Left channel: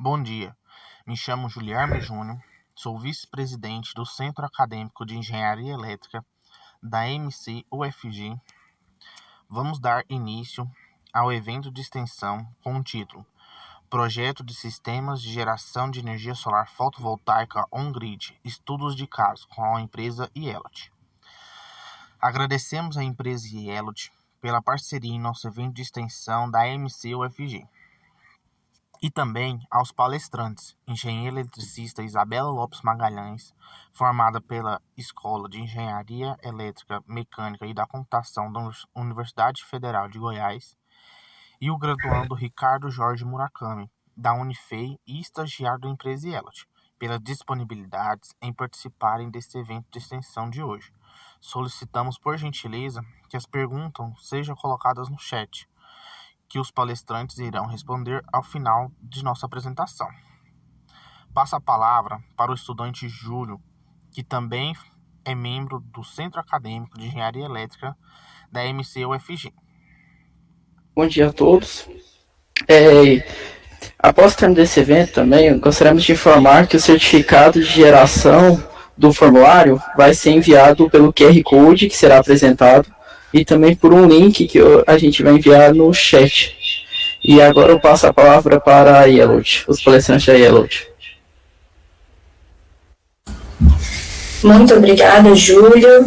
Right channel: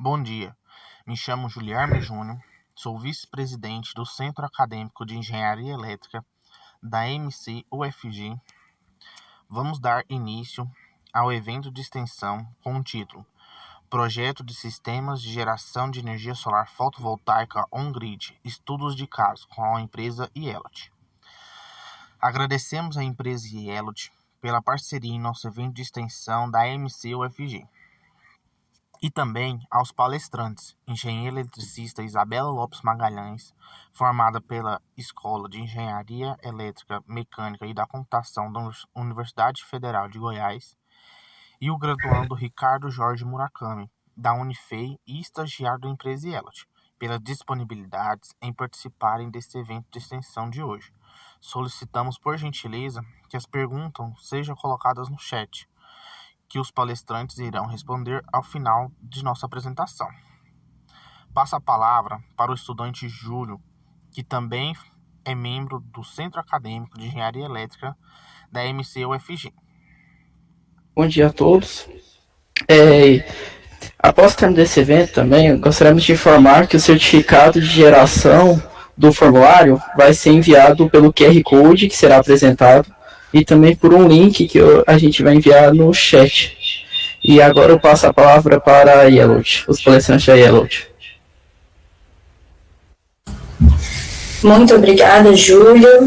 Bom dia, me chamo Juliarme Júnior, sou vice-presidente do Centro Acadêmico de Engenharia Elétrica da MC-UFG. Vamos dar início ao evento de extensão com o título Projeto de Sistemas de Geração de Energia Solar Fotovoltaica On-Grid, Estudos de Caso, com a empresa Ielot. Agradecemos à empresa Ielot pela parceria em nosso evento de extensão da MC-UFG. E também aos palestrantes, engenheira eletricista Isabela Lopes Magalhães, formada pela Escola de Engenharia Elétrica, Mecânica e da Computação da Universidade Federal de Goiás, e o graduando Ricardo Jorge Murakami, da Unifei e estagiário da empresa Ielot, pelas disponibilidades em participarem deste evento de extensão de hoje. Solicitamos, por gentileza, que as perguntas sejam colocadas no chat, que os palestrantes irão responder ao final de nossa apresentação. Passo a palavra para o estudante Júlio, que também é membro do Centro Acadêmico de Engenharia Elétrica da MC-UFG. Bom dia a todos. Após o término desse evento também, gostaríamos de informar que o certificado de geração do formulário vai ser enviado pelo QR Code que será apresentado e também por um link que a gente vai enviar no chat. E agora eu passo a palavra para a Ielot, os palestrantes da Ielot. Muito obrigada, Juliarme.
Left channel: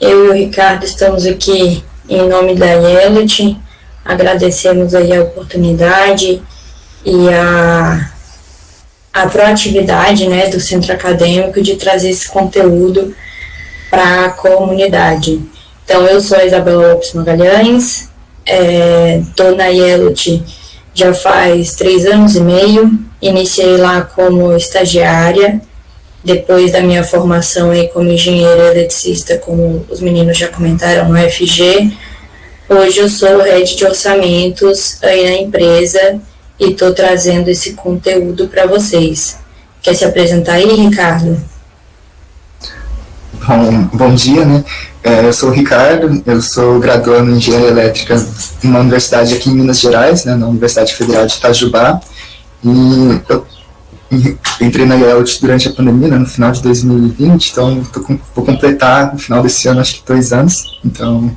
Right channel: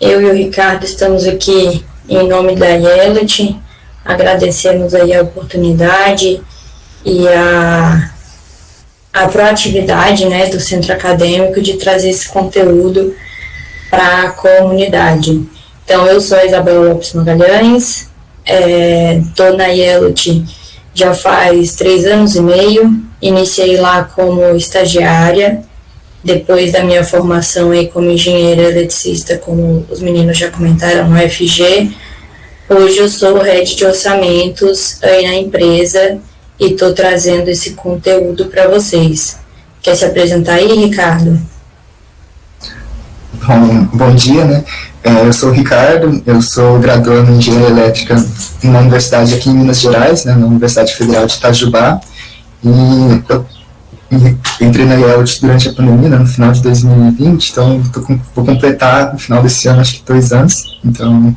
Eu e o Ricardo estamos aqui em nome da Ielot. Agradecemos aí a oportunidade e a proatividade, né, do Centro Acadêmico de trazer esse conteúdo para a comunidade. Então, eu sou a Isabela Lopes Magalhães, estou na Ielot já faz 3 anos e meio, iniciei lá como estagiária, depois da minha formação aí como engenheira eletricista, como os meninos já comentaram, no UFG. Hoje eu sou head de orçamentos aí na empresa e estou trazendo esse conteúdo para vocês. Quer se apresentar aí, Ricardo? Bom dia, né? Eu sou o Ricardo, eu sou graduando em Engenharia Elétrica numa universidade aqui em Minas Gerais, né, na Universidade Federal de Itajubá, e eu entrei na Ielot durante a pandemia, né, no final de 2020, então vou completar no final desse ano, acho que 2 anos, então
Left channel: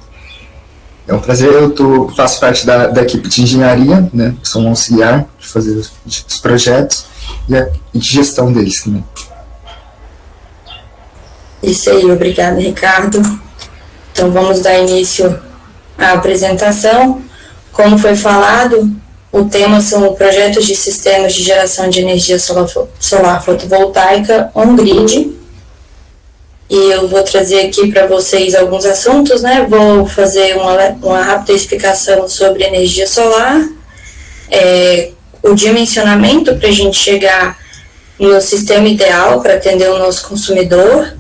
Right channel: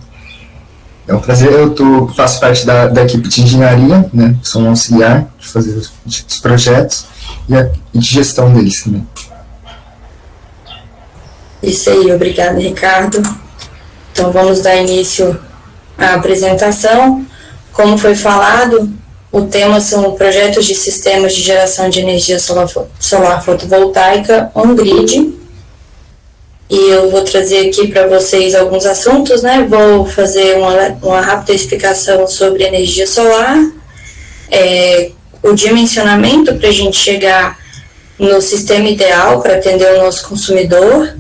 é um prazer. Faço parte da equipe de engenharia, né, sou um auxiliar de fazer os projetos e de gestão deles também. Isso aí, obrigada, Ricardo. Então, vamos dar início à apresentação. Como foi falado, o tema são projetos de sistemas de geração de energia solar fotovoltaica on-grid. E eu vou trazer aqui para vocês alguns assuntos, né? Vou fazer uma rápida explicação sobre energia solar, o dimensionamento para a gente chegar no sistema ideal para atender o nosso consumidor.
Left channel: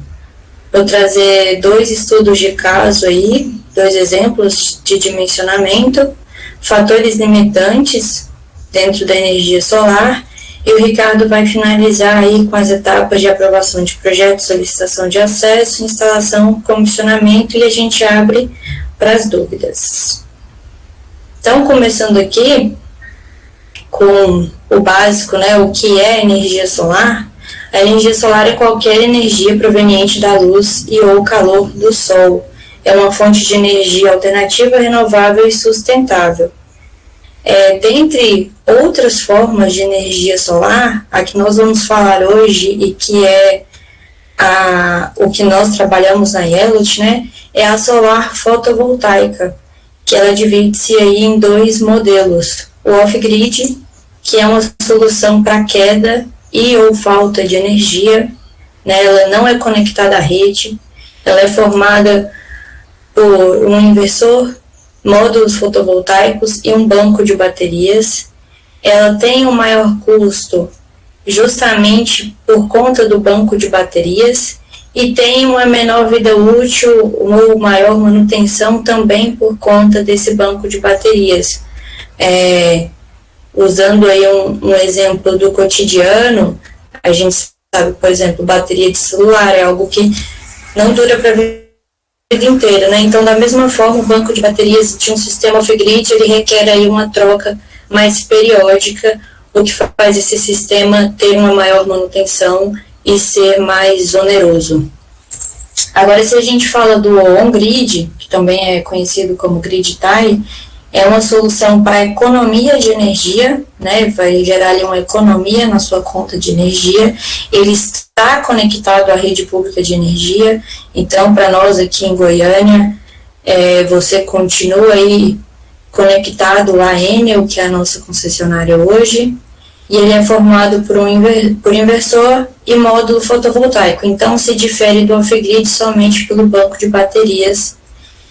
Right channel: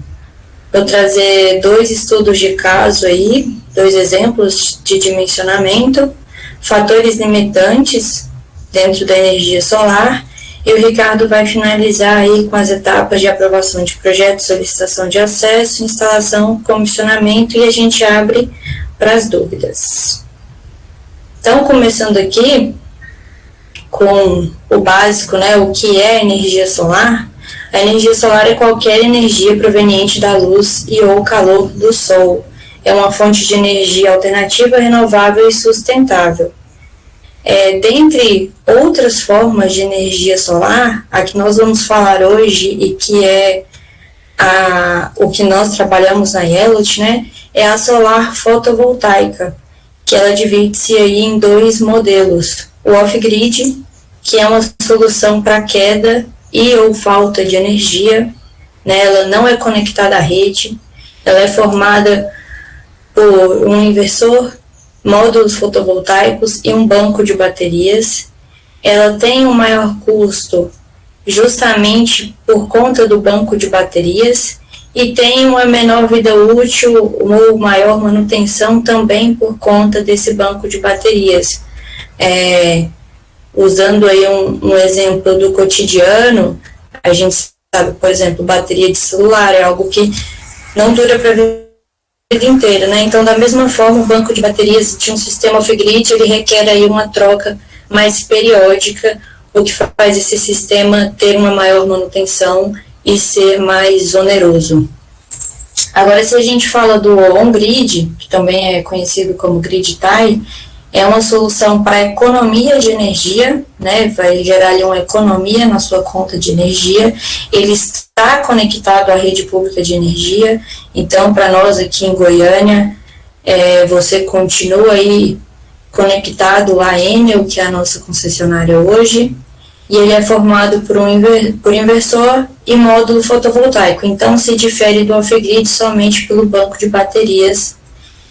Vou trazer 2 estudos de caso aí, 2 exemplos de dimensionamento, fatores limitantes dentro da energia solar, e o Ricardo vai finalizar aí com as etapas de aprovação de projeto, solicitação de acesso, instalação, comissionamento, e a gente abre para as dúvidas. Então, começando aqui com o básico, né, o que é energia solar. A energia solar é qualquer energia proveniente da luz e ou calor do sol. É uma fonte de energia alternativa, renovável e sustentável. Dentre outras formas de energia solar, a que nós vamos falar hoje e que é o que nós trabalhamos na Ielot, né, é a solar fotovoltaica, que ela divide-se aí em 2 modelos. O off-grid, que é uma solução para queda e ou falta de energia, né, ela não é conectada à rede, ela é formada por um inversor, módulos fotovoltaicos e um banco de baterias. Ela tem um maior custo justamente por conta do banco de baterias e tem uma menor vida útil ou maior manutenção também por conta desse banco de baterias. Usando aí um exemplo do cotidiano, a gente sabe, por exemplo, bateria de celular é algo que não dura para a vida inteira, né? Então, da mesma forma, o banco de baterias de um sistema off-grid, ele requer aí uma troca mais periódica, o que faz esse sistema ter uma maior manutenção e ser mais oneroso. Agora, se a gente fala do on-grid, que também é conhecido como grid tie, é uma solução para economia de energia, né? Vai gerar ali uma economia na sua conta de energia. Ele está conectado à rede pública de energia, então, para nós aqui em Goiânia, você continua aí conectado à Enel, que é a nossa concessionária hoje, e ele é formado por inversor e módulo fotovoltaico. Então, se difere do off-grid somente pelo banco de baterias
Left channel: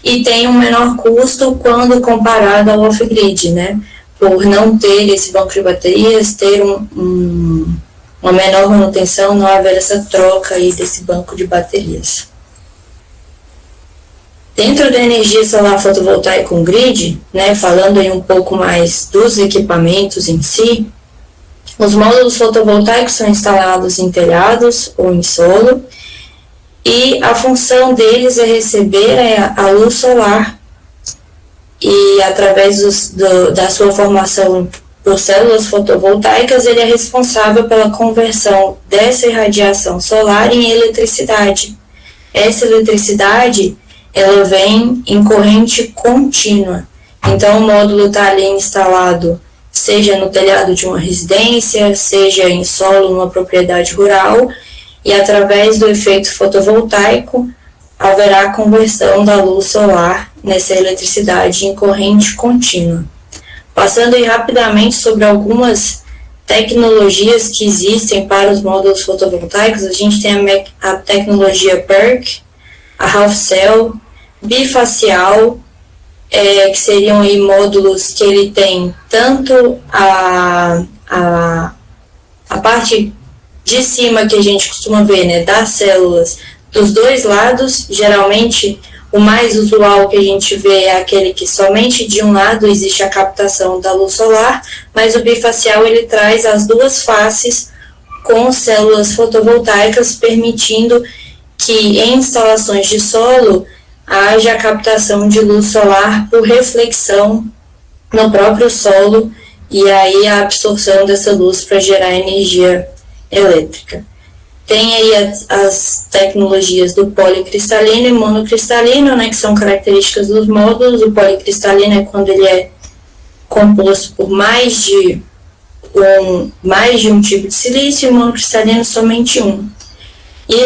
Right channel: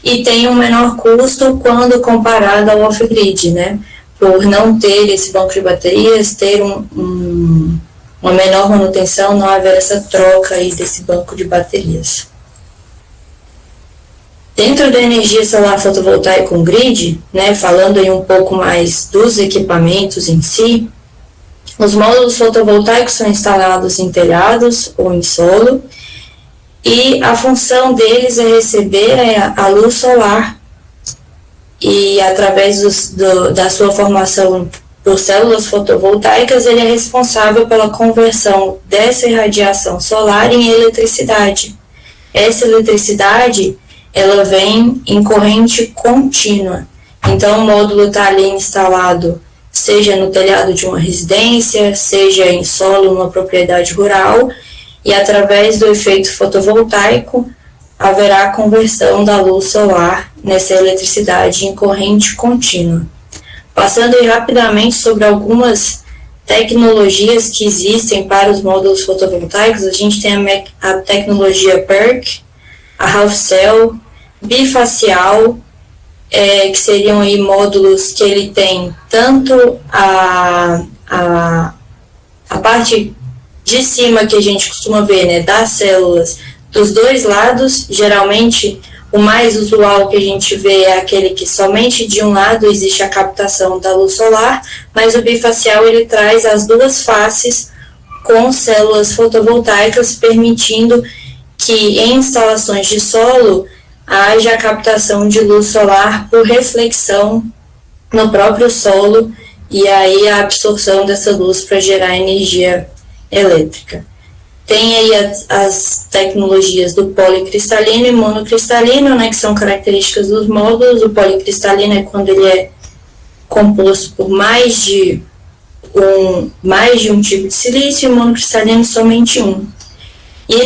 e tem um menor custo quando comparado ao off-grid, né? Por não ter esse banco de baterias, ter uma menor manutenção, não haver essa troca aí desse banco de baterias. Dentro da energia solar fotovoltaica on-grid, né, falando aí um pouco mais dos equipamentos em si, os módulos fotovoltaicos são instalados em telhados ou em solo, e a função deles é receber a luz solar e, através da sua formação por células fotovoltaicas, ele é responsável pela conversão dessa irradiação solar em eletricidade. Essa eletricidade, ela vem em corrente contínua. Então, o módulo está ali instalado, seja no telhado de uma residência, seja em solo, numa propriedade rural, e através do efeito fotovoltaico, haverá a conversão da luz solar nessa eletricidade em corrente contínua. Passando aí rapidamente sobre algumas tecnologias que existem para os módulos fotovoltaicos, a gente tem a tecnologia PERC, a Half Cell, bifacial, que seriam aí módulos que ele tem tanto a parte de cima que a gente costuma ver, né, das células dos dois lados. Geralmente o mais usual que a gente vê é aquele que somente de um lado existe a captação da luz solar, mas o bifacial ele traz as duas faces com células fotovoltaicas, permitindo que em instalações de solo haja a captação de luz solar por reflexão no próprio solo e aí a absorção dessa luz para gerar energia elétrica. Tem aí as tecnologias do policristalino e monocristalino, né, que são características dos módulos. O policristalino é quando ele é composto por mais de um tipo de silício, e o monocristalino somente um. E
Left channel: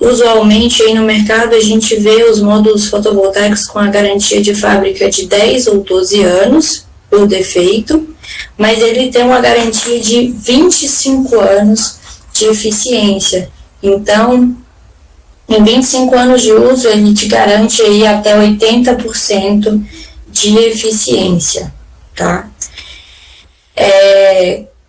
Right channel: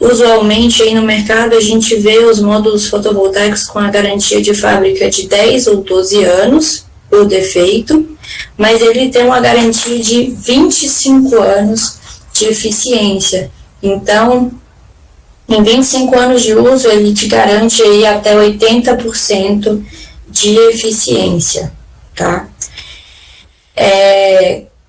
usualmente aí no mercado a gente vê os módulos fotovoltaicos com a garantia de fábrica de 10 ou 12 anos por defeito, mas ele tem uma garantia de 25 anos de eficiência. Então, em 25 anos de uso, ele te garante aí até 80% de eficiência, tá?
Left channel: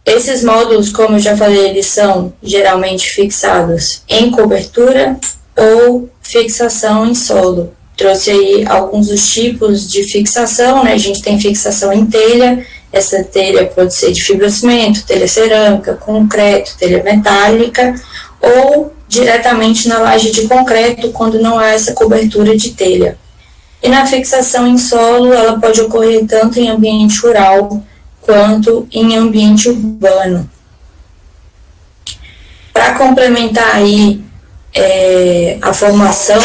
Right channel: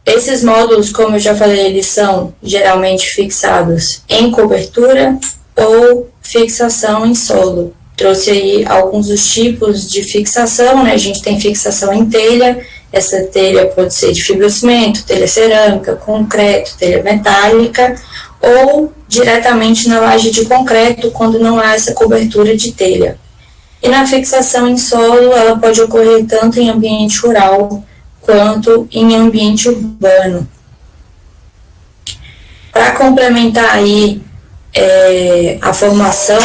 Esses módulos, como eu já falei, eles são geralmente fixados em cobertura ou fixação em solo. Trouxe aí alguns dos tipos de fixação, né? A gente tem fixação em telha. Essa telha pode ser de fibrocimento, telha cerâmica, concreto, telha metálica, ou diretamente na laje de concreto, quando não há essa cobertura de telha. E na fixação em solo, ela pode ocorrer tanto em ambiente rural quanto em ambiente urbano. Para complementar aí a formação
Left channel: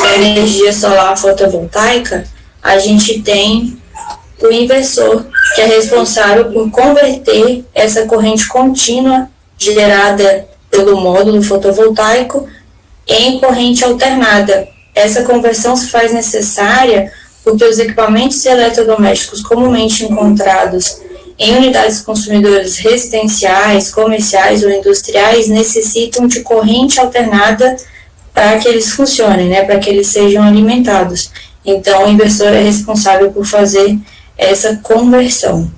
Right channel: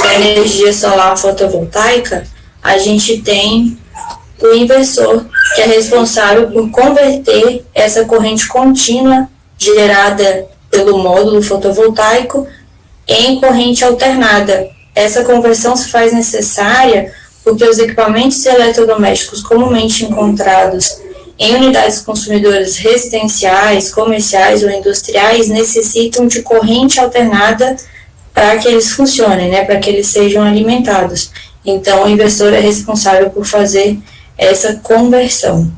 da energia solar fotovoltaica, a gente tem o inversor, que é responsável por converter essa corrente contínua gerada pelo módulo fotovoltaico em corrente alternada. Essa conversão se faz necessária porque os equipamentos eletrodomésticos comumente encontrados em unidades consumidoras residenciais, comerciais ou industriais necessitam de corrente alternada para que eles funcionem, né, para que eles sejam alimentados. Então, o inversor é responsável por fazer essa conversão.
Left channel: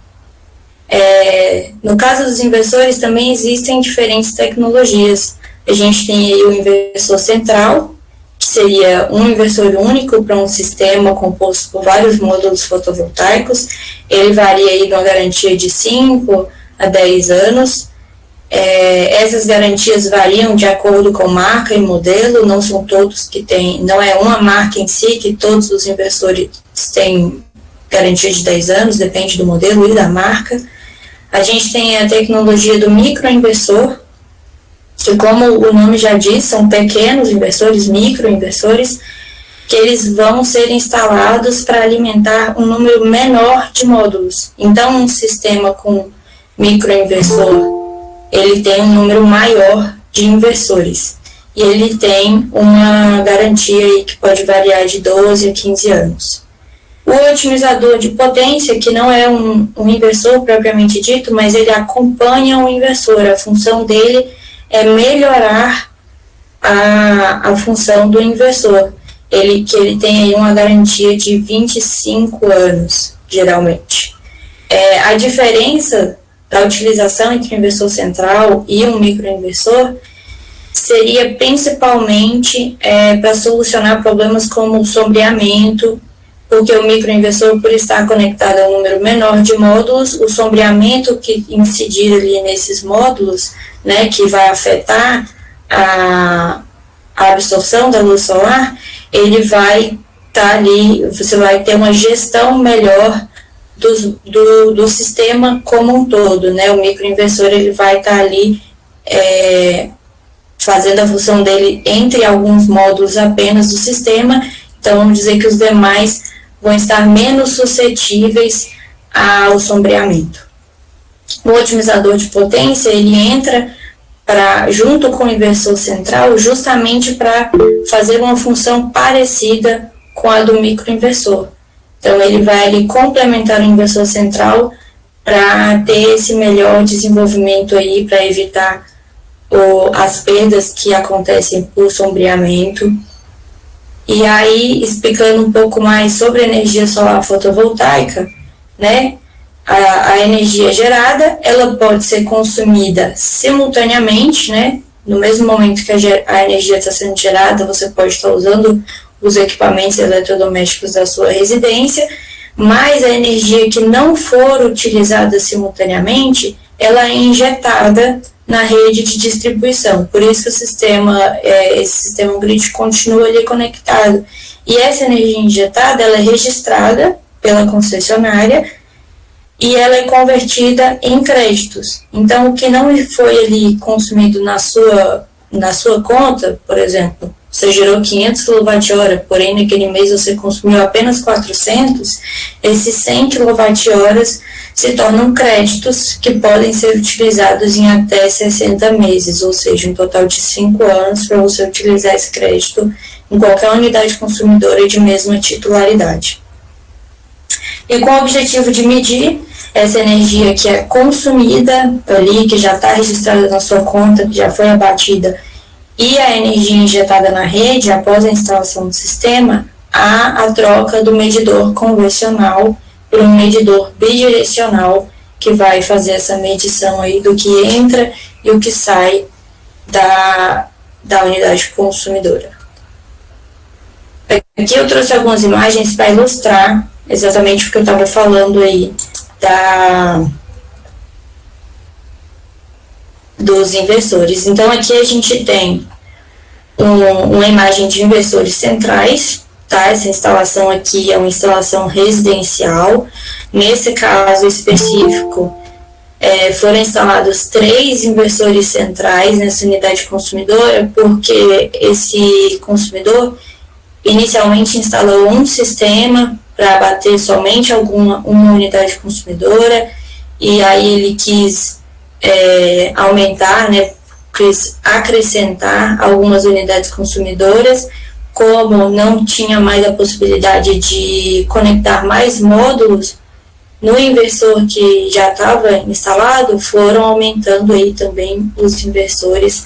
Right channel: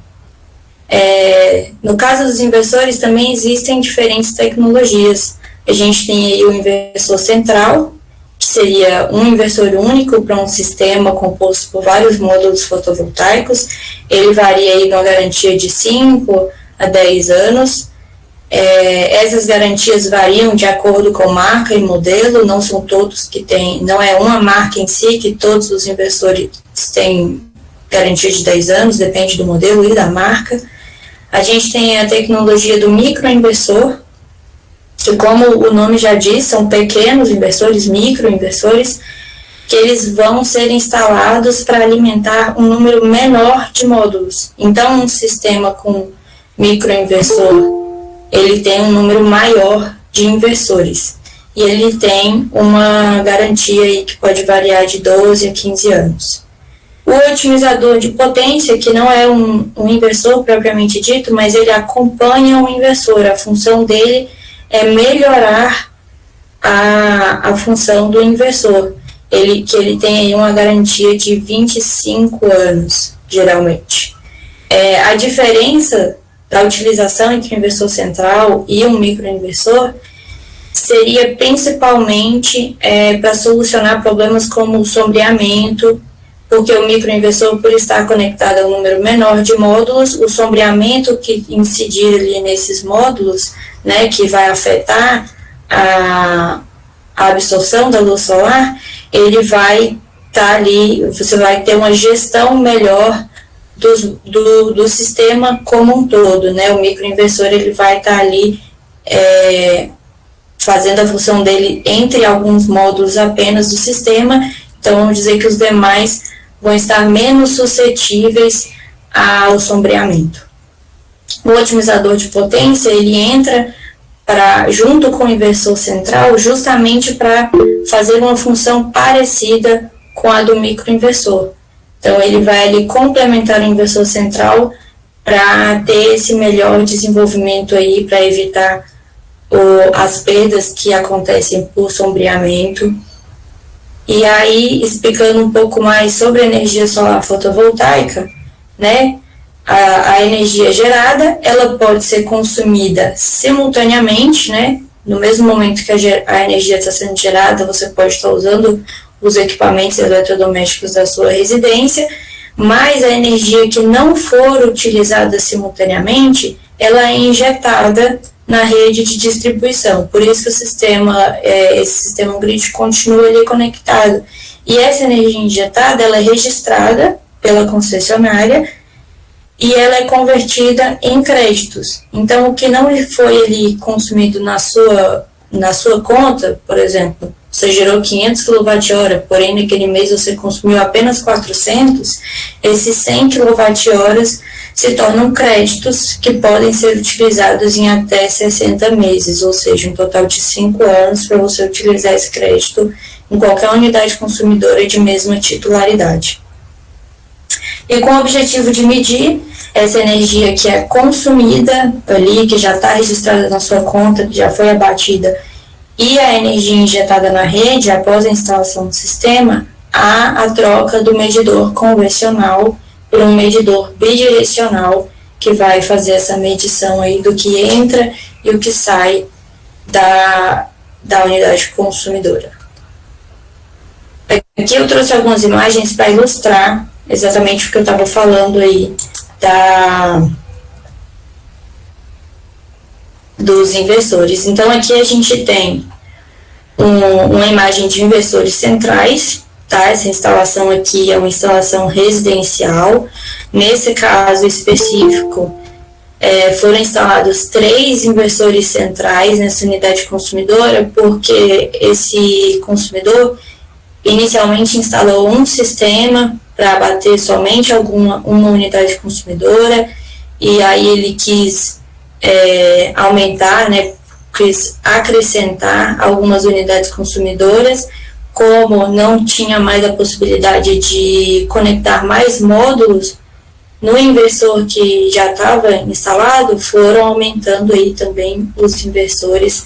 No caso dos inversores, também existem diferentes tecnologias. A gente tem aí o inversor central, que seria um inversor único para um sistema composto por vários módulos fotovoltaicos. Ele varia aí de uma garantia de 5 a 10 anos. Essas garantias variam de acordo com marca e modelo, não são todos que têm, não é uma marca em si que todos os inversores têm garantia de 10 anos, depende do modelo e da marca. A gente tem a tecnologia do microinversor, que, como o nome já diz, são pequenos inversores, microinversores, que eles vão ser instalados para alimentar um número menor de módulos. Então, um sistema com microinversor, ele tem um número maior de inversores. E ele tem uma garantia aí que pode variar de 12 a 15 anos. O otimizador de potência, que não é um inversor propriamente dito, mas ele acompanha o inversor. A função dele é melhorar a função do inversor. Ele tem aí uma garantia de 25 anos, geralmente. A diferença da utilização entre o inversor central e um microinversor seria principalmente para solucionar problemas como o sombreamento, porque o microinversor, por estar conectado a um número menor de módulos, o sombreamento que incidir ali nesses módulos, né, que vai afetar a absorção da luz solar, ele vai estar ali, você vai ter uma gestão melhor do sistema como um todo, né? O microinversor, ele vai estar ali fazendo a função dele entre alguns módulos apenas do sistema, então vamos dizer que os demais vão estar menos suscetíveis ao sombreamento. O otimizador de potência, ele entra junto com o inversor central, justamente para fazer uma função parecida com a do microinversor. Então, ele vai ali complementar o inversor central para ter esse melhor desenvolvimento aí, para evitar as perdas que acontecem por sombreamento. E aí, explicando um pouco mais sobre a energia solar fotovoltaica, né? A energia gerada, ela pode ser consumida simultaneamente, né? No mesmo momento que a energia está sendo gerada, você pode estar usando os equipamentos eletrodomésticos da sua residência, mas a energia que não for utilizada simultaneamente, ela é injetada na rede de distribuição. Por isso que esse sistema grid continua ali conectado. E essa energia injetada, ela é registrada pela concessionária e ela é convertida em créditos. Então, o que não foi ali consumido na sua conta, por exemplo, você gerou 500 kWh, porém naquele mês você consumiu apenas 400, esses 100 kWh se tornam créditos que podem ser utilizados em até 60 meses, ou seja, um total de 5 anos para você utilizar esse crédito em qualquer unidade consumidora de mesma titularidade. E com o objetivo de medir essa energia que é consumida ali, que já está registrada na sua conta, que já foi abatida, e a energia injetada na rede após a instalação do sistema, há a troca do medidor convencional por um medidor bidirecional que vai fazer essa medição aí do que entra e o que sai da unidade consumidora. Aqui eu trouxe algumas imagens para ilustrar exatamente o que eu estava falando aí dos inversores. Então, aqui a gente tem uma imagem de inversores centrais, tá? Essa instalação aqui é uma instalação residencial. Nesse caso específico, foram instalados 3 inversores centrais nessa unidade consumidora, porque esse consumidor inicialmente instalou um sistema para abater somente uma unidade consumidora, e aí ele quis aumentar, né, acrescentar algumas unidades consumidoras. Como não tinha mais a possibilidade de conectar mais módulos no inversor que já estava instalado, foram aumentando aí também os inversores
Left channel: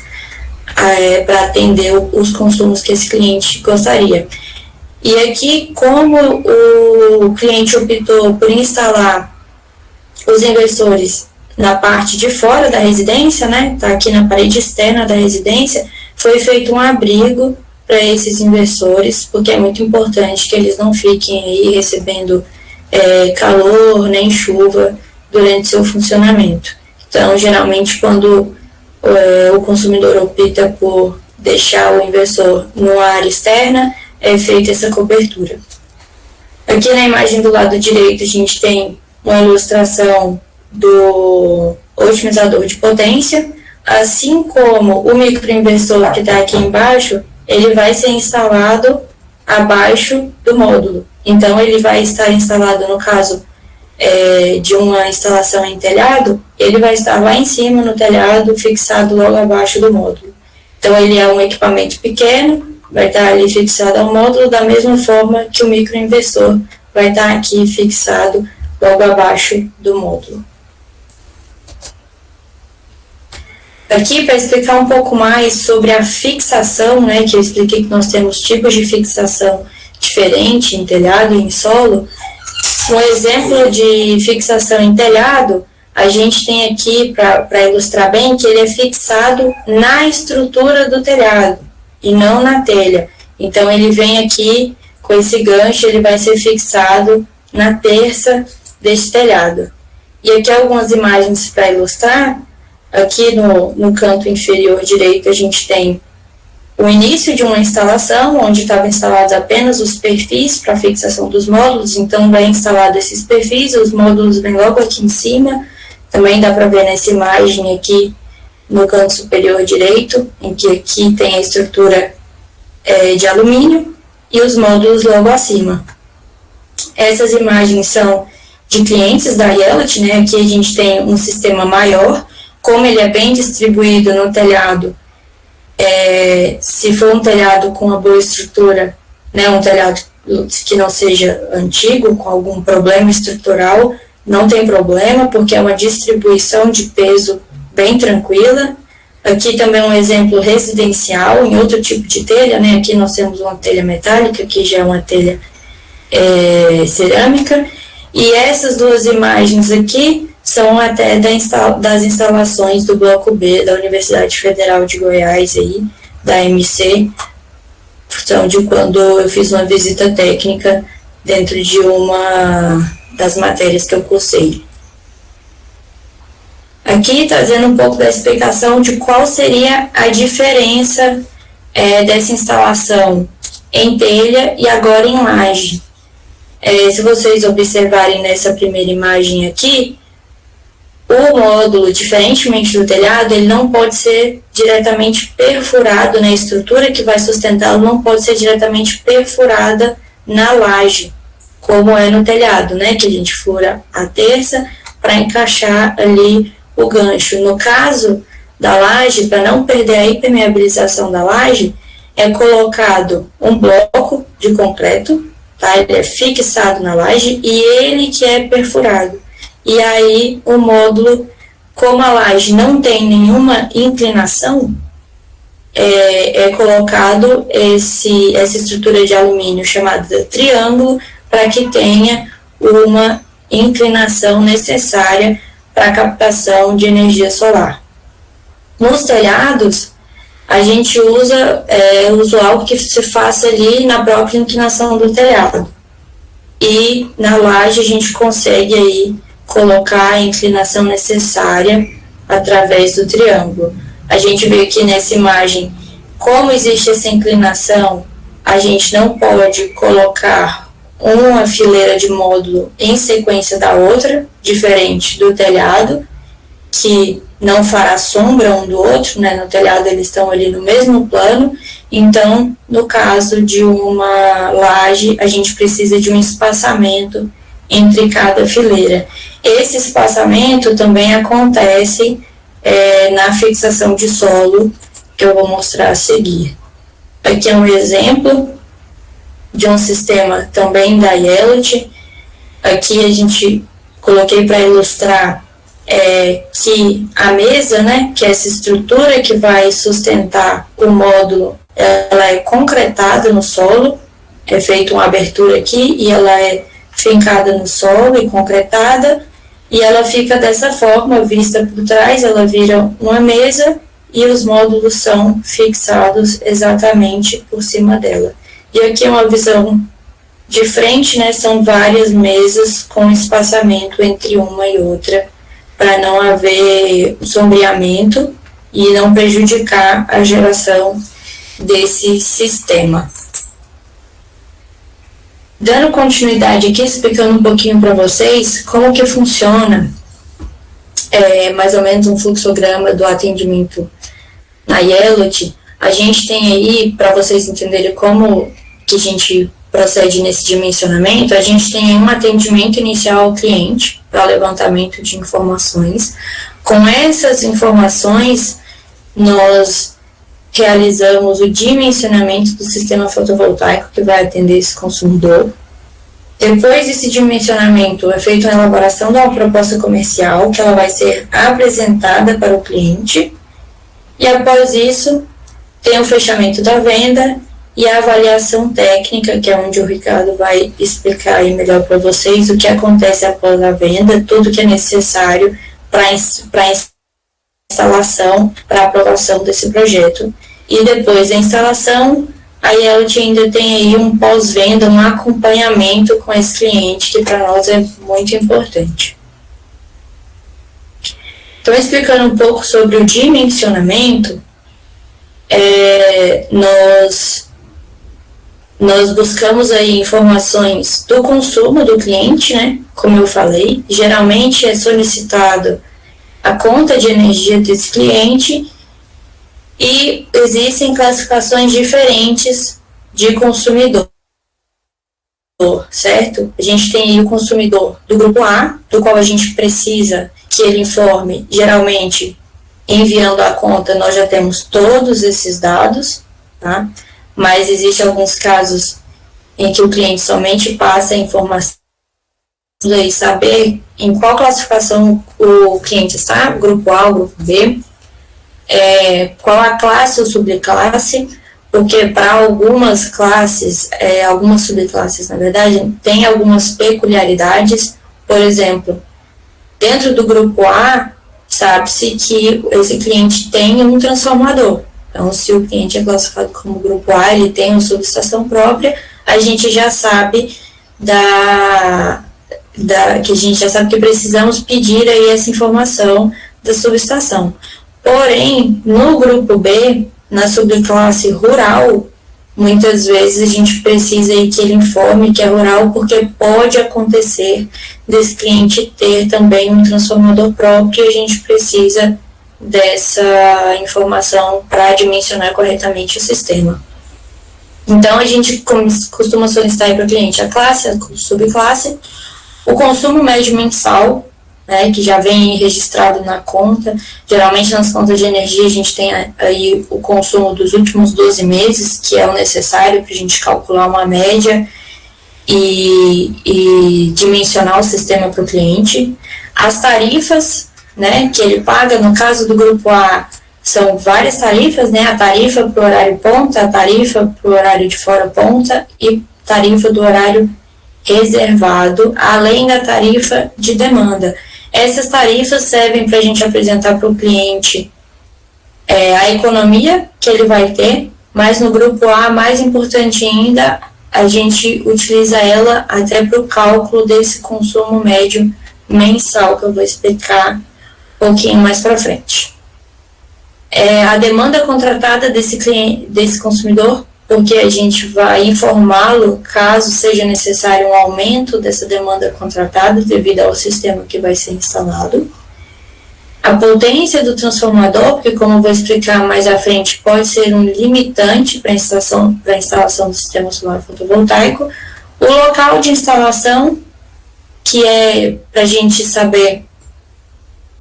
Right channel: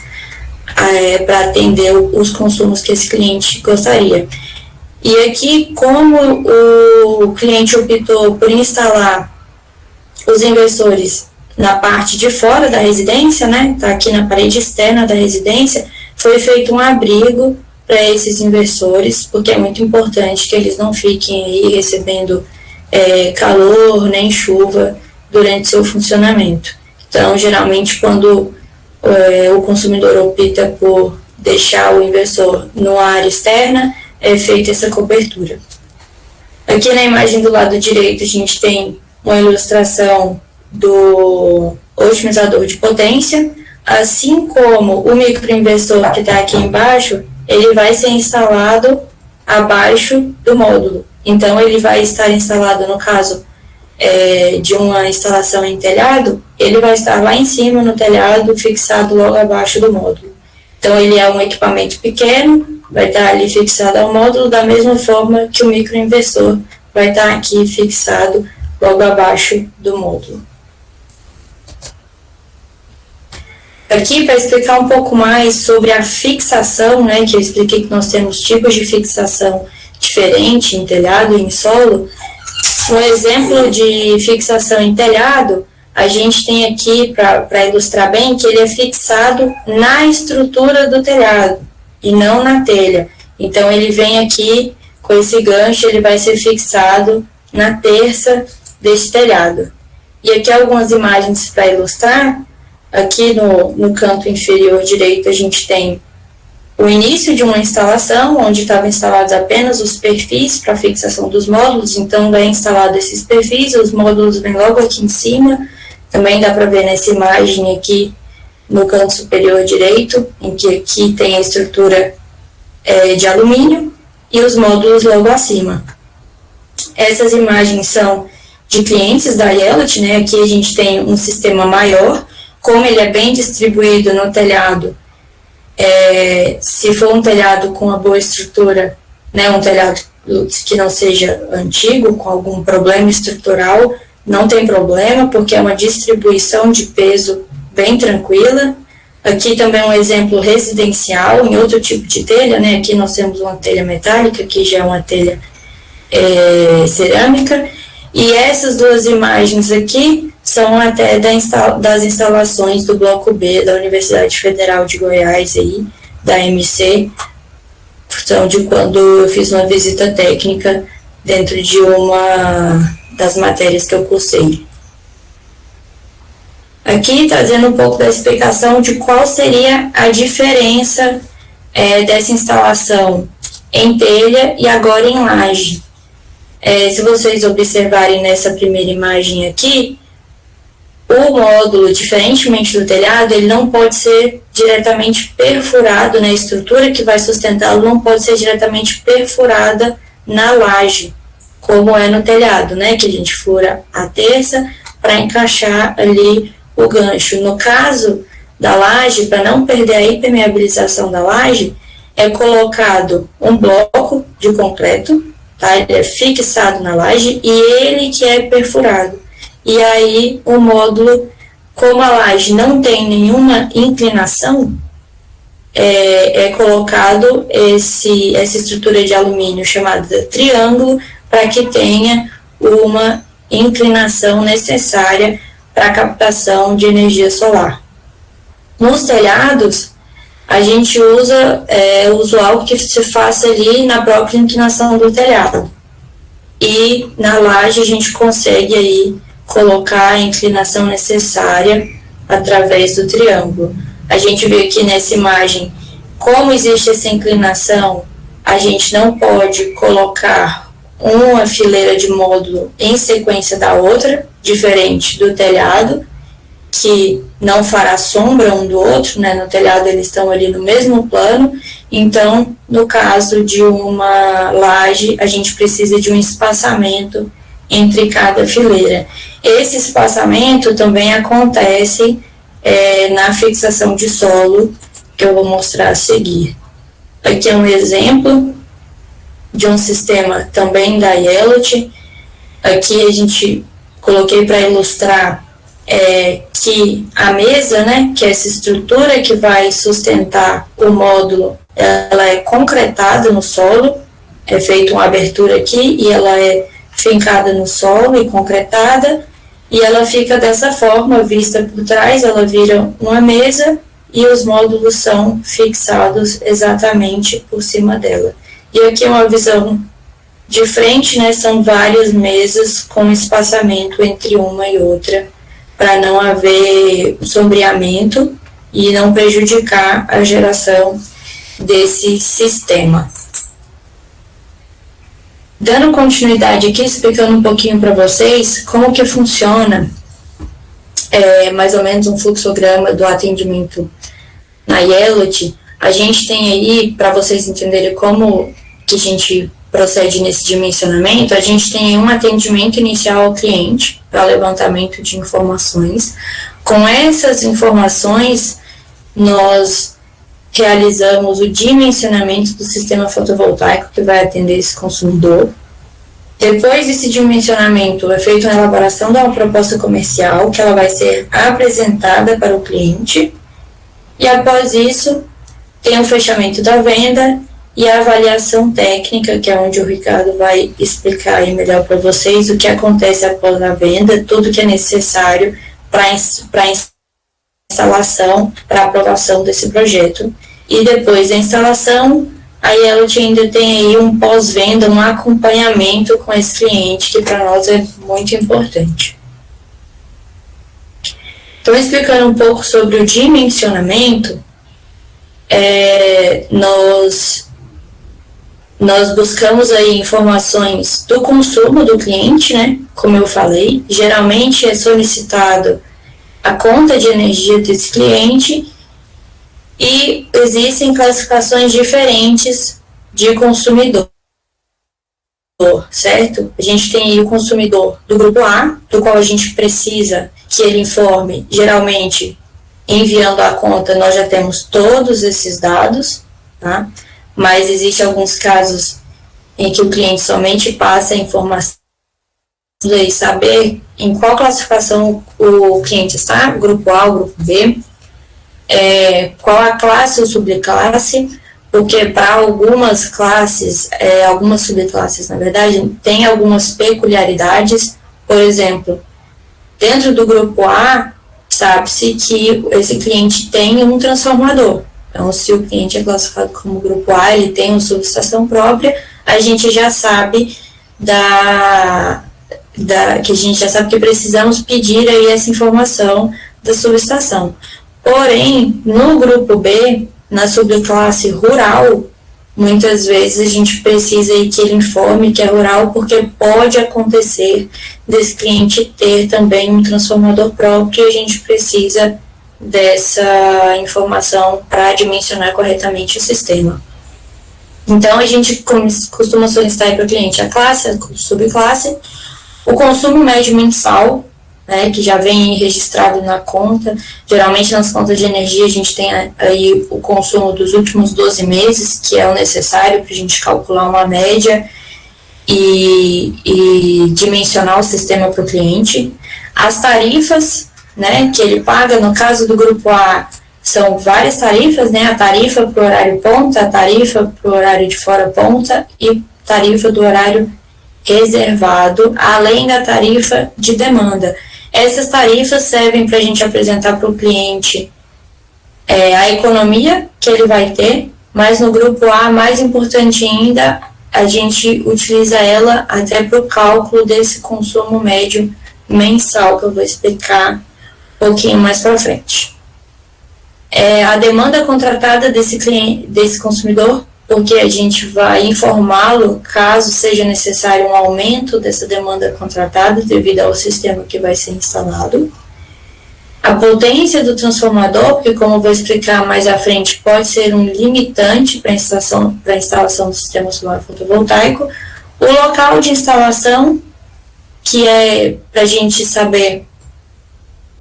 para atender os consumos que esse cliente gostaria. E aqui, como o cliente optou por instalar os inversores na parte de fora da residência, né, tá aqui na parede externa da residência, foi feito um abrigo para esses inversores, porque é muito importante que eles não fiquem aí recebendo calor nem chuva durante seu funcionamento. Então, geralmente, quando o consumidor opta por deixar o inversor numa área externa, é feita essa cobertura. Aqui na imagem do lado direito a gente tem uma ilustração do otimizador de potência, assim como o microinversor que está aqui embaixo, ele vai ser instalado abaixo do módulo. Então, ele vai estar instalado, no caso de uma instalação em telhado, ele vai estar lá em cima no telhado, fixado logo abaixo do módulo. Então, ele é um equipamento pequeno, vai estar ali fixado ao módulo, da mesma forma que o microinversor vai estar aqui fixado logo abaixo do módulo. Aqui, para explicar um pouco mais sobre a fixação, né, que eu expliquei que nós temos tipos de fixação diferente em telhado e em solo. Um exemplo de fixação em telhado, a gente tem aqui, para ilustrar bem, que ele é fixado na estrutura do telhado e não na telha. Então, ele vem aqui com esse gancho, ele vai ser fixado na terça desse telhado. E aqui algumas imagens para ilustrar. Aqui no canto inferior direito a gente tem o início de uma instalação, onde estavam instalados apenas os perfis para fixação dos módulos. Então, vai instalado esses perfis, os módulos vêm logo aqui em cima. Também dá para ver nessa imagem aqui no canto superior direito, em que aqui tem a estrutura de alumínio e os módulos logo acima. Essas imagens são de clientes da Yellow, né? Aqui a gente tem um sistema maior, como ele é bem distribuído no telhado. Se for um telhado com uma boa estrutura, né, um telhado que não seja antigo, com algum problema estrutural, não tem problema, porque é uma distribuição de peso bem tranquila. Aqui também um exemplo residencial, em outro tipo de telha, né? Aqui nós temos uma telha metálica, aqui já é uma telha cerâmica. E essas duas imagens aqui são até das instalações do Bloco B da Universidade Federal de Goiás, aí, da MC, são de quando eu fiz uma visita técnica dentro de uma das matérias que eu cursei. Aqui trazendo um pouco da explicação de qual seria a diferença dessa instalação em telha e agora em laje. Se vocês observarem nessa primeira imagem aqui, o módulo, diferentemente do telhado, ele não pode ser diretamente perfurado, né? A estrutura que vai sustentá-lo não pode ser diretamente perfurada na laje, como é no telhado, né? Que a gente fura a terça para encaixar ali o gancho. No caso da laje, para não perder a impermeabilização da laje, é colocado um bloco de concreto, tá? Ele é fixado na laje e ele que é perfurado. E aí o módulo, como a laje não tem nenhuma inclinação, é colocado essa estrutura de alumínio chamada triângulo, para que tenha uma inclinação necessária para a captação de energia solar. Nos telhados, a gente usa algo que se faça ali na própria inclinação do telhado. E na laje a gente consegue aí colocar a inclinação necessária através do triângulo. A gente vê aqui nessa imagem como existe essa inclinação, a gente não pode colocar uma fileira de módulo em sequência da outra, diferente do telhado, que não fará sombra um do outro, né? No telhado eles estão ali no mesmo plano. Então, no caso de uma laje, a gente precisa de um espaçamento entre cada fileira. Esse espaçamento também acontece na fixação de solo, que eu vou mostrar a seguir. Aqui é um exemplo de um sistema também da Yellow. Aqui a gente coloquei para ilustrar que a mesa, né, que é essa estrutura que vai sustentar o módulo, ela é concretada no solo, é feita uma abertura aqui e ela é fincada no solo e concretada, e ela fica dessa forma, vista por trás, ela vira uma mesa e os módulos são fixados exatamente por cima dela. E aqui é uma visão de frente, né, são várias mesas com espaçamento entre uma e outra, para não haver sombreamento e não prejudicar a geração desse sistema. Dando continuidade aqui, explicando um pouquinho para vocês como que funciona mais ou menos um fluxograma do atendimento na Yellowt, a gente tem aí, para vocês entenderem como que a gente procede nesse dimensionamento, a gente tem um atendimento inicial ao cliente para levantamento de informações. Com essas informações, nós realizamos o dimensionamento do sistema fotovoltaico que vai atender esse consumidor. Depois desse dimensionamento, é feita a elaboração de uma proposta comercial, que ela vai ser apresentada para o cliente, e após isso, tem o fechamento da venda e a avaliação técnica, que é onde o Ricardo vai explicar aí melhor para vocês o que acontece após a venda, tudo que é necessário para a instalação, para a aprovação desse projeto. E depois da instalação, a Yellowt ainda tem aí um pós-venda, um acompanhamento com esse cliente, que para nós é muito importante. Então, explicando um pouco sobre o dimensionamento, nós buscamos aí informações do consumo do cliente, né? Como eu falei, geralmente é solicitado a conta de energia desse cliente e existem classificações diferentes de consumidor, certo? A gente tem aí o consumidor do grupo A, do qual a gente precisa que ele informe, geralmente, enviando a conta, nós já temos todos esses dados, tá? Mas existem alguns casos em que o cliente somente passa a informação e saber em qual classificação o cliente está, grupo A ou grupo B, qual a classe ou subclasse, porque para algumas classes, algumas subclasses, na verdade, tem algumas peculiaridades. Por exemplo, dentro do grupo A, sabe-se que esse cliente tem um transformador. Então, se o cliente é classificado como grupo A, ele tem uma subestação própria, a gente já sabe que a gente já sabe que precisamos pedir aí essa informação da subestação. Porém, no grupo B, na subclasse rural, muitas vezes a gente precisa aí que ele informe que é rural, porque pode acontecer desse cliente ter também um transformador próprio e a gente precisa dessa informação para dimensionar corretamente o sistema. Então, a gente costuma solicitar para o cliente a classe, a subclasse, o consumo médio mensal, né, que já vem registrado na conta. Geralmente, nas contas de energia, a gente tem aí o consumo dos últimos 12 meses, que é o necessário para a gente calcular uma média e dimensionar o sistema para o cliente. As tarifas, né, que ele paga, no caso do grupo A, são várias tarifas, né, a tarifa para o horário ponta, a tarifa para o horário de fora ponta e tarifa do horário reservado, além da tarifa de demanda. Essas tarifas servem para a gente apresentar para o cliente a economia que ele vai ter, mas no grupo A, mais importante ainda, a gente utiliza ela até para o cálculo desse consumo médio mensal, que eu vou explicar um pouquinho mais para frente. A demanda contratada desse consumidor, porque a gente vai informá-lo caso seja necessário um aumento dessa demanda contratada devido ao sistema que vai ser instalado. A potência do transformador, porque como eu vou explicar mais à frente, pode ser um limitante para a instalação do sistema solar fotovoltaico. O local de instalação, que é para a gente saber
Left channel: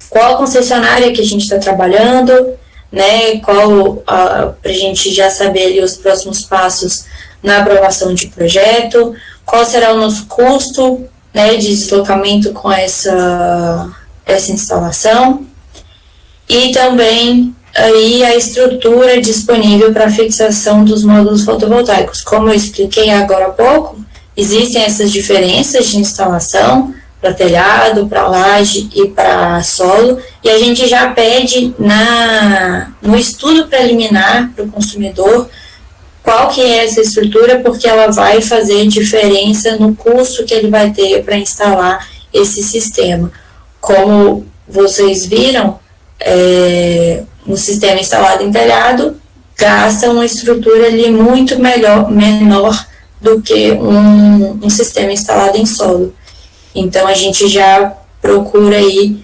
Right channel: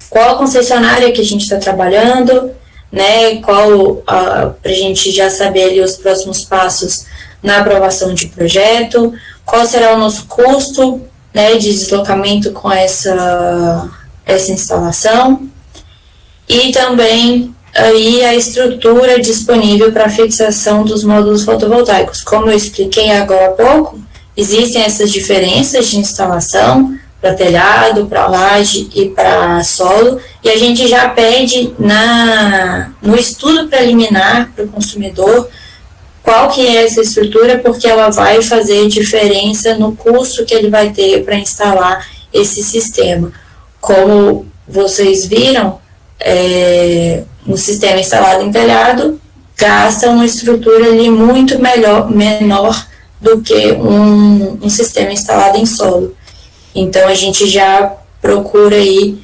qual concessionária que a gente está trabalhando, né, para a gente já saber ali os próximos passos na aprovação de projeto, qual será o nosso custo, né, de deslocamento com essa instalação, e também aí a estrutura disponível para fixação dos módulos fotovoltaicos. Como eu expliquei agora há pouco, existem essas diferenças de instalação para telhado, para laje e para solo, e a gente já pede no estudo preliminar para o consumidor qual que é essa estrutura, porque ela vai fazer diferença no custo que ele vai ter para instalar esse sistema. Como vocês viram, um sistema instalado em telhado gasta uma estrutura ali muito menor do que um sistema instalado em solo. Então, a gente já procura aí,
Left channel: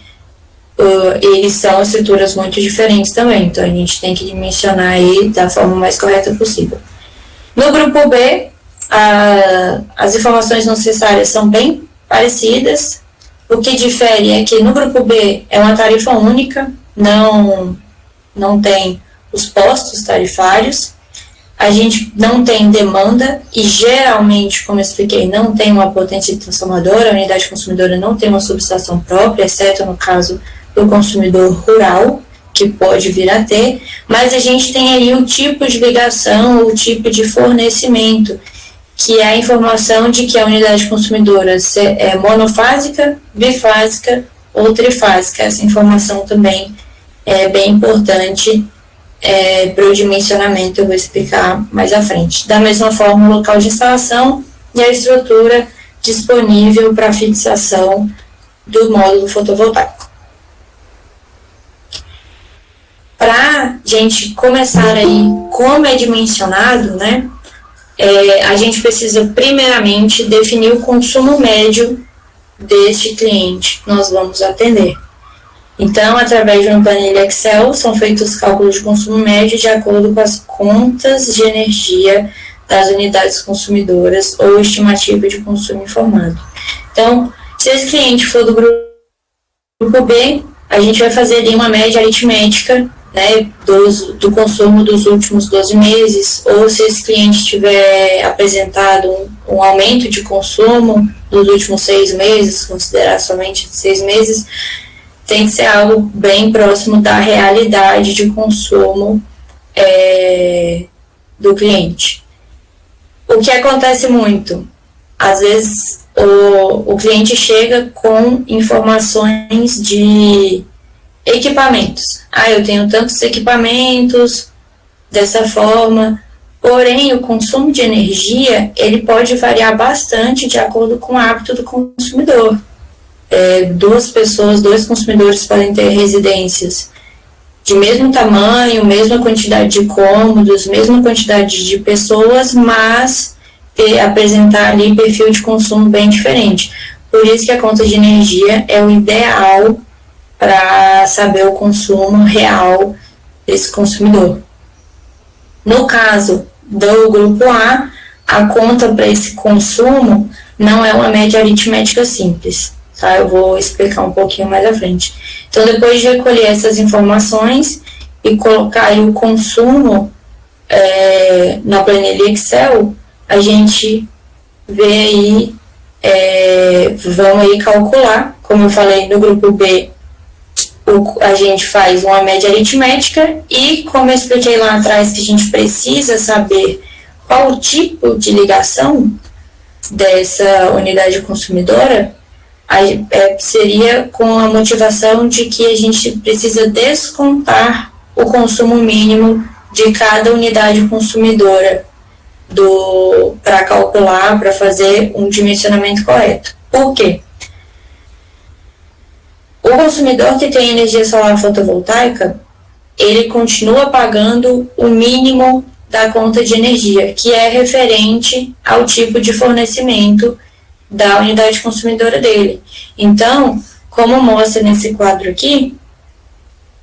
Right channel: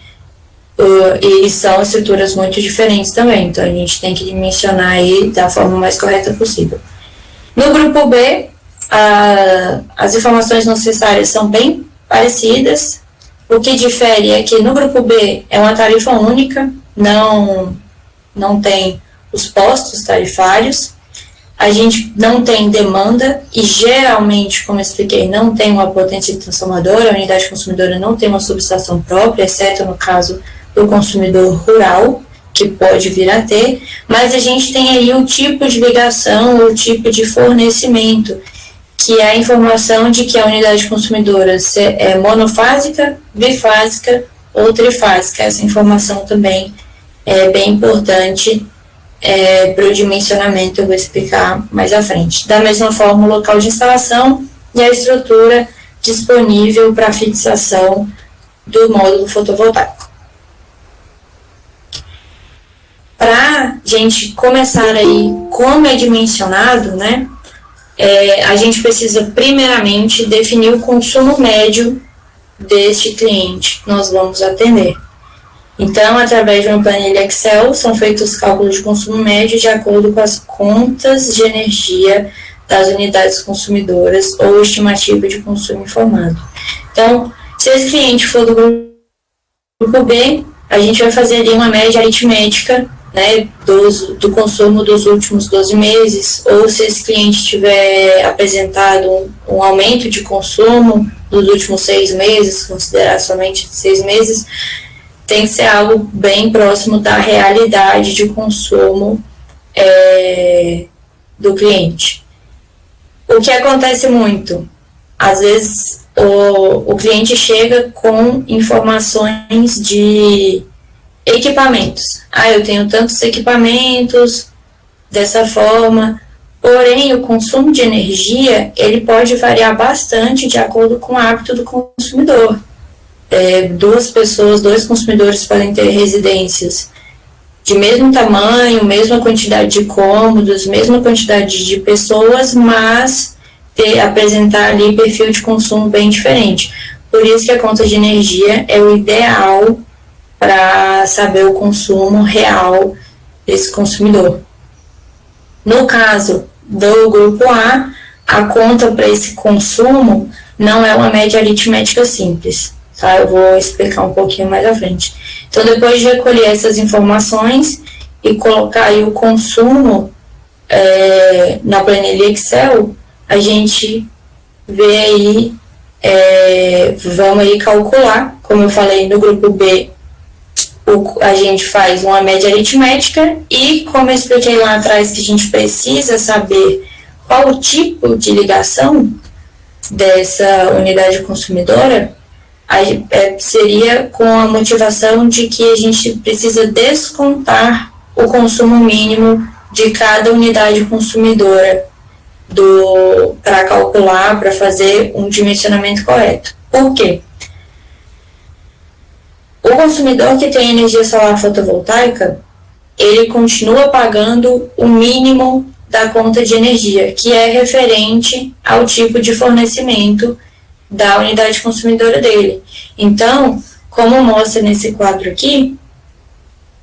eles são estruturas muito diferentes também, então a gente tem que dimensionar aí da forma mais correta possível. No grupo B, as informações necessárias são bem parecidas. O que difere é que no grupo B é uma tarifa única, não tem os postos tarifários, a gente não tem demanda e geralmente, como eu expliquei, não tem uma potência transformadora, a unidade consumidora não tem uma subestação própria, exceto no caso do consumidor rural, que pode vir a ter, mas a gente tem aí o tipo de ligação, o tipo de fornecimento, que é a informação de que a unidade consumidora é monofásica, bifásica ou trifásica. Essa informação também é bem importante para o dimensionamento, eu vou explicar mais à frente. Da mesma forma, o local de instalação e a estrutura disponível para fixação do módulo fotovoltaico. Para a gente começar aí como é dimensionado, né, a gente precisa primeiramente definir o consumo médio deste cliente que nós vamos atender. Então, através de uma planilha Excel, são feitos os cálculos de consumo médio de acordo com as contas de energia das unidades consumidoras ou estimativa de consumo informado. Então, se esse cliente for do grupo B, a gente vai fazer ali uma média aritmética, né, do consumo dos últimos 12 meses, ou se esse cliente tiver apresentado um aumento de consumo nos últimos 6 meses, considerar somente 6 meses, tem que ser algo bem próximo da realidade de consumo do cliente. O que acontece muito? Às vezes o cliente chega com informações de equipamentos. Eu tenho tantos equipamentos dessa forma, porém o consumo de energia ele pode variar bastante de acordo com o hábito do consumidor. Dois consumidores podem ter residências de mesmo tamanho, mesma quantidade de cômodos, mesma quantidade de pessoas, mas apresentar ali perfil de consumo bem diferente. Por isso que a conta de energia é o ideal para saber o consumo real desse consumidor. No caso do grupo A, a conta para esse consumo não é uma média aritmética simples, tá? Eu vou explicar um pouquinho mais à frente. Então, depois de recolher essas informações e colocar aí o consumo na planilha Excel, a gente vê aí, vamos aí calcular, como eu falei no grupo B, a gente faz uma média aritmética e, como eu expliquei lá atrás, que a gente precisa saber qual o tipo de ligação dessa unidade consumidora, seria com a motivação de que a gente precisa descontar o consumo mínimo de cada unidade consumidora para calcular, para fazer um dimensionamento correto. Por quê? O consumidor que tem energia solar fotovoltaica, ele continua pagando o mínimo da conta de energia, que é referente ao tipo de fornecimento da unidade consumidora dele. Então, como mostra nesse quadro aqui,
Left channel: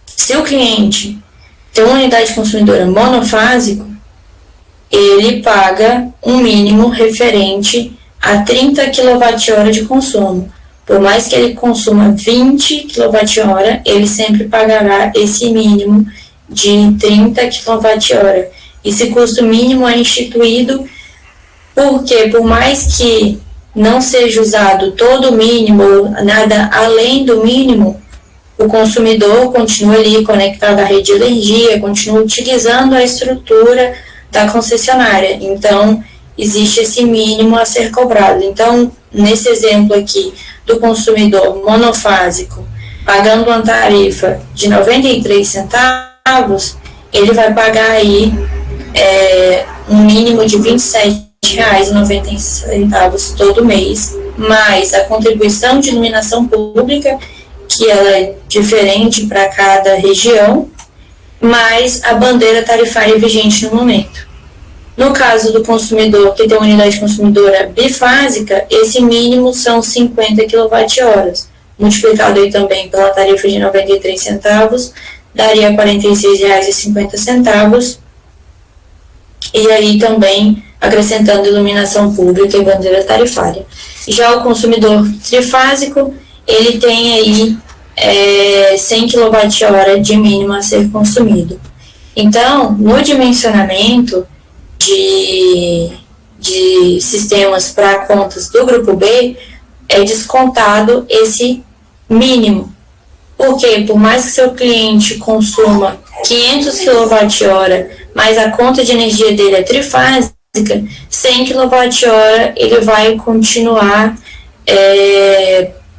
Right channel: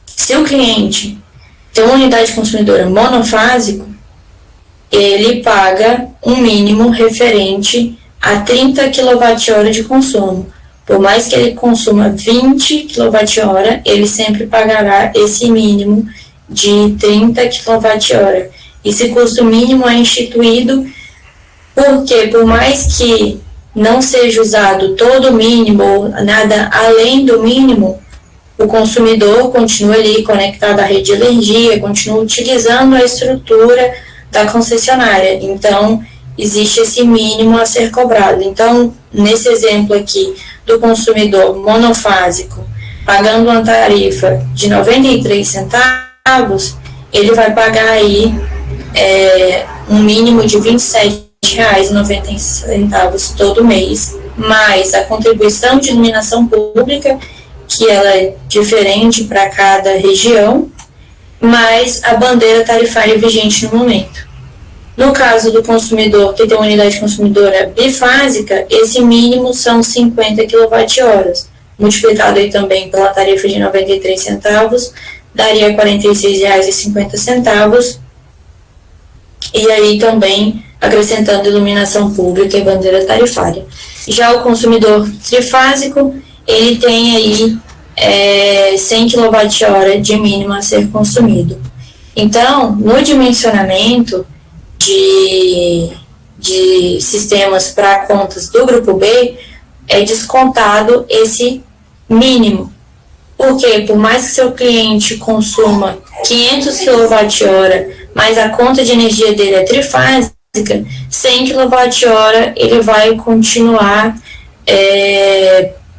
se o cliente tem uma unidade consumidora monofásico, ele paga um mínimo referente a 30 kWh de consumo. Por mais que ele consuma 20 kWh, ele sempre pagará esse mínimo de 30 kWh. Esse custo mínimo é instituído porque, por mais que não seja usado todo o mínimo, nada além do mínimo, o consumidor continua ali conectado à rede de energia, continua utilizando a estrutura da concessionária. Então, existe esse mínimo a ser cobrado. Então, nesse exemplo aqui do consumidor monofásico, pagando uma tarifa de 93 centavos, ele vai pagar aí um mínimo de R$ 27,90 todo mês, mais a contribuição de iluminação pública, que ela é diferente para cada região, mais a bandeira tarifária vigente no momento. No caso do consumidor que tem uma unidade consumidora bifásica, esse mínimo são 50 kWh, multiplicado aí também pela tarifa de 93 centavos, daria R$ 46,50, e aí também acrescentando iluminação pública e bandeira tarifária. Já o consumidor trifásico, ele tem aí 100 kWh de mínimo a ser consumido. Então, no dimensionamento de sistemas para contas do grupo B, é descontado esse mínimo. Porque, por mais que seu cliente consuma 500 kWh, mas a conta de energia dele é trifásica, 100 kWh ele vai continuar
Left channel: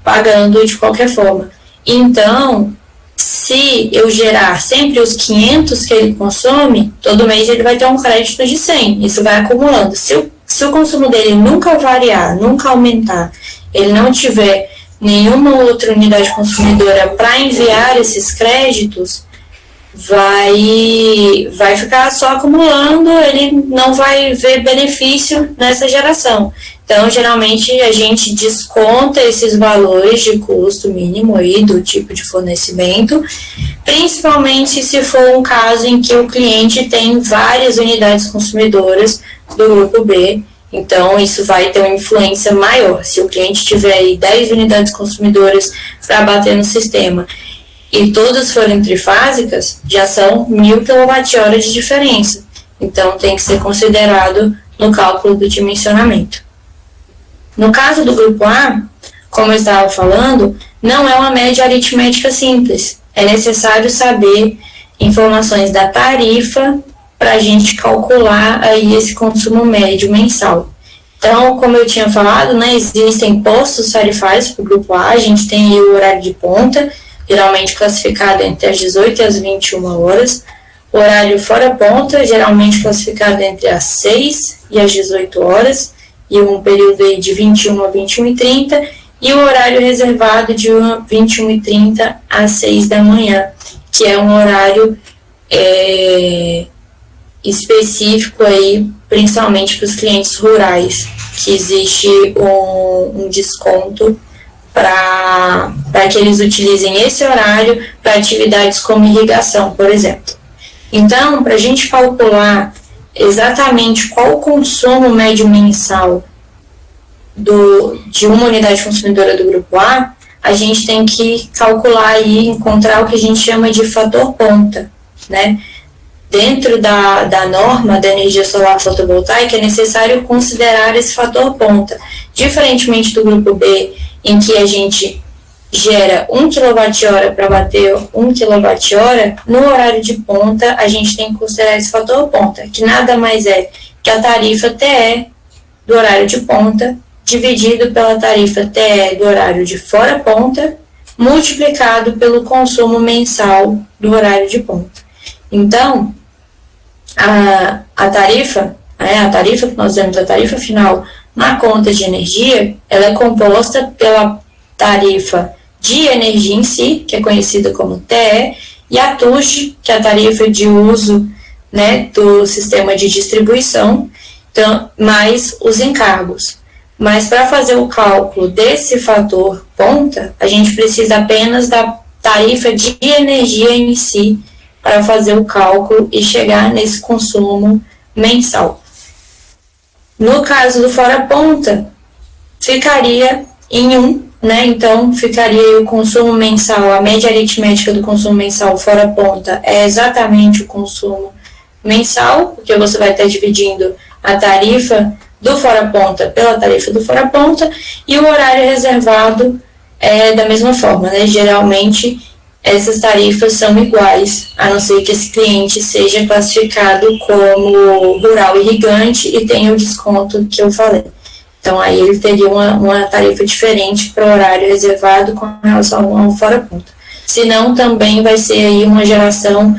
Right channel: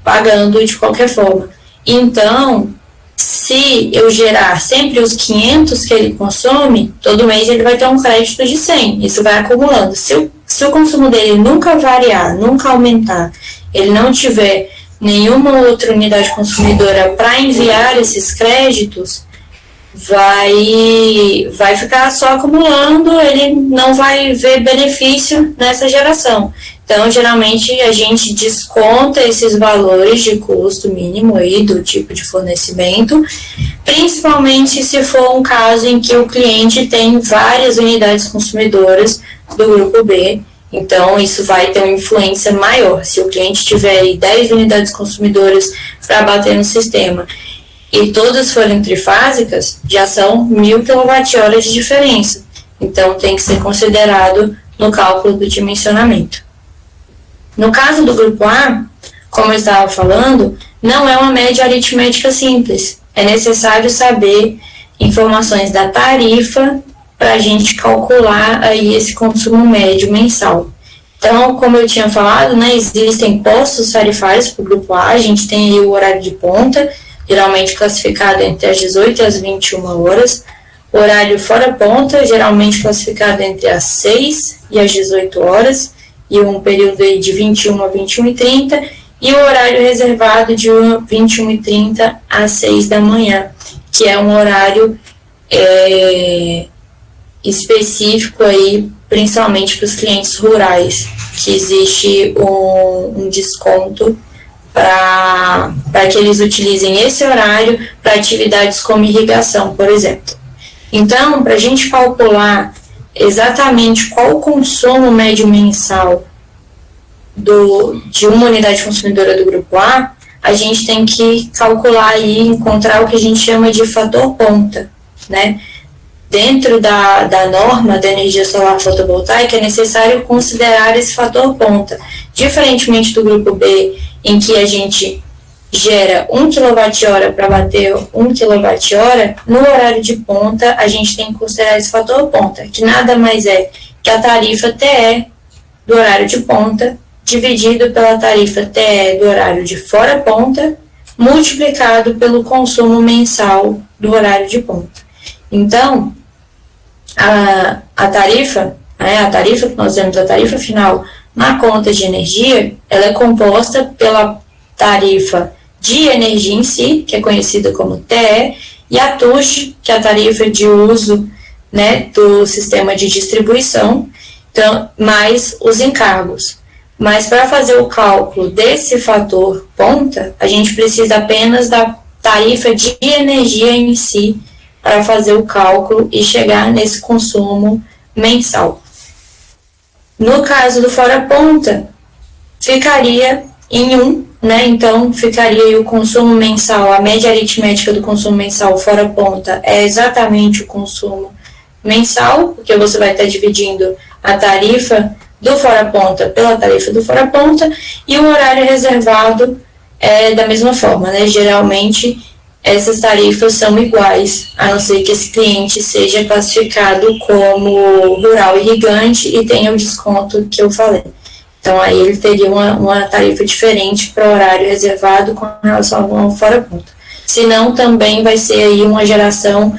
pagando de qualquer forma. Então, se eu gerar sempre os 500 que ele consome, todo mês ele vai ter um crédito de 100. Isso vai acumulando. Se o consumo dele nunca variar, nunca aumentar, ele não tiver nenhuma outra unidade consumidora para enviar esses créditos, vai ficar só acumulando, ele não vai ver benefício nessa geração. Então, geralmente, a gente desconta esses valores de custo mínimo aí do tipo de fornecimento, principalmente se for um caso em que o cliente tem várias unidades consumidoras do grupo B. Então, isso vai ter uma influência maior. Se o cliente tiver aí 10 unidades consumidoras para bater no sistema e todas forem trifásicas, já são 1.000 kWh de diferença. Então, tem que ser considerado no cálculo do dimensionamento. No caso do grupo A, como eu estava falando, não é uma média aritmética simples. É necessário saber informações da tarifa para a gente calcular aí esse consumo médio mensal. Então, como eu tinha falado, né, existem postos tarifários para o grupo A. A gente tem aí o horário de ponta, geralmente classificado entre as 18 e as 21 horas. O horário fora ponta, geralmente classificado entre as 6 e as 18 horas. E um período aí de 21 a 21h30, e o horário reservado de 21h30 às 6 da manhã, que é um horário específico aí, principalmente para os clientes rurais, que existe um desconto para que eles utilizem esse horário para atividades como irrigação, por exemplo. Então, para a gente calcular exatamente qual o consumo médio mensal de uma unidade consumidora do grupo A, a gente tem que calcular e encontrar o que a gente chama de fator ponta, né? Dentro da norma da energia solar fotovoltaica, é necessário considerar esse fator ponta. Diferentemente do grupo B, em que a gente gera 1 kWh para bater 1 kWh, no horário de ponta a gente tem que considerar esse fator ponta, que nada mais é que a tarifa TE do horário de ponta dividido pela tarifa TE do horário de fora ponta, multiplicado pelo consumo mensal do horário de ponta. Então, a tarifa que nós temos, a tarifa final na conta de energia, ela é composta pela tarifa de energia em si, que é conhecida como TE, e a TUJ, que é a tarifa de uso, né, do sistema de distribuição, então, mais os encargos. Mas para fazer o cálculo desse fator ponta, a gente precisa apenas da tarifa de energia em si para fazer o cálculo e chegar nesse consumo mensal. No caso do fora ponta, ficaria em 1, né? Então, ficaria aí o consumo mensal, a média aritmética do consumo mensal fora ponta é exatamente o consumo mensal, porque você vai estar dividindo a tarifa do fora ponta pela tarifa do fora ponta, e o horário reservado é da mesma forma, né? Geralmente, essas tarifas são iguais, a não ser que esse cliente seja classificado como rural irrigante e tenha o desconto que eu falei. Então, aí ele teria uma tarifa diferente para o horário reservado com relação ao fora ponta. Senão, também vai ser aí uma geração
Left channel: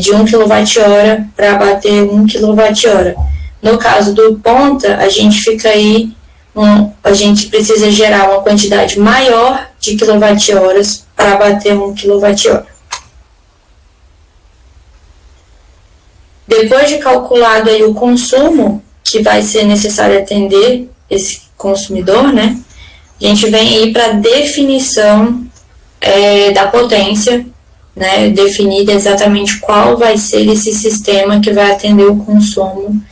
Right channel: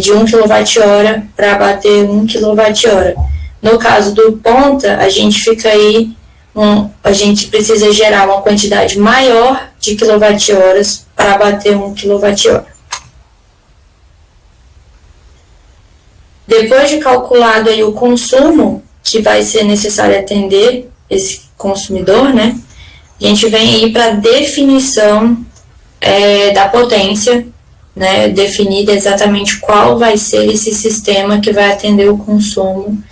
de 1 kWh para bater 1 kWh. No caso do ponta, a gente fica aí, a gente precisa gerar uma quantidade maior de kWh para bater 1 kWh. Depois de calculado aí o consumo que vai ser necessário atender esse consumidor, né, a gente vem aí para definição da potência, né, definir exatamente qual vai ser esse sistema que vai atender o consumo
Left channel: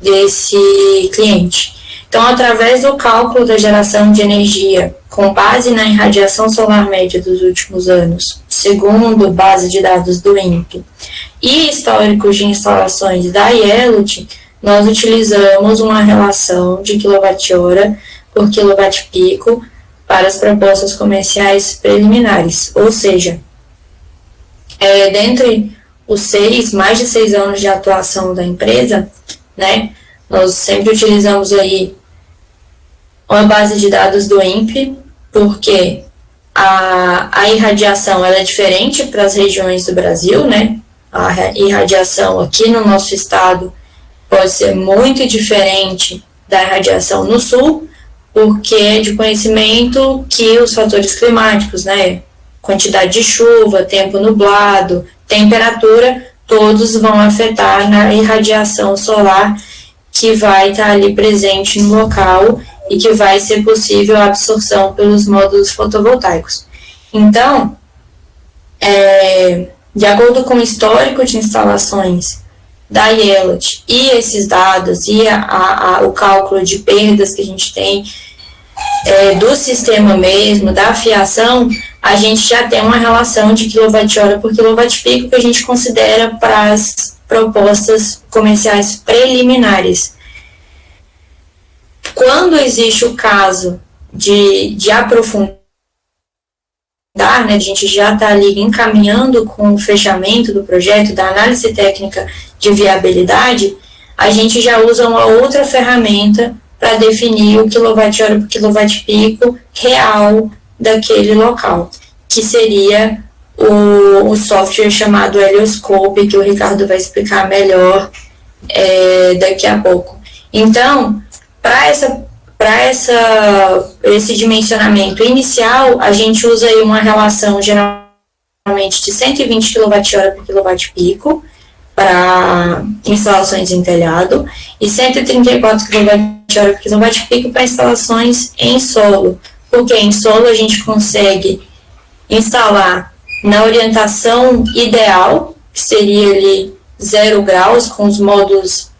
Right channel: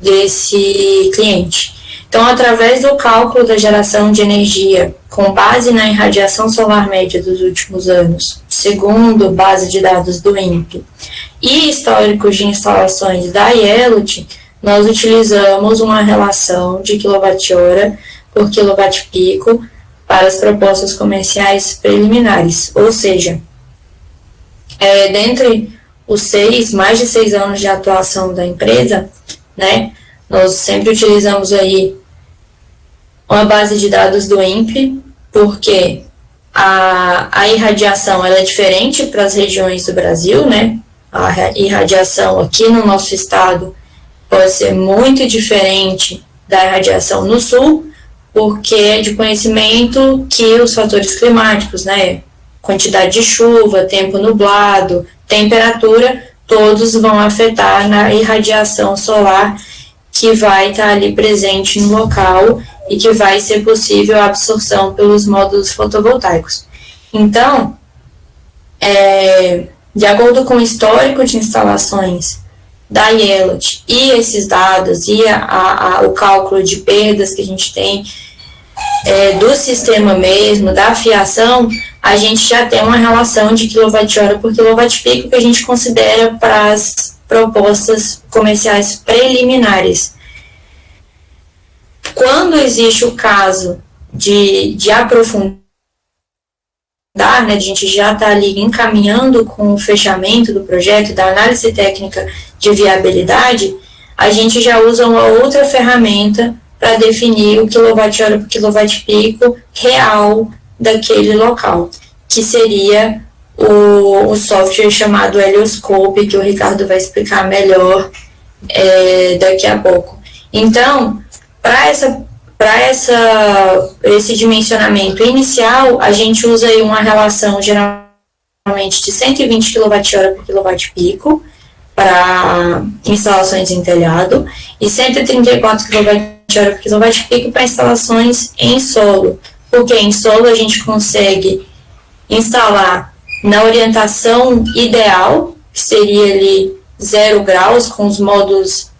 desse cliente. Então, através do cálculo da geração de energia com base na irradiação solar média dos últimos anos, segundo base de dados do INPE, e históricos de instalações da IELUT, nós utilizamos uma relação de quilowatt-hora por quilowatt-pico para as propostas comerciais preliminares, ou seja, dentre os mais de 6 anos de atuação da empresa, né, nós sempre utilizamos aí uma base de dados do INPE, porque a irradiação ela é diferente para as regiões do Brasil, né? A irradiação aqui no nosso estado pode ser muito diferente da irradiação no sul, porque é de conhecimento que os fatores climáticos, né, quantidade de chuva, tempo nublado, temperatura, todos vão afetar na irradiação solar que vai estar ali presente no local e que vai ser possível a absorção pelos módulos fotovoltaicos. Então, de acordo com o histórico de instalações da IELUT e esses dados e o cálculo de perdas que a gente tem do sistema mesmo, da fiação, a gente já tem uma relação de quilowatt-hora por quilowatt-pico que a gente considera para as propostas comerciais preliminares. Quando existe o caso de aprofundar, né, a gente já está ali encaminhando com o fechamento do projeto, da análise técnica de viabilidade, a gente já usa uma outra ferramenta para definir o quilowatt-hora por quilowatt-pico real daquele local, que seria o software chamado Helioscope, que o Ricardo vai explicar melhor daqui a pouco. Então, para esse dimensionamento inicial, a gente usa aí uma relação geralmente de 120 kWh por kWp para instalações em telhado e 134 kWh por kWp para instalações em solo, porque em solo a gente consegue instalar na orientação ideal, que seria ali 0 graus, com os módulos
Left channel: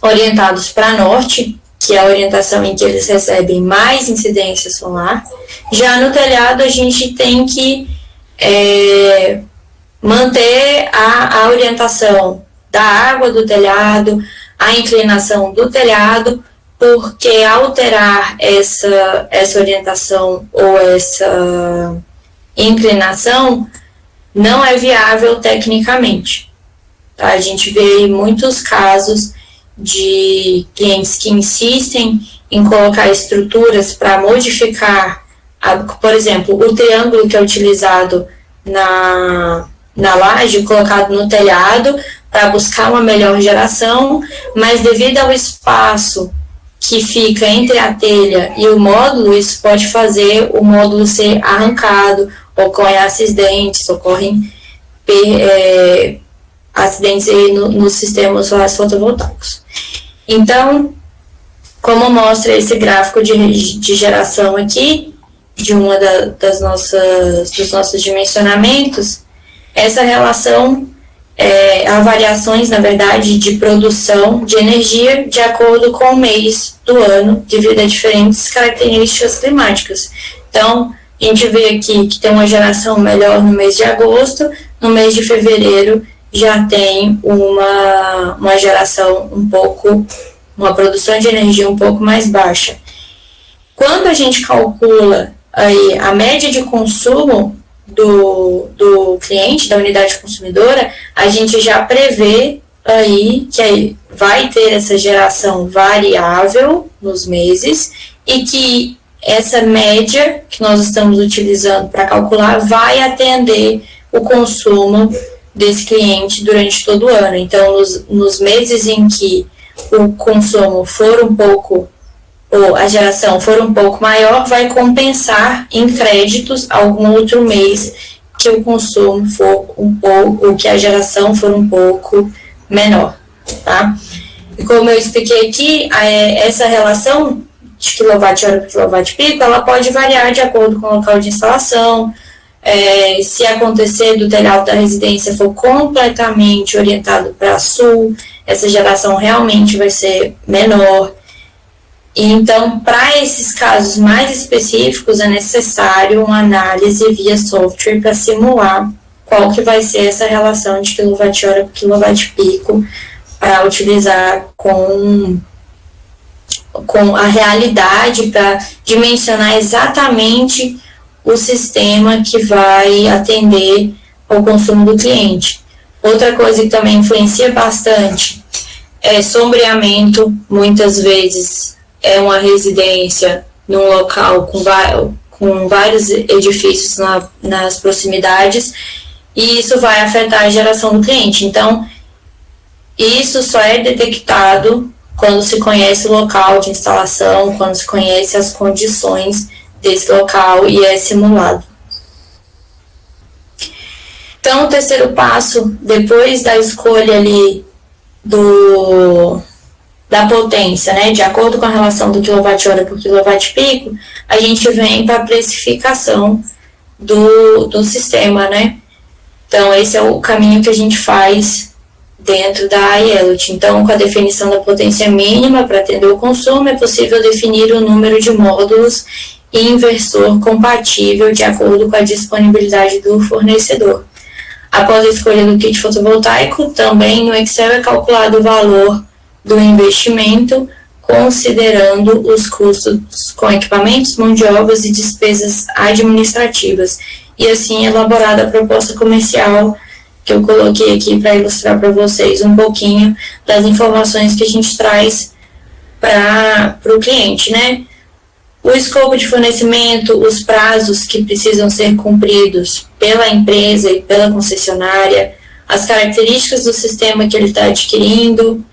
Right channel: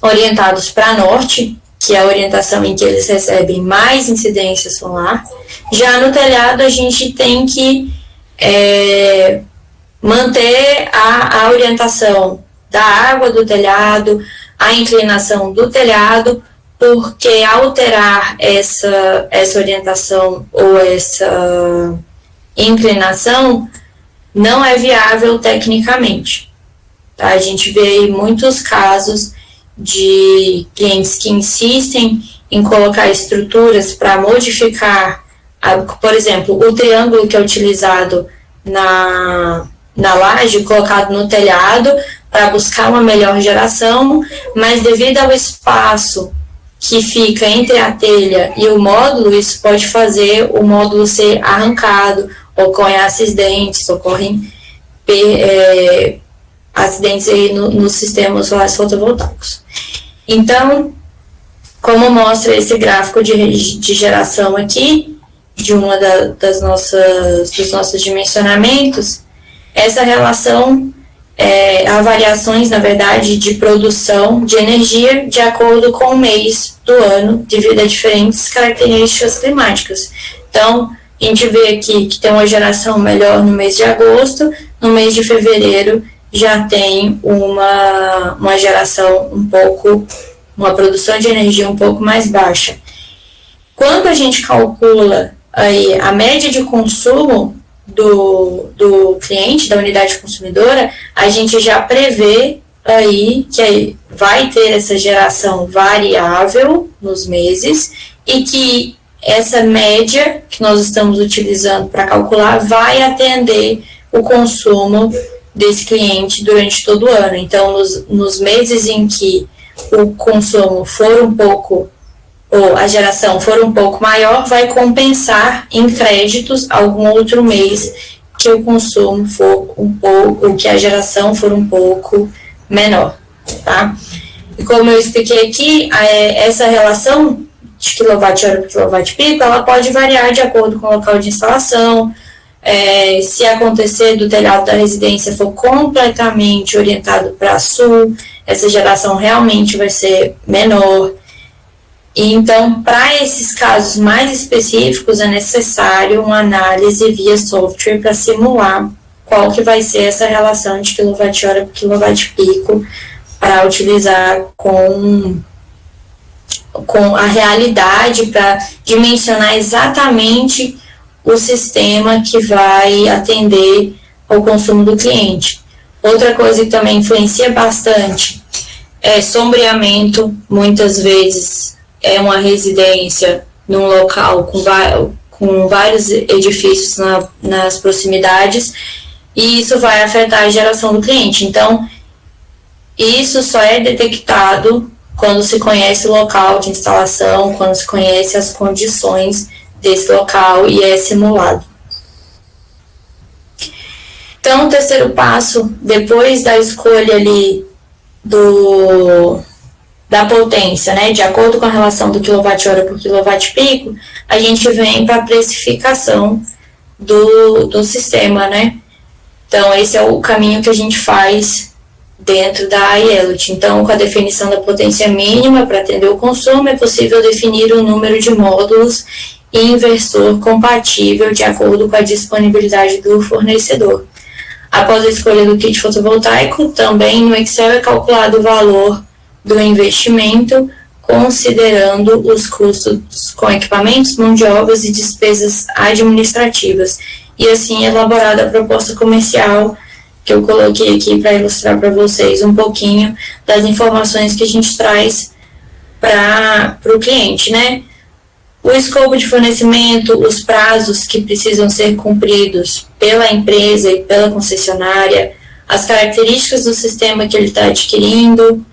orientados para norte, que é a orientação em que eles recebem mais incidência solar. Já no telhado, a gente tem que manter a orientação da água do telhado, a inclinação do telhado, porque alterar essa orientação ou essa inclinação não é viável tecnicamente. Tá? A gente vê muitos casos de clientes que insistem em colocar estruturas para modificar, por exemplo, o triângulo que é utilizado na laje, colocado no telhado, para buscar uma melhor geração, mas devido ao espaço que fica entre a telha e o módulo, isso pode fazer o módulo ser arrancado, ocorrem acidentes aí nos sistemas solares fotovoltaicos. Então, como mostra esse gráfico de geração aqui, de uma dos nossos dimensionamentos, essa relação há variações, na verdade, de produção de energia de acordo com o mês do ano, devido a diferentes características climáticas. Então, a gente vê aqui que tem uma geração melhor no mês de agosto, no mês de fevereiro já tem uma geração uma produção de energia um pouco mais baixa. Quando a gente calcula aí a média de consumo do cliente, da unidade consumidora, a gente já prevê aí que vai ter essa geração variável nos meses e que essa média que nós estamos utilizando para calcular vai atender o consumo desse cliente durante todo o ano. Então, nos meses em que o consumo for um pouco, ou a geração for um pouco maior, vai compensar em créditos algum outro mês que o consumo for um pouco, ou que a geração for um pouco menor, tá? E como eu expliquei aqui, essa relação de quilowatt-hora por quilowatt-pico, ela pode variar de acordo com o local de instalação. Se acontecer do telhado da residência for completamente orientado para sul, essa geração realmente vai ser menor. E então, para esses casos mais específicos, é necessário uma análise via software para simular qual que vai ser essa relação de quilowatt-hora por quilowatt-pico para utilizar com a realidade, para dimensionar exatamente o sistema que vai atender ao consumo do cliente. Outra coisa que também influencia bastante é sombreamento. Muitas vezes é uma residência num local com vários edifícios nas proximidades, e isso vai afetar a geração do cliente. Então, isso só é detectado quando se conhece o local de instalação, quando se conhece as condições desse local e é simulado. Então, o terceiro passo, depois da escolha ali da potência, né, de acordo com a relação do quilowatt-hora por quilowatt-pico, a gente vem para a precificação do sistema, né? Então, esse é o caminho que a gente faz dentro da IELOT. Então, com a definição da potência mínima para atender o consumo, é possível definir o número de módulos e inversor compatível de acordo com a disponibilidade do fornecedor. Após a escolha do kit fotovoltaico, também no Excel é calculado o valor do investimento, considerando os custos com equipamentos, mão de obras e despesas administrativas. E assim elaborada a proposta comercial, que eu coloquei aqui para ilustrar para vocês um pouquinho das informações que a gente traz para o cliente, né? O escopo de fornecimento, os prazos que precisam ser cumpridos pela empresa e pela concessionária, as características do sistema que ele está adquirindo,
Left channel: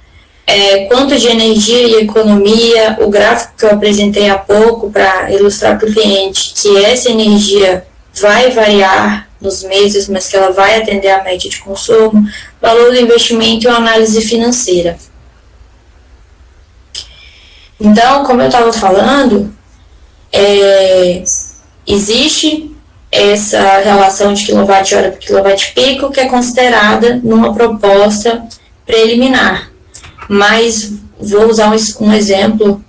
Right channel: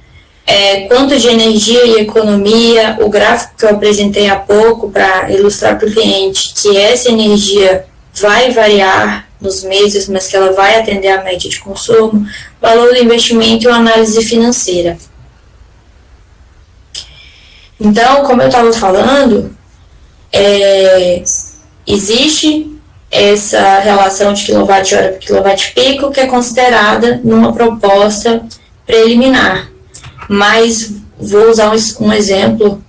quanto de energia e economia, o gráfico que eu apresentei há pouco para ilustrar para o cliente que essa energia vai variar nos meses, mas que ela vai atender à média de consumo, valor do investimento e uma análise financeira. Então, como eu estava falando, existe essa relação de quilowatt-hora por quilowatt-pico que é considerada numa proposta preliminar. Mas vou usar um exemplo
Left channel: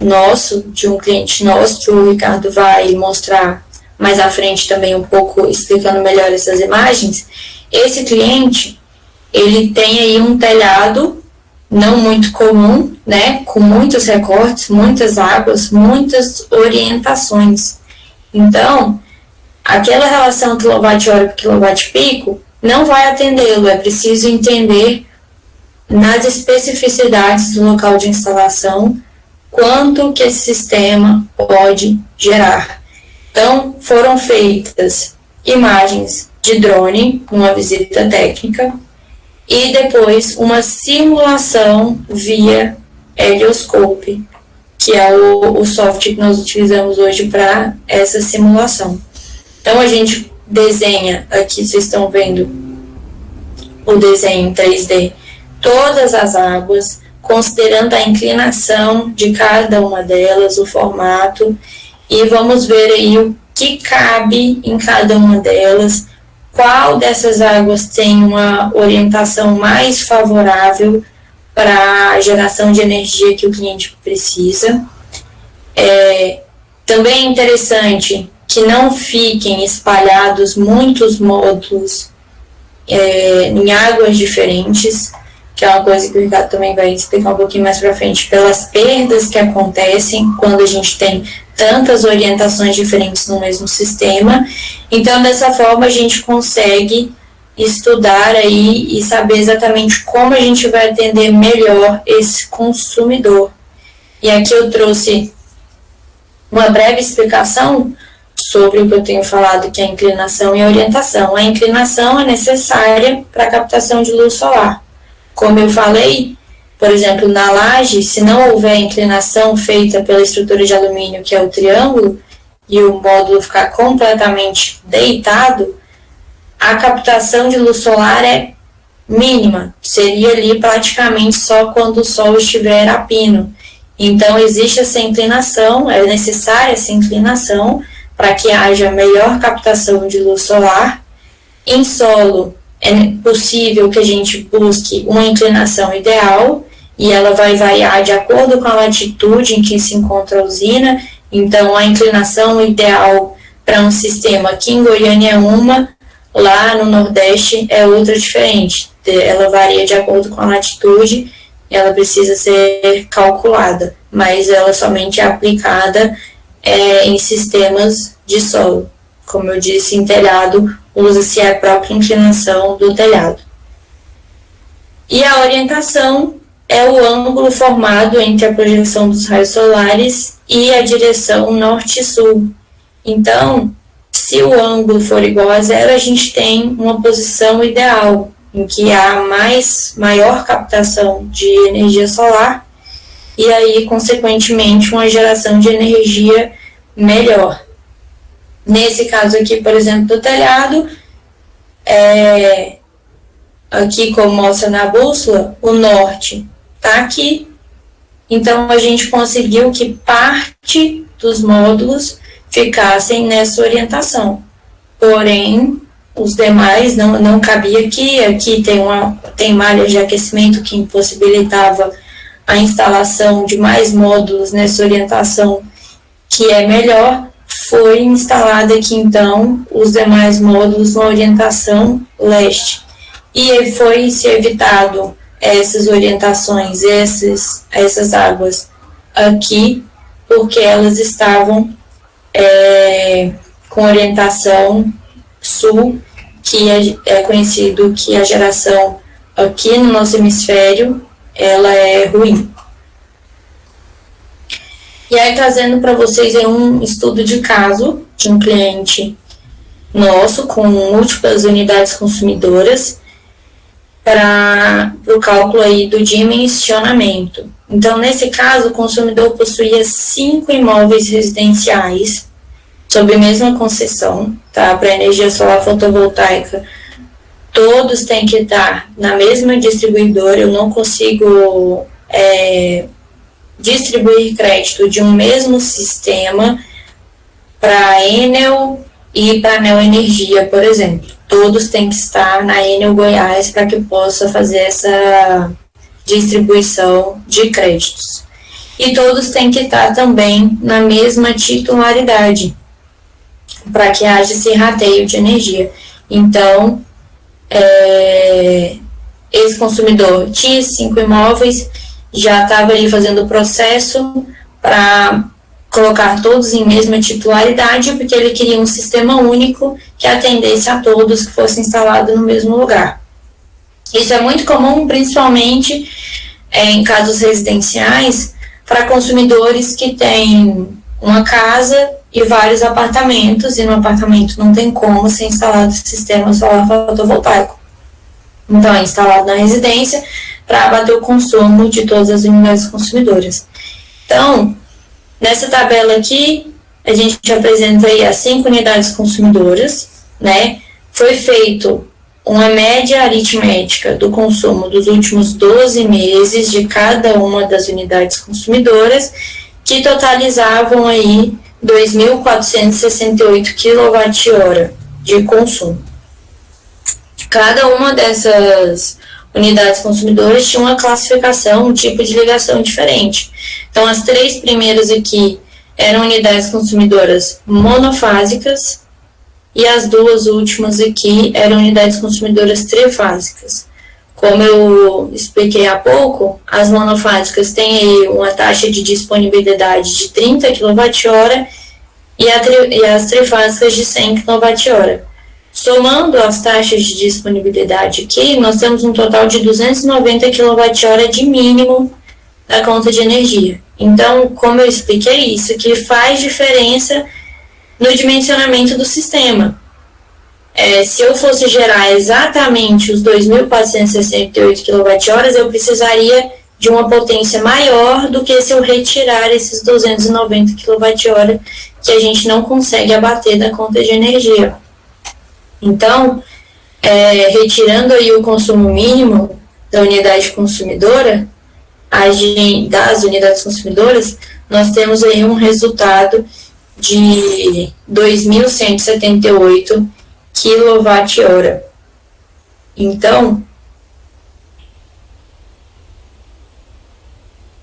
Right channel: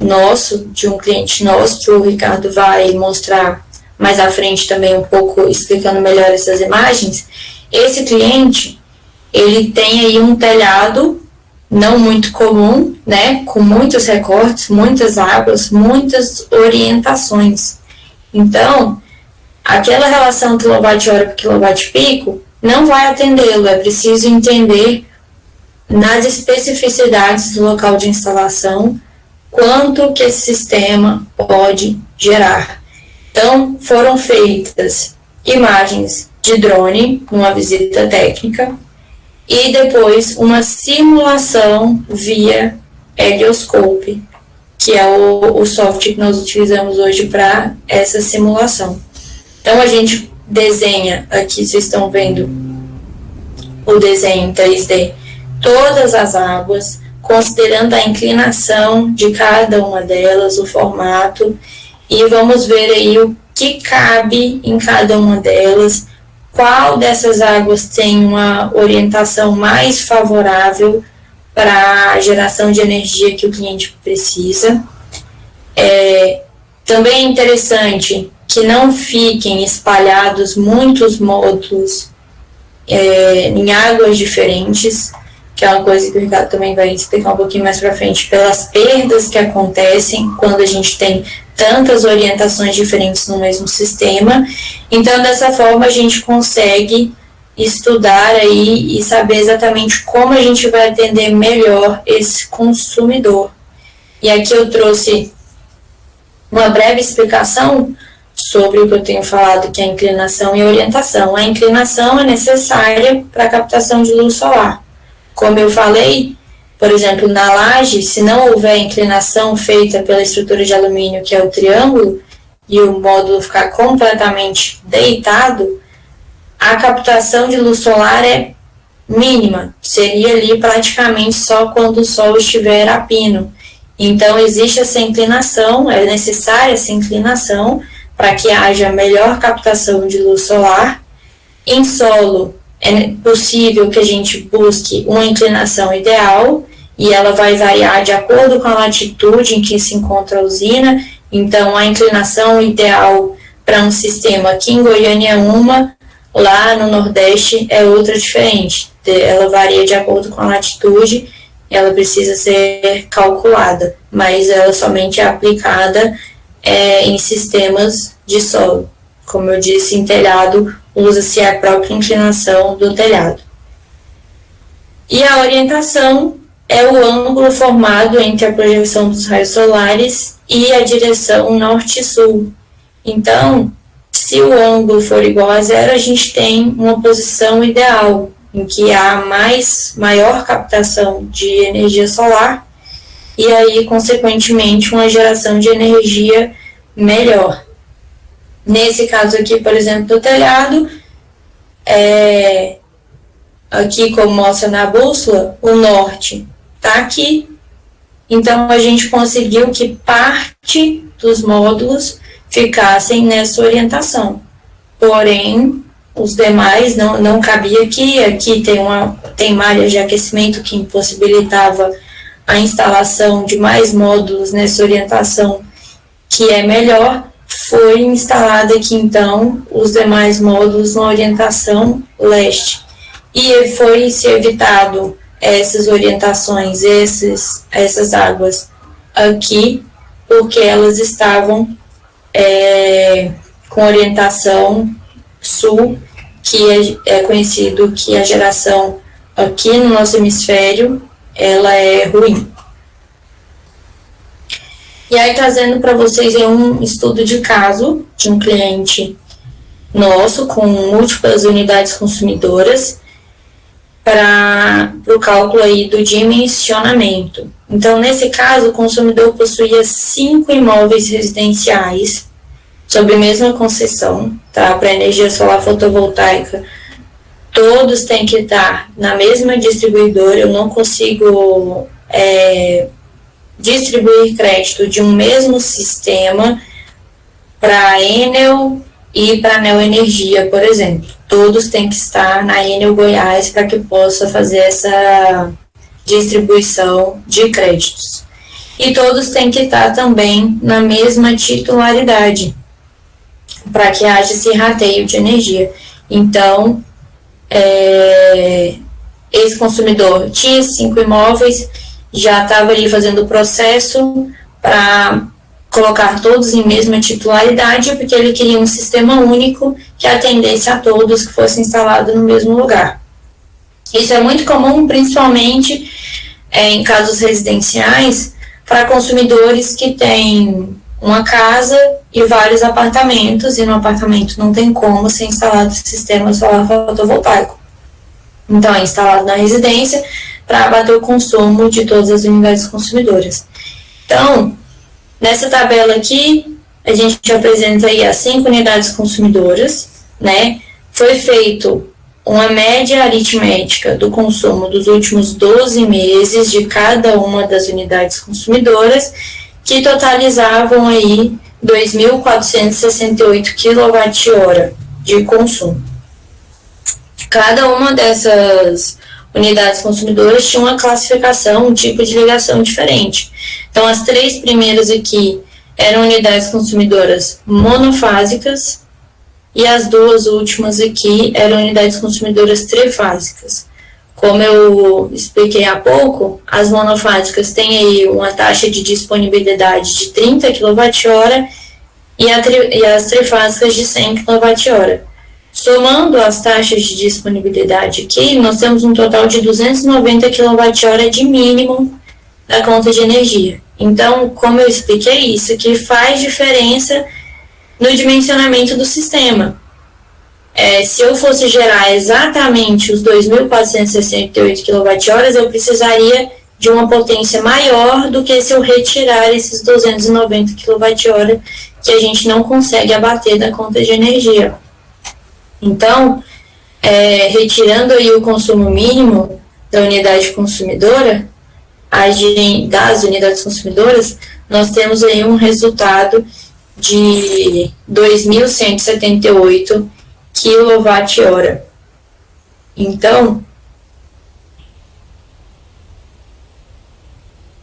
nosso, de um cliente nosso, que o Ricardo vai mostrar mais à frente também um pouco, explicando melhor essas imagens. Esse cliente, ele tem aí um telhado não muito comum, né, com muitos recortes, muitas águas, muitas orientações. Então, aquela relação quilowatt-hora por quilowatt-pico não vai atendê-lo, é preciso entender nas especificidades do local de instalação quanto que esse sistema pode gerar. Então, foram feitas imagens de drone, uma visita técnica, e depois uma simulação via helioscope, que é o software que nós utilizamos hoje para essa simulação. Então, a gente desenha, aqui vocês estão vendo o desenho em 3D, todas as águas, considerando a inclinação de cada uma delas, o formato, e vamos ver aí o que cabe em cada uma delas, qual dessas águas tem uma orientação mais favorável para a geração de energia que o cliente precisa. Também é interessante que não fiquem espalhados muitos módulos em águas diferentes, que é uma coisa que o Ricardo também vai explicar um pouquinho mais para frente, pelas perdas que acontecem quando a gente tem tantas orientações diferentes no mesmo sistema. Então, dessa forma, a gente consegue estudar aí e saber exatamente como a gente vai atender melhor esse consumidor. E aqui eu trouxe uma breve explicação sobre o que eu tenho falado, que é a inclinação e a orientação. A inclinação é necessária para a captação de luz solar. Como eu falei, por exemplo, na laje, se não houver inclinação feita pela estrutura de alumínio, que é o triângulo, e o módulo ficar completamente deitado, a captação de luz solar é mínima, seria ali praticamente só quando o sol estiver a pino. Então, existe essa inclinação, é necessária essa inclinação para que haja melhor captação de luz solar. Em solo, é possível que a gente busque uma inclinação ideal, e ela vai variar de acordo com a latitude em que se encontra a usina. Então, a inclinação ideal para um sistema aqui em Goiânia é uma, lá no Nordeste é outra diferente. Ela varia de acordo com a latitude, ela precisa ser calculada, mas ela somente é aplicada em sistemas de solo. Como eu disse, em telhado, usa-se a própria inclinação do telhado. E a orientação é o ângulo formado entre a projeção dos raios solares e a direção norte-sul. Então, se o ângulo for igual a zero, a gente tem uma posição ideal, em que há maior captação de energia solar, e aí, consequentemente, uma geração de energia melhor. Nesse caso aqui, por exemplo, do telhado, aqui como mostra na bússola, o norte está aqui. Então, a gente conseguiu que parte dos módulos ficassem nessa orientação. Porém, os demais não cabia aqui. Aqui tem malha de aquecimento que impossibilitava a instalação de mais módulos nessa orientação, que é melhor. Foi instalada aqui, então, os demais módulos na orientação leste. E foi-se evitado essas orientações, essas águas aqui, porque elas estavam com orientação sul, que é conhecido que a geração aqui no nosso hemisfério, ela é ruim. E aí, trazendo para vocês um estudo de caso de um cliente nosso com múltiplas unidades consumidoras para o cálculo aí do dimensionamento. Então, nesse caso, o consumidor possuía 5 imóveis residenciais sob a mesma concessão, tá? Para energia solar fotovoltaica, todos têm que estar na mesma distribuidora. Eu não consigo distribuir crédito de um mesmo sistema para a Enel e para a Neoenergia, por exemplo. Todos têm que estar na Enel Goiás para que possa fazer essa distribuição de créditos. E todos têm que estar também na mesma titularidade, para que haja esse rateio de energia. Então, esse consumidor tinha 5 imóveis, já estava ali fazendo o processo para colocar todos em mesma titularidade, porque ele queria um sistema único que atendesse a todos, que fosse instalado no mesmo lugar. Isso é muito comum, principalmente em casos residenciais, para consumidores que têm uma casa e vários apartamentos, e no apartamento não tem como ser instalado o sistema solar fotovoltaico. Então, é instalado na residência para abater o consumo de todas as unidades consumidoras. Então, nessa tabela aqui, a gente apresenta aí as 5 unidades consumidoras, né? Foi feito uma média aritmética do consumo dos últimos 12 meses de cada uma das unidades consumidoras, que totalizavam aí 2.468 kWh de consumo. Cada uma dessas unidades consumidoras tinha uma classificação, um tipo de ligação diferente. Então, as 3 primeiras aqui eram unidades consumidoras monofásicas e as 2 últimas aqui eram unidades consumidoras trifásicas. Como eu expliquei há pouco, as monofásicas têm aí uma taxa de disponibilidade de 30 kWh e as trifásicas de 100 kWh. Somando as taxas de disponibilidade aqui, nós temos um total de 290 kWh de mínimo da conta de energia. Então, como eu expliquei, isso aqui faz diferença no dimensionamento do sistema. Se eu fosse gerar exatamente os 2.468 kWh, eu precisaria de uma potência maior do que se eu retirar esses 290 kWh que a gente não consegue abater da conta de energia. Então, retirando aí o consumo mínimo da unidade consumidora, das unidades consumidoras, nós temos aí um resultado de 2.178 kWh. Então,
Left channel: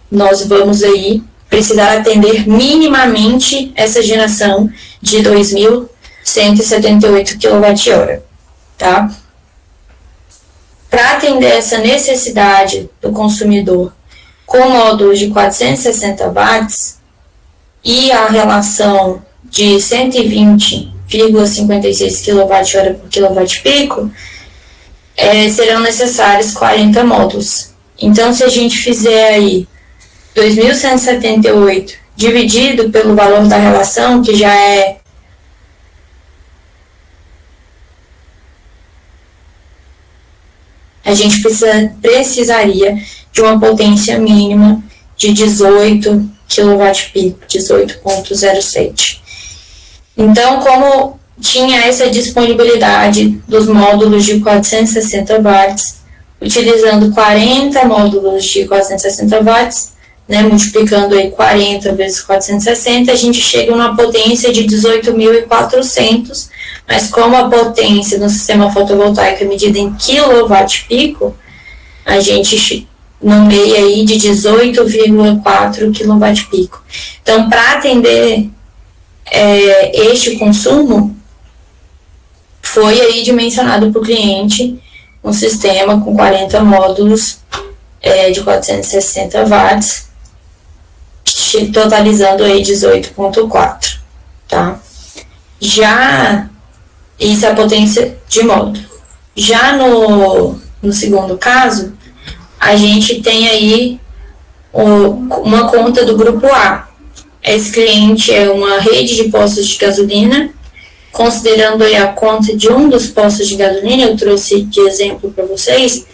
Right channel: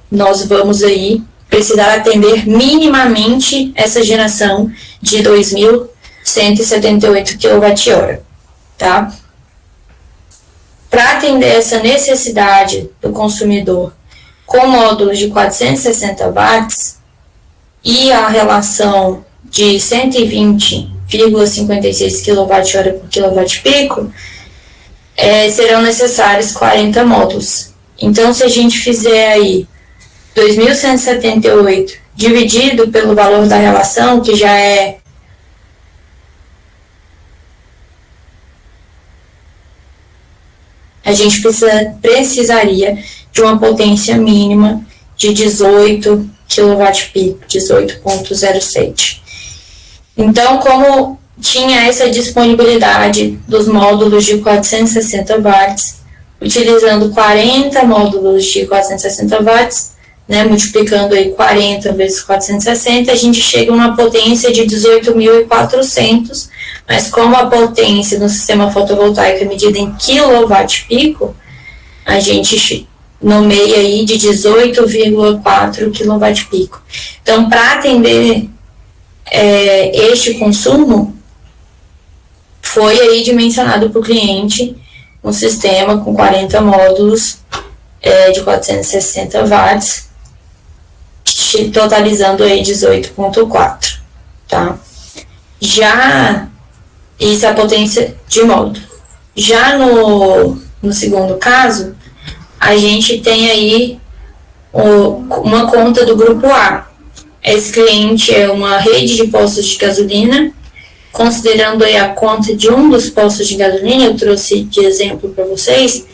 nós vamos aí precisar atender minimamente essa geração de 2.178 kWh, tá? Para atender essa necessidade do consumidor com módulos de 460 watts e a relação de 120,56 kWh por kWp, serão necessários 40 módulos. Então, se a gente fizer aí 2.178 dividido pelo valor da relação, que já é a gente precisaria de uma potência mínima de 18 kWp, 18,07. Então, como tinha essa disponibilidade dos módulos de 460 watts, utilizando 40 módulos de 460 watts, né, multiplicando aí 40 vezes 460, a gente chega a uma potência de 18.400, mas como a potência no sistema fotovoltaico é medida em kWp, a gente nomeia aí de 18,4 kWp. Então, para atender este consumo, foi aí dimensionado para o cliente um sistema com 40 módulos de 460 watts, totalizando aí 18,4, tá? Já isso é a potência de módulo. Já no segundo caso, a gente tem aí uma conta do grupo A. Esse cliente é uma rede de postos de gasolina. Considerando aí a conta de um dos postos de gasolina, eu trouxe de exemplo para vocês,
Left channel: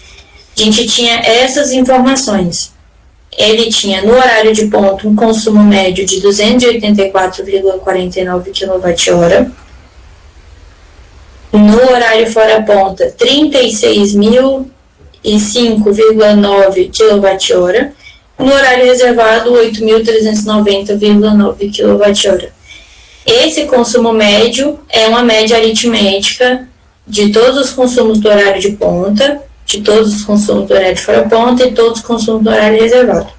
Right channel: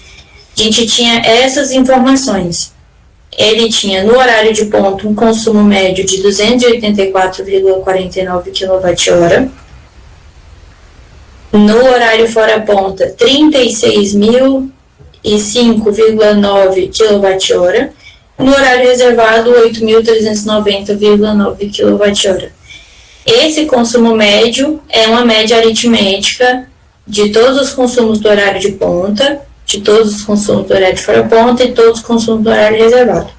a gente tinha essas informações. Ele tinha no horário de ponta um consumo médio de 284,49 kWh. No horário fora ponta, 36.005,9 kWh. No horário reservado, 8.390,9 kWh. Esse consumo médio é uma média aritmética de todos os consumos do horário de ponta, de todos os consumos do horário de fora ponta e todos os consumos do horário reservado.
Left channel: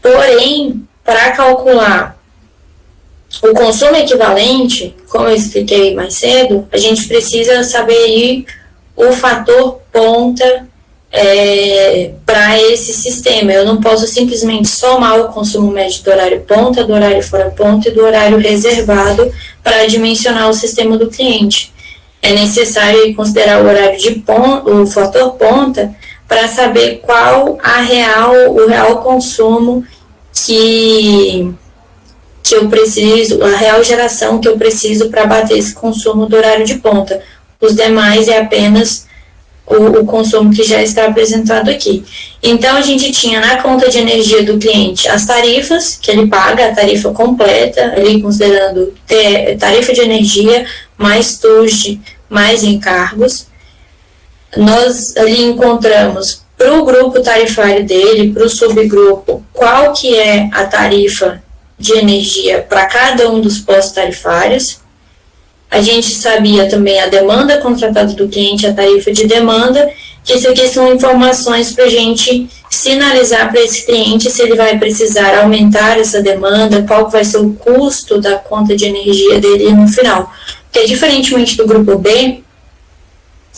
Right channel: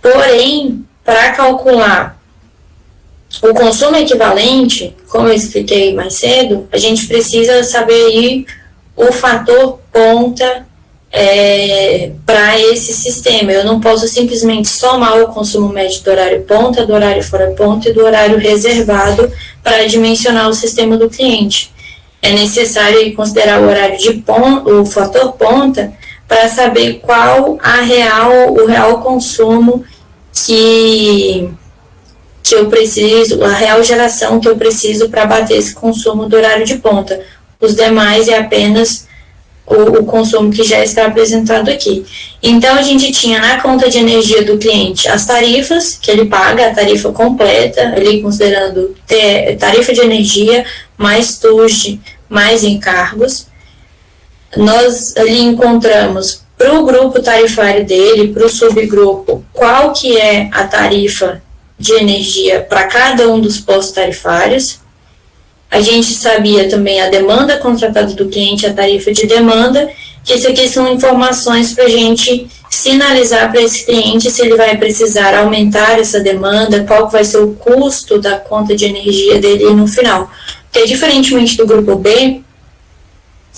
Porém, para calcular o consumo equivalente, como eu expliquei mais cedo, a gente precisa saber aí o fator ponta para esse sistema. Eu não posso simplesmente somar o consumo médio do horário ponta, do horário fora ponta e do horário reservado para dimensionar o sistema do cliente. É necessário considerar o horário de ponta, o fator ponta, para saber qual o real consumo que eu preciso, a real geração que eu preciso para bater esse consumo do horário de ponta. Os demais é apenas o consumo que já está apresentado aqui. Então, a gente tinha na conta de energia do cliente as tarifas que ele paga, a tarifa completa, ali considerando tarifa de energia, mais TUSD, mais encargos. Nós ali encontramos para o grupo tarifário dele, para o subgrupo, qual que é a tarifa de energia para cada um dos postos tarifários. A gente sabia também a demanda contratada do cliente, a tarifa de demanda, que isso aqui são informações para a gente sinalizar para esse cliente se ele vai precisar aumentar essa demanda, qual vai ser o custo da conta de energia dele no final. Porque, diferentemente do grupo B,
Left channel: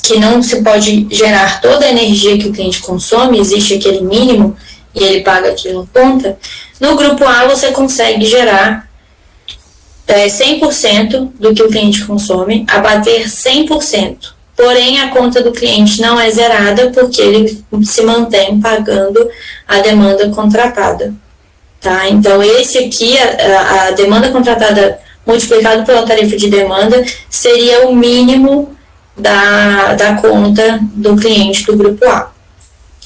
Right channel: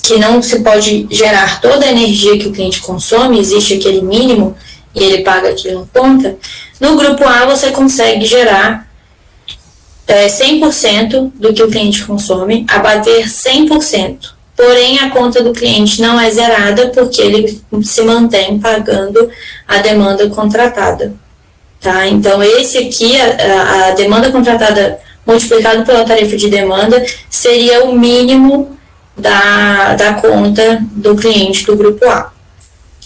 que não se pode gerar toda a energia que o cliente consome, existe aquele mínimo e ele paga aquilo na conta, no grupo A você consegue gerar 100% do que o cliente consome, abater 100%. Porém, a conta do cliente não é zerada porque ele se mantém pagando a demanda contratada. Tá? Então, esse aqui, a demanda contratada multiplicado pela tarifa de demanda, seria o mínimo da conta do cliente do grupo A.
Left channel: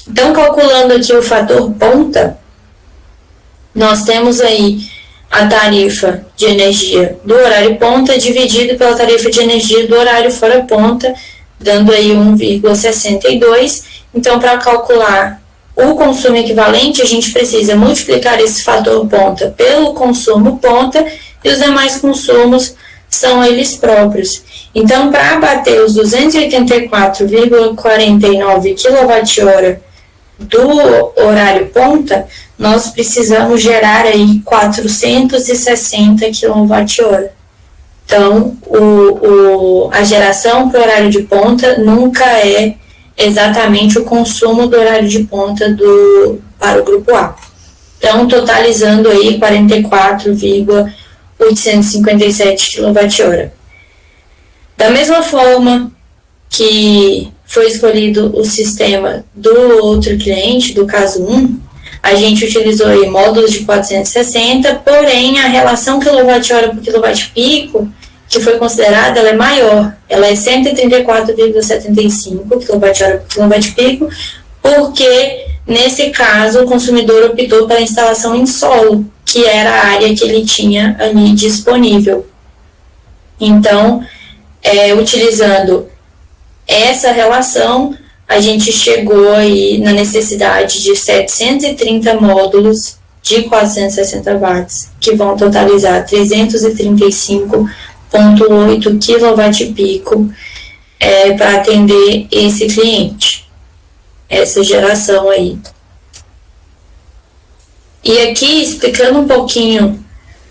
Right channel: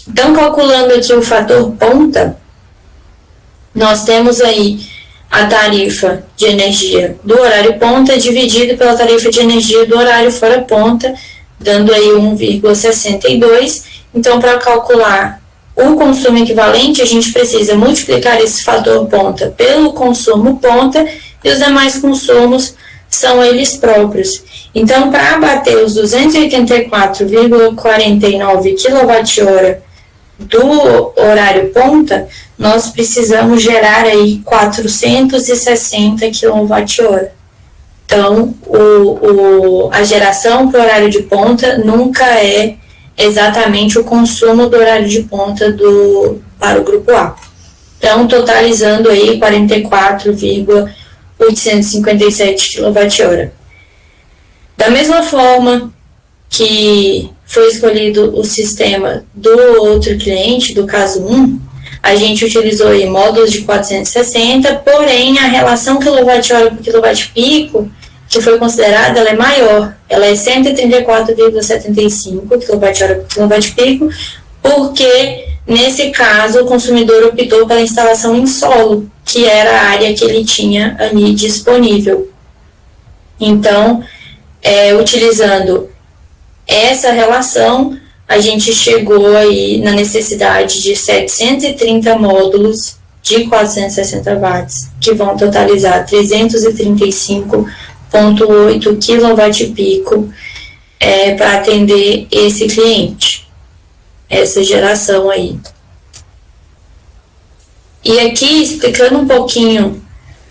Então, calculando aqui o fator ponta, nós temos aí a tarifa de energia do horário ponta dividido pela tarifa de energia do horário fora ponta, dando aí 1,62. Então, para calcular o consumo equivalente, a gente precisa multiplicar esse fator ponta pelo consumo ponta, e os demais consumos são eles próprios. Então, para abater os 284,49 kWh do horário ponta, nós precisamos gerar aí 460 kWh. Então, a geração para o horário de ponta nunca é exatamente o consumo do horário de ponta para o grupo A. Então, totalizando aí 44,857 kWh. Da mesma forma que foi escolhido o sistema do outro cliente, do caso 1, a gente utilizou aí módulos de 460, porém a relação kWh por kWp que foi considerada, ela é maior, ela é 134,75 kWh por kWp, porque nesse caso o consumidor optou pela instalação em solo, que era a área que ele tinha ali disponível. Então, utilizando essa relação, a gente chegou aí na necessidade de 730 módulos de 460 watts, que vão totalizar 335,8 kWp para atender esse cliente, essa geração aí. E aqui, explicando um pouquinho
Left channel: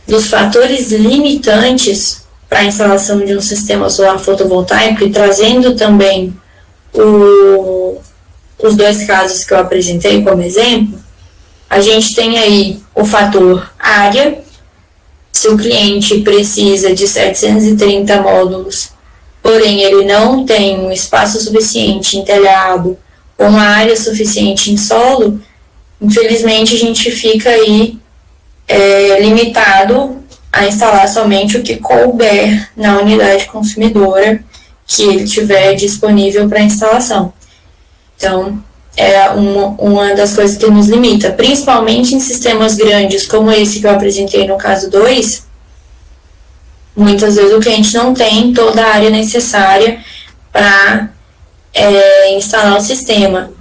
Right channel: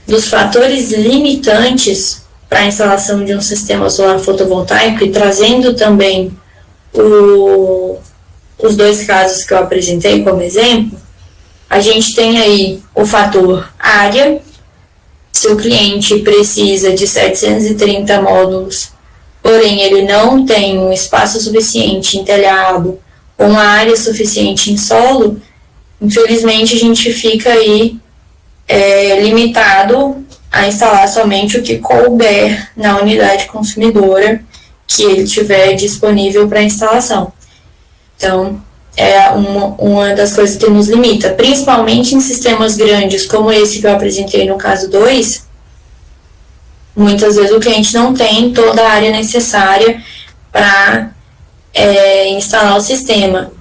dos fatores limitantes para a instalação de um sistema solar fotovoltaico e trazendo também os dois casos que eu apresentei como exemplo, a gente tem aí o fator área. Se o cliente precisa de 730 módulos, porém ele não tem um espaço suficiente em telhado ou uma área suficiente em solo, infelizmente a gente fica aí limitado a instalar somente o que couber na unidade consumidora que ele tiver disponível para instalação. Então, é uma das coisas que nos limita, principalmente em sistemas grandes como esse que eu apresentei no caso 2, muitas vezes o cliente não tem toda a área necessária para instalar o sistema.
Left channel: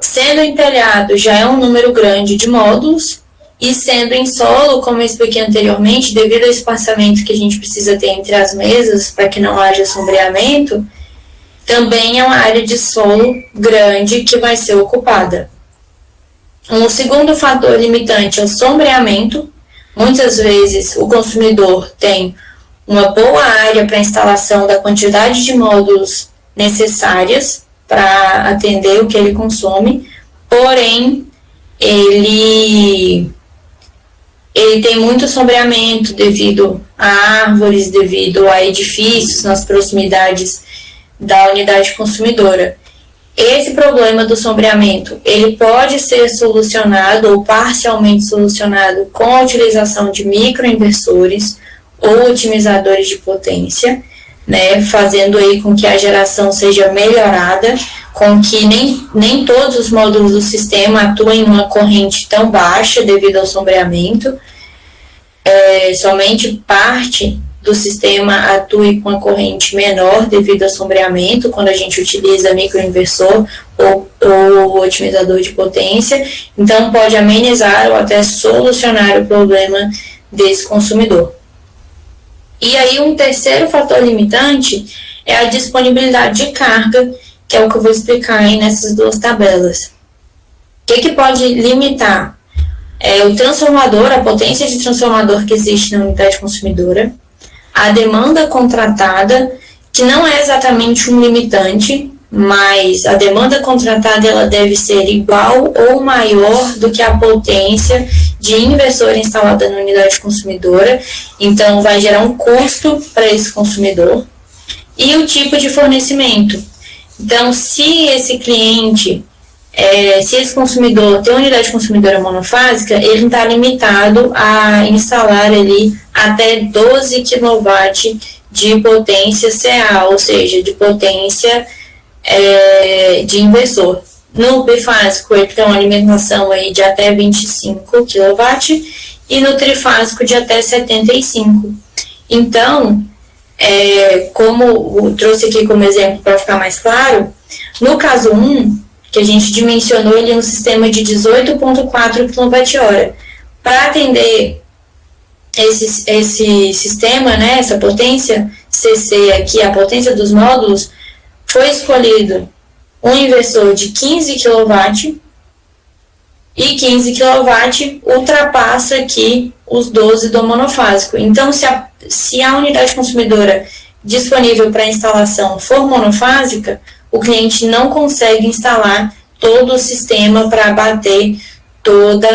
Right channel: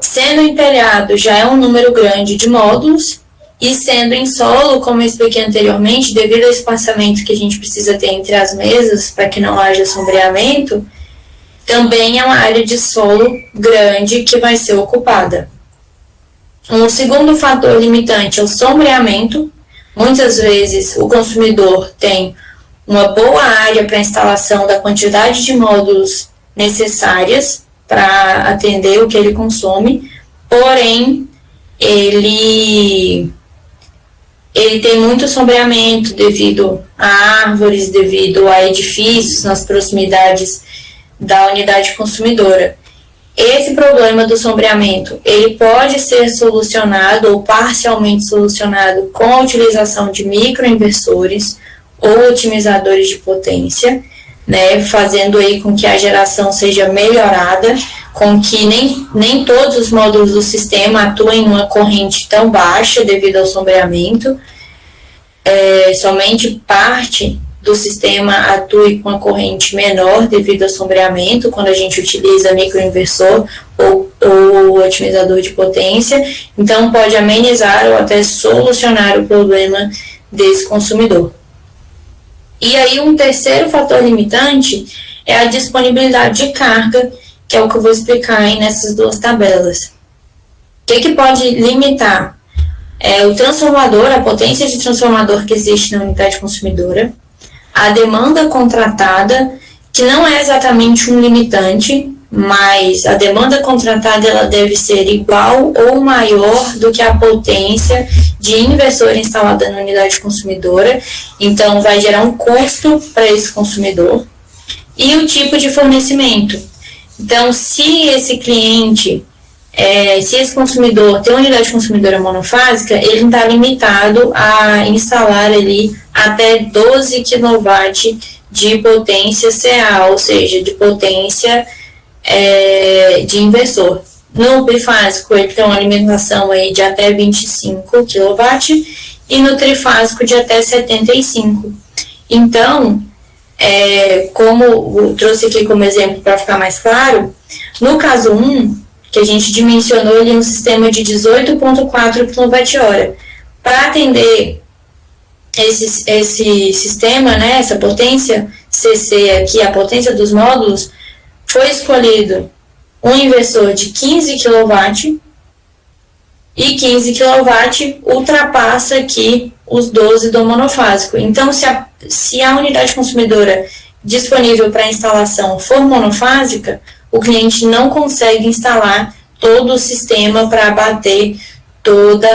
Sendo em telhado já é um número grande de módulos, e sendo em solo, como eu expliquei anteriormente, devido ao espaçamento que a gente precisa ter entre as mesas para que não haja sombreamento, também é uma área de solo grande que vai ser ocupada. Um segundo fator limitante é o sombreamento. Muitas vezes o consumidor tem uma boa área para instalação da quantidade de módulos necessárias para atender o que ele consome, porém ele tem muito sombreamento devido a árvores, devido a edifícios nas proximidades da unidade consumidora. Esse problema do sombreamento, ele pode ser solucionado ou parcialmente solucionado com a utilização de microinversores ou otimizadores de potência, né, fazendo aí com que a geração seja melhorada, com que nem todos os módulos do sistema atuem em uma corrente tão baixa devido ao sombreamento, somente parte do sistema atue com a corrente menor devido ao sombreamento, quando a gente utiliza microinversor ou otimizador de potência, então pode amenizar ou até solucionar o problema desse consumidor. E aí um terceiro fator limitante é a disponibilidade de carga, que é o que eu vou explicar aí nessas duas tabelas. O que pode limitar? O transformador, a potência de transformador que existe na unidade consumidora, a demanda contratada, que não é exatamente um limitante, mas a demanda contratada ela deve ser igual ou maior do que a potência de inversor instalada na unidade consumidora, então vai gerar um custo para esse consumidor, e o tipo de fornecimento. Então, se esse cliente, se esse consumidor tem uma unidade consumidora monofásica, ele não está limitado a instalar ali até 12 kW de potência CA, ou seja, de potência de inversor. No bifásico, ele tem uma alimentação aí de até 25 kW e no trifásico de até 75. Então, como eu trouxe aqui como exemplo para ficar mais claro, no caso 1, que a gente dimensionou ali um sistema de 18,4 kWh. Para atender esse sistema, né, essa potência CC aqui, a potência dos módulos, foi escolhido um inversor de 15 kW, e 15 kW ultrapassa aqui os 12 do monofásico. Então, se a unidade consumidora disponível para instalação for monofásica, o cliente não consegue instalar todo o sistema para abater todo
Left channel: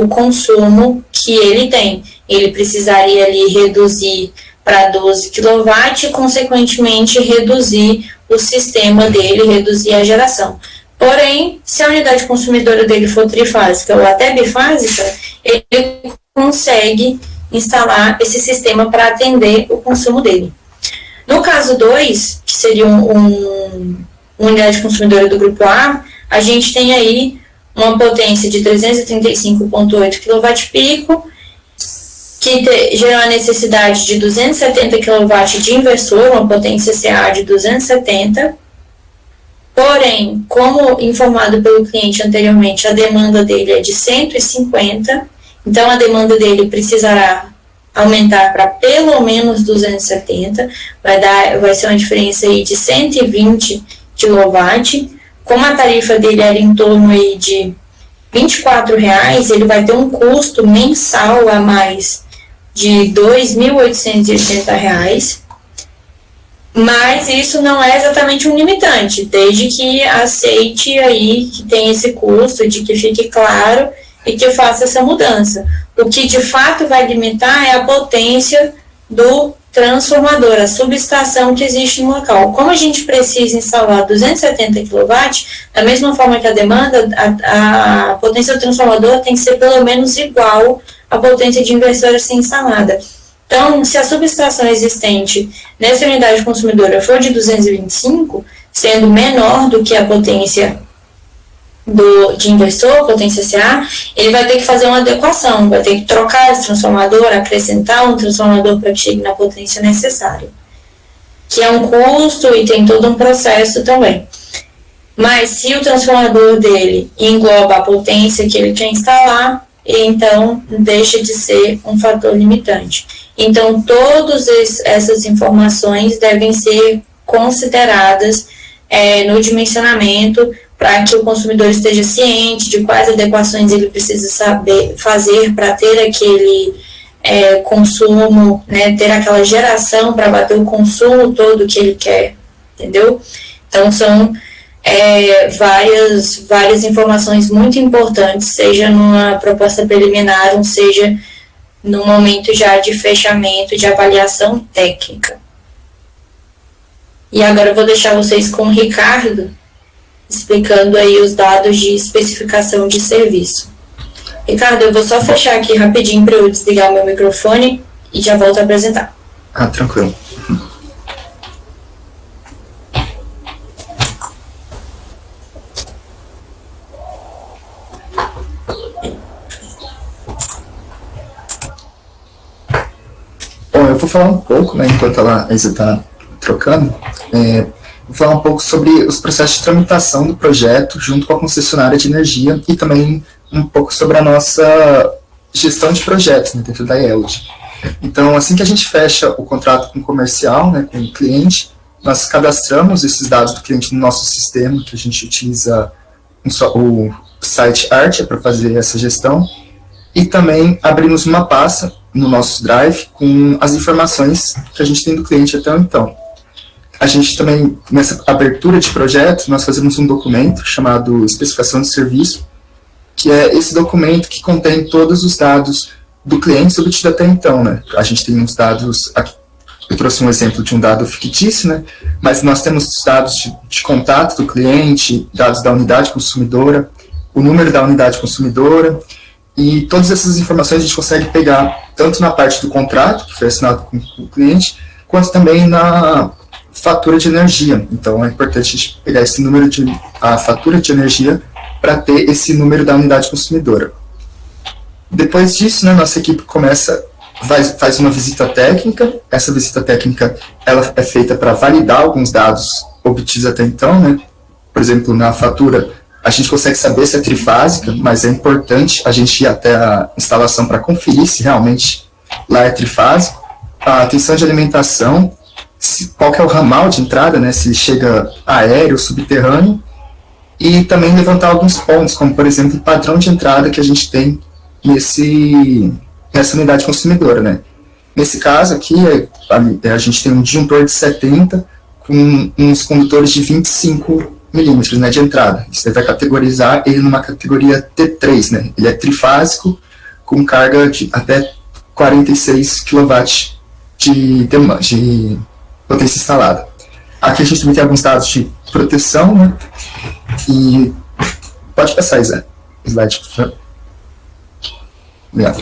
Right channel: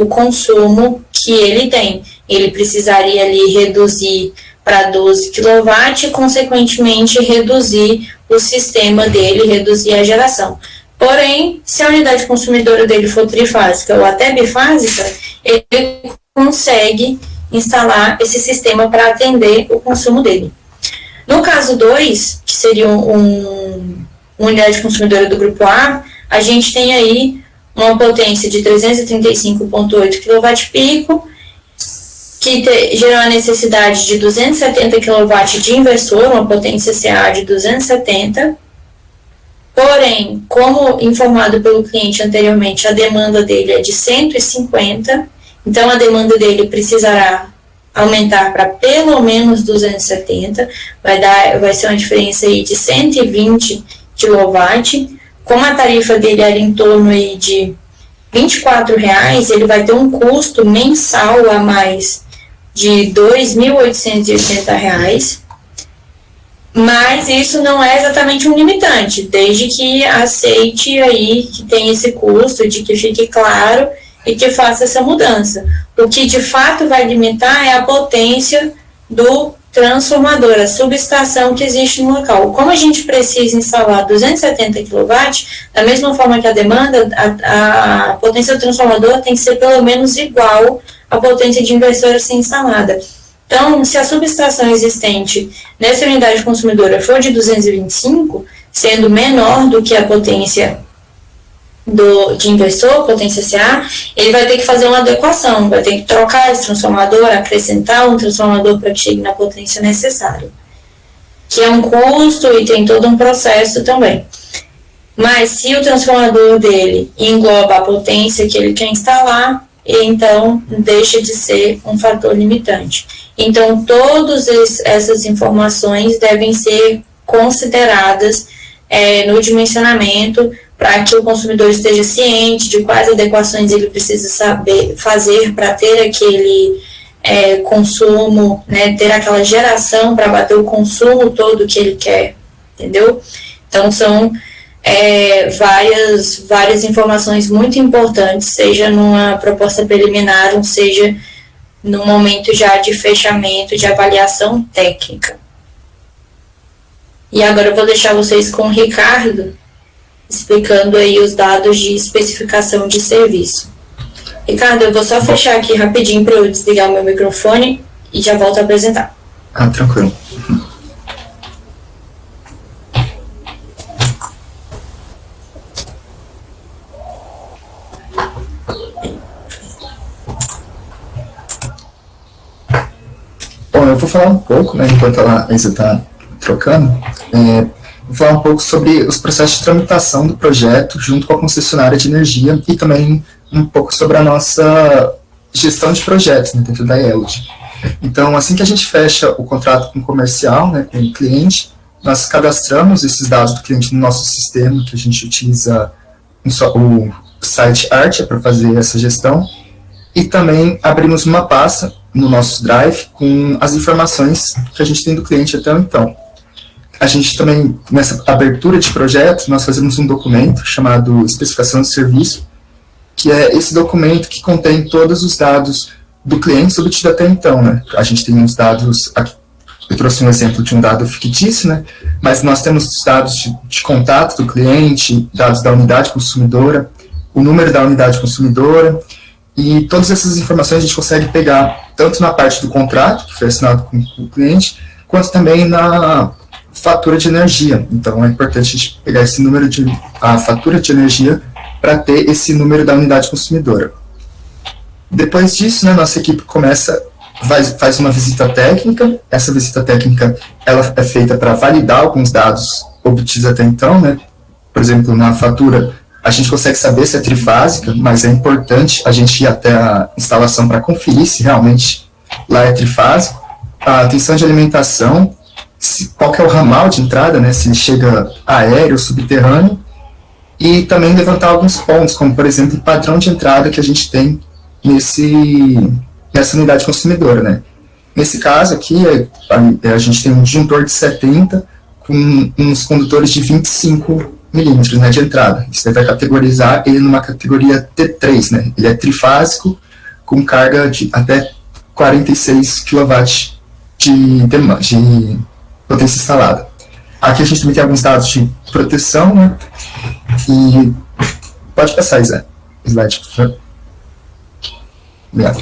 o consumo que ele tem. Ele precisaria ali reduzir para 12 kW e, consequentemente, reduzir o sistema dele, reduzir a geração. Porém, se a unidade consumidora dele for trifásica ou até bifásica, ele consegue instalar esse sistema para atender o consumo dele. No caso 2, que seria uma unidade consumidora do grupo A, a gente tem aí uma potência de 335,8 kWp, que gerou a necessidade de 270 kW de inversor, uma potência CA de 270. Porém, como informado pelo cliente anteriormente, a demanda dele é de 150, então a demanda dele precisará aumentar para pelo menos 270, vai ser uma diferença aí de 120 kW. Como a tarifa dele era em torno aí de R$ 24,00, ele vai ter um custo mensal a mais de R$ 2.880. Mas isso não é exatamente um limitante, desde que aceite aí que tem esse custo, de que fique claro e que faça essa mudança. O que de fato vai limitar é a potência do transformador, a subestação que existe no local. Como a gente precisa instalar 270 kW, da mesma forma que a demanda, a potência do transformador tem que ser pelo menos igual à potência de inversor a ser instalada. Então, se a subestação existente nessa unidade consumidora for de 225, sendo menor do que a potência de inversor, potência CA, ele vai ter que fazer uma adequação, vai ter que trocar esse transformador, acrescentar um transformador para que chegue na potência necessária, que é um custo e tem todo um processo também. Mas se o transformador dele engloba a potência que ele quer instalar, então deixa de ser um fator limitante. Então, todas essas informações devem ser consideradas no dimensionamento, para que o consumidor esteja ciente de quais adequações ele precisa saber fazer para ter aquele consumo, né, ter aquela geração para bater o consumo todo que ele quer, entendeu? Então, são várias informações muito importantes, seja numa proposta preliminar, ou seja no momento já de fechamento, de avaliação técnica. E agora eu vou deixar vocês com o Ricardo, explicando aí os dados de especificação de serviço. Ricardo, eu vou só fechar aqui rapidinho para eu desligar o meu microfone e já volto a apresentar. Tranquilo. Bom, eu vou falar um pouco, né, enquanto a Isa está trocando, vou falar um pouco sobre os processos de tramitação do projeto junto com a concessionária de energia e também um pouco sobre a nossa gestão de projetos, né, dentro da ELD. Então, assim que a gente fecha o contrato com o comercial, né, com o cliente, nós cadastramos esses dados do cliente no nosso sistema, que a gente utiliza o site Artia para fazer essa gestão, e também abrimos uma pasta no nosso Drive com as informações que a gente tem do cliente até então. A gente também, nessa abertura de projeto, nós fazemos um documento chamado Especificação de Serviço, que é esse documento que contém todos os dados do cliente obtido até então, né? A gente tem uns dados, aqui, eu trouxe um exemplo de um dado fictício, né? Mas nós temos os dados de contato do cliente, dados da unidade consumidora, o número da unidade consumidora, e todas essas informações a gente consegue pegar tanto na parte do contrato, que foi assinado com o cliente, quanto também na fatura de energia. Então é importante a gente pegar esse número a fatura de energia para ter esse número da unidade consumidora. Depois disso, né, nossa equipe começa faz uma visita técnica. Essa visita técnica ela é feita para validar alguns dados obtidos até então, né? Por exemplo, na fatura, a gente consegue saber se é trifásica, mas é importante a gente ir até a instalação para conferir se realmente lá é trifásico. A tensão de alimentação, qual que é o ramal de entrada, né? Se ele chega aéreo ou subterrâneo. E também levantar alguns pontos, como, por exemplo, o padrão de entrada que a gente tem nessa unidade consumidora, né? Nesse caso aqui, a gente tem um disjuntor de 70 com uns condutores de 25 milímetros, né, de entrada. Você vai categorizar ele numa categoria T3, né? Ele é trifásico, com carga de até 46 kW de potência instalada. Aqui a gente também tem alguns dados de proteção, né? E pode passar, Zé. Slide, por favor. Obrigado.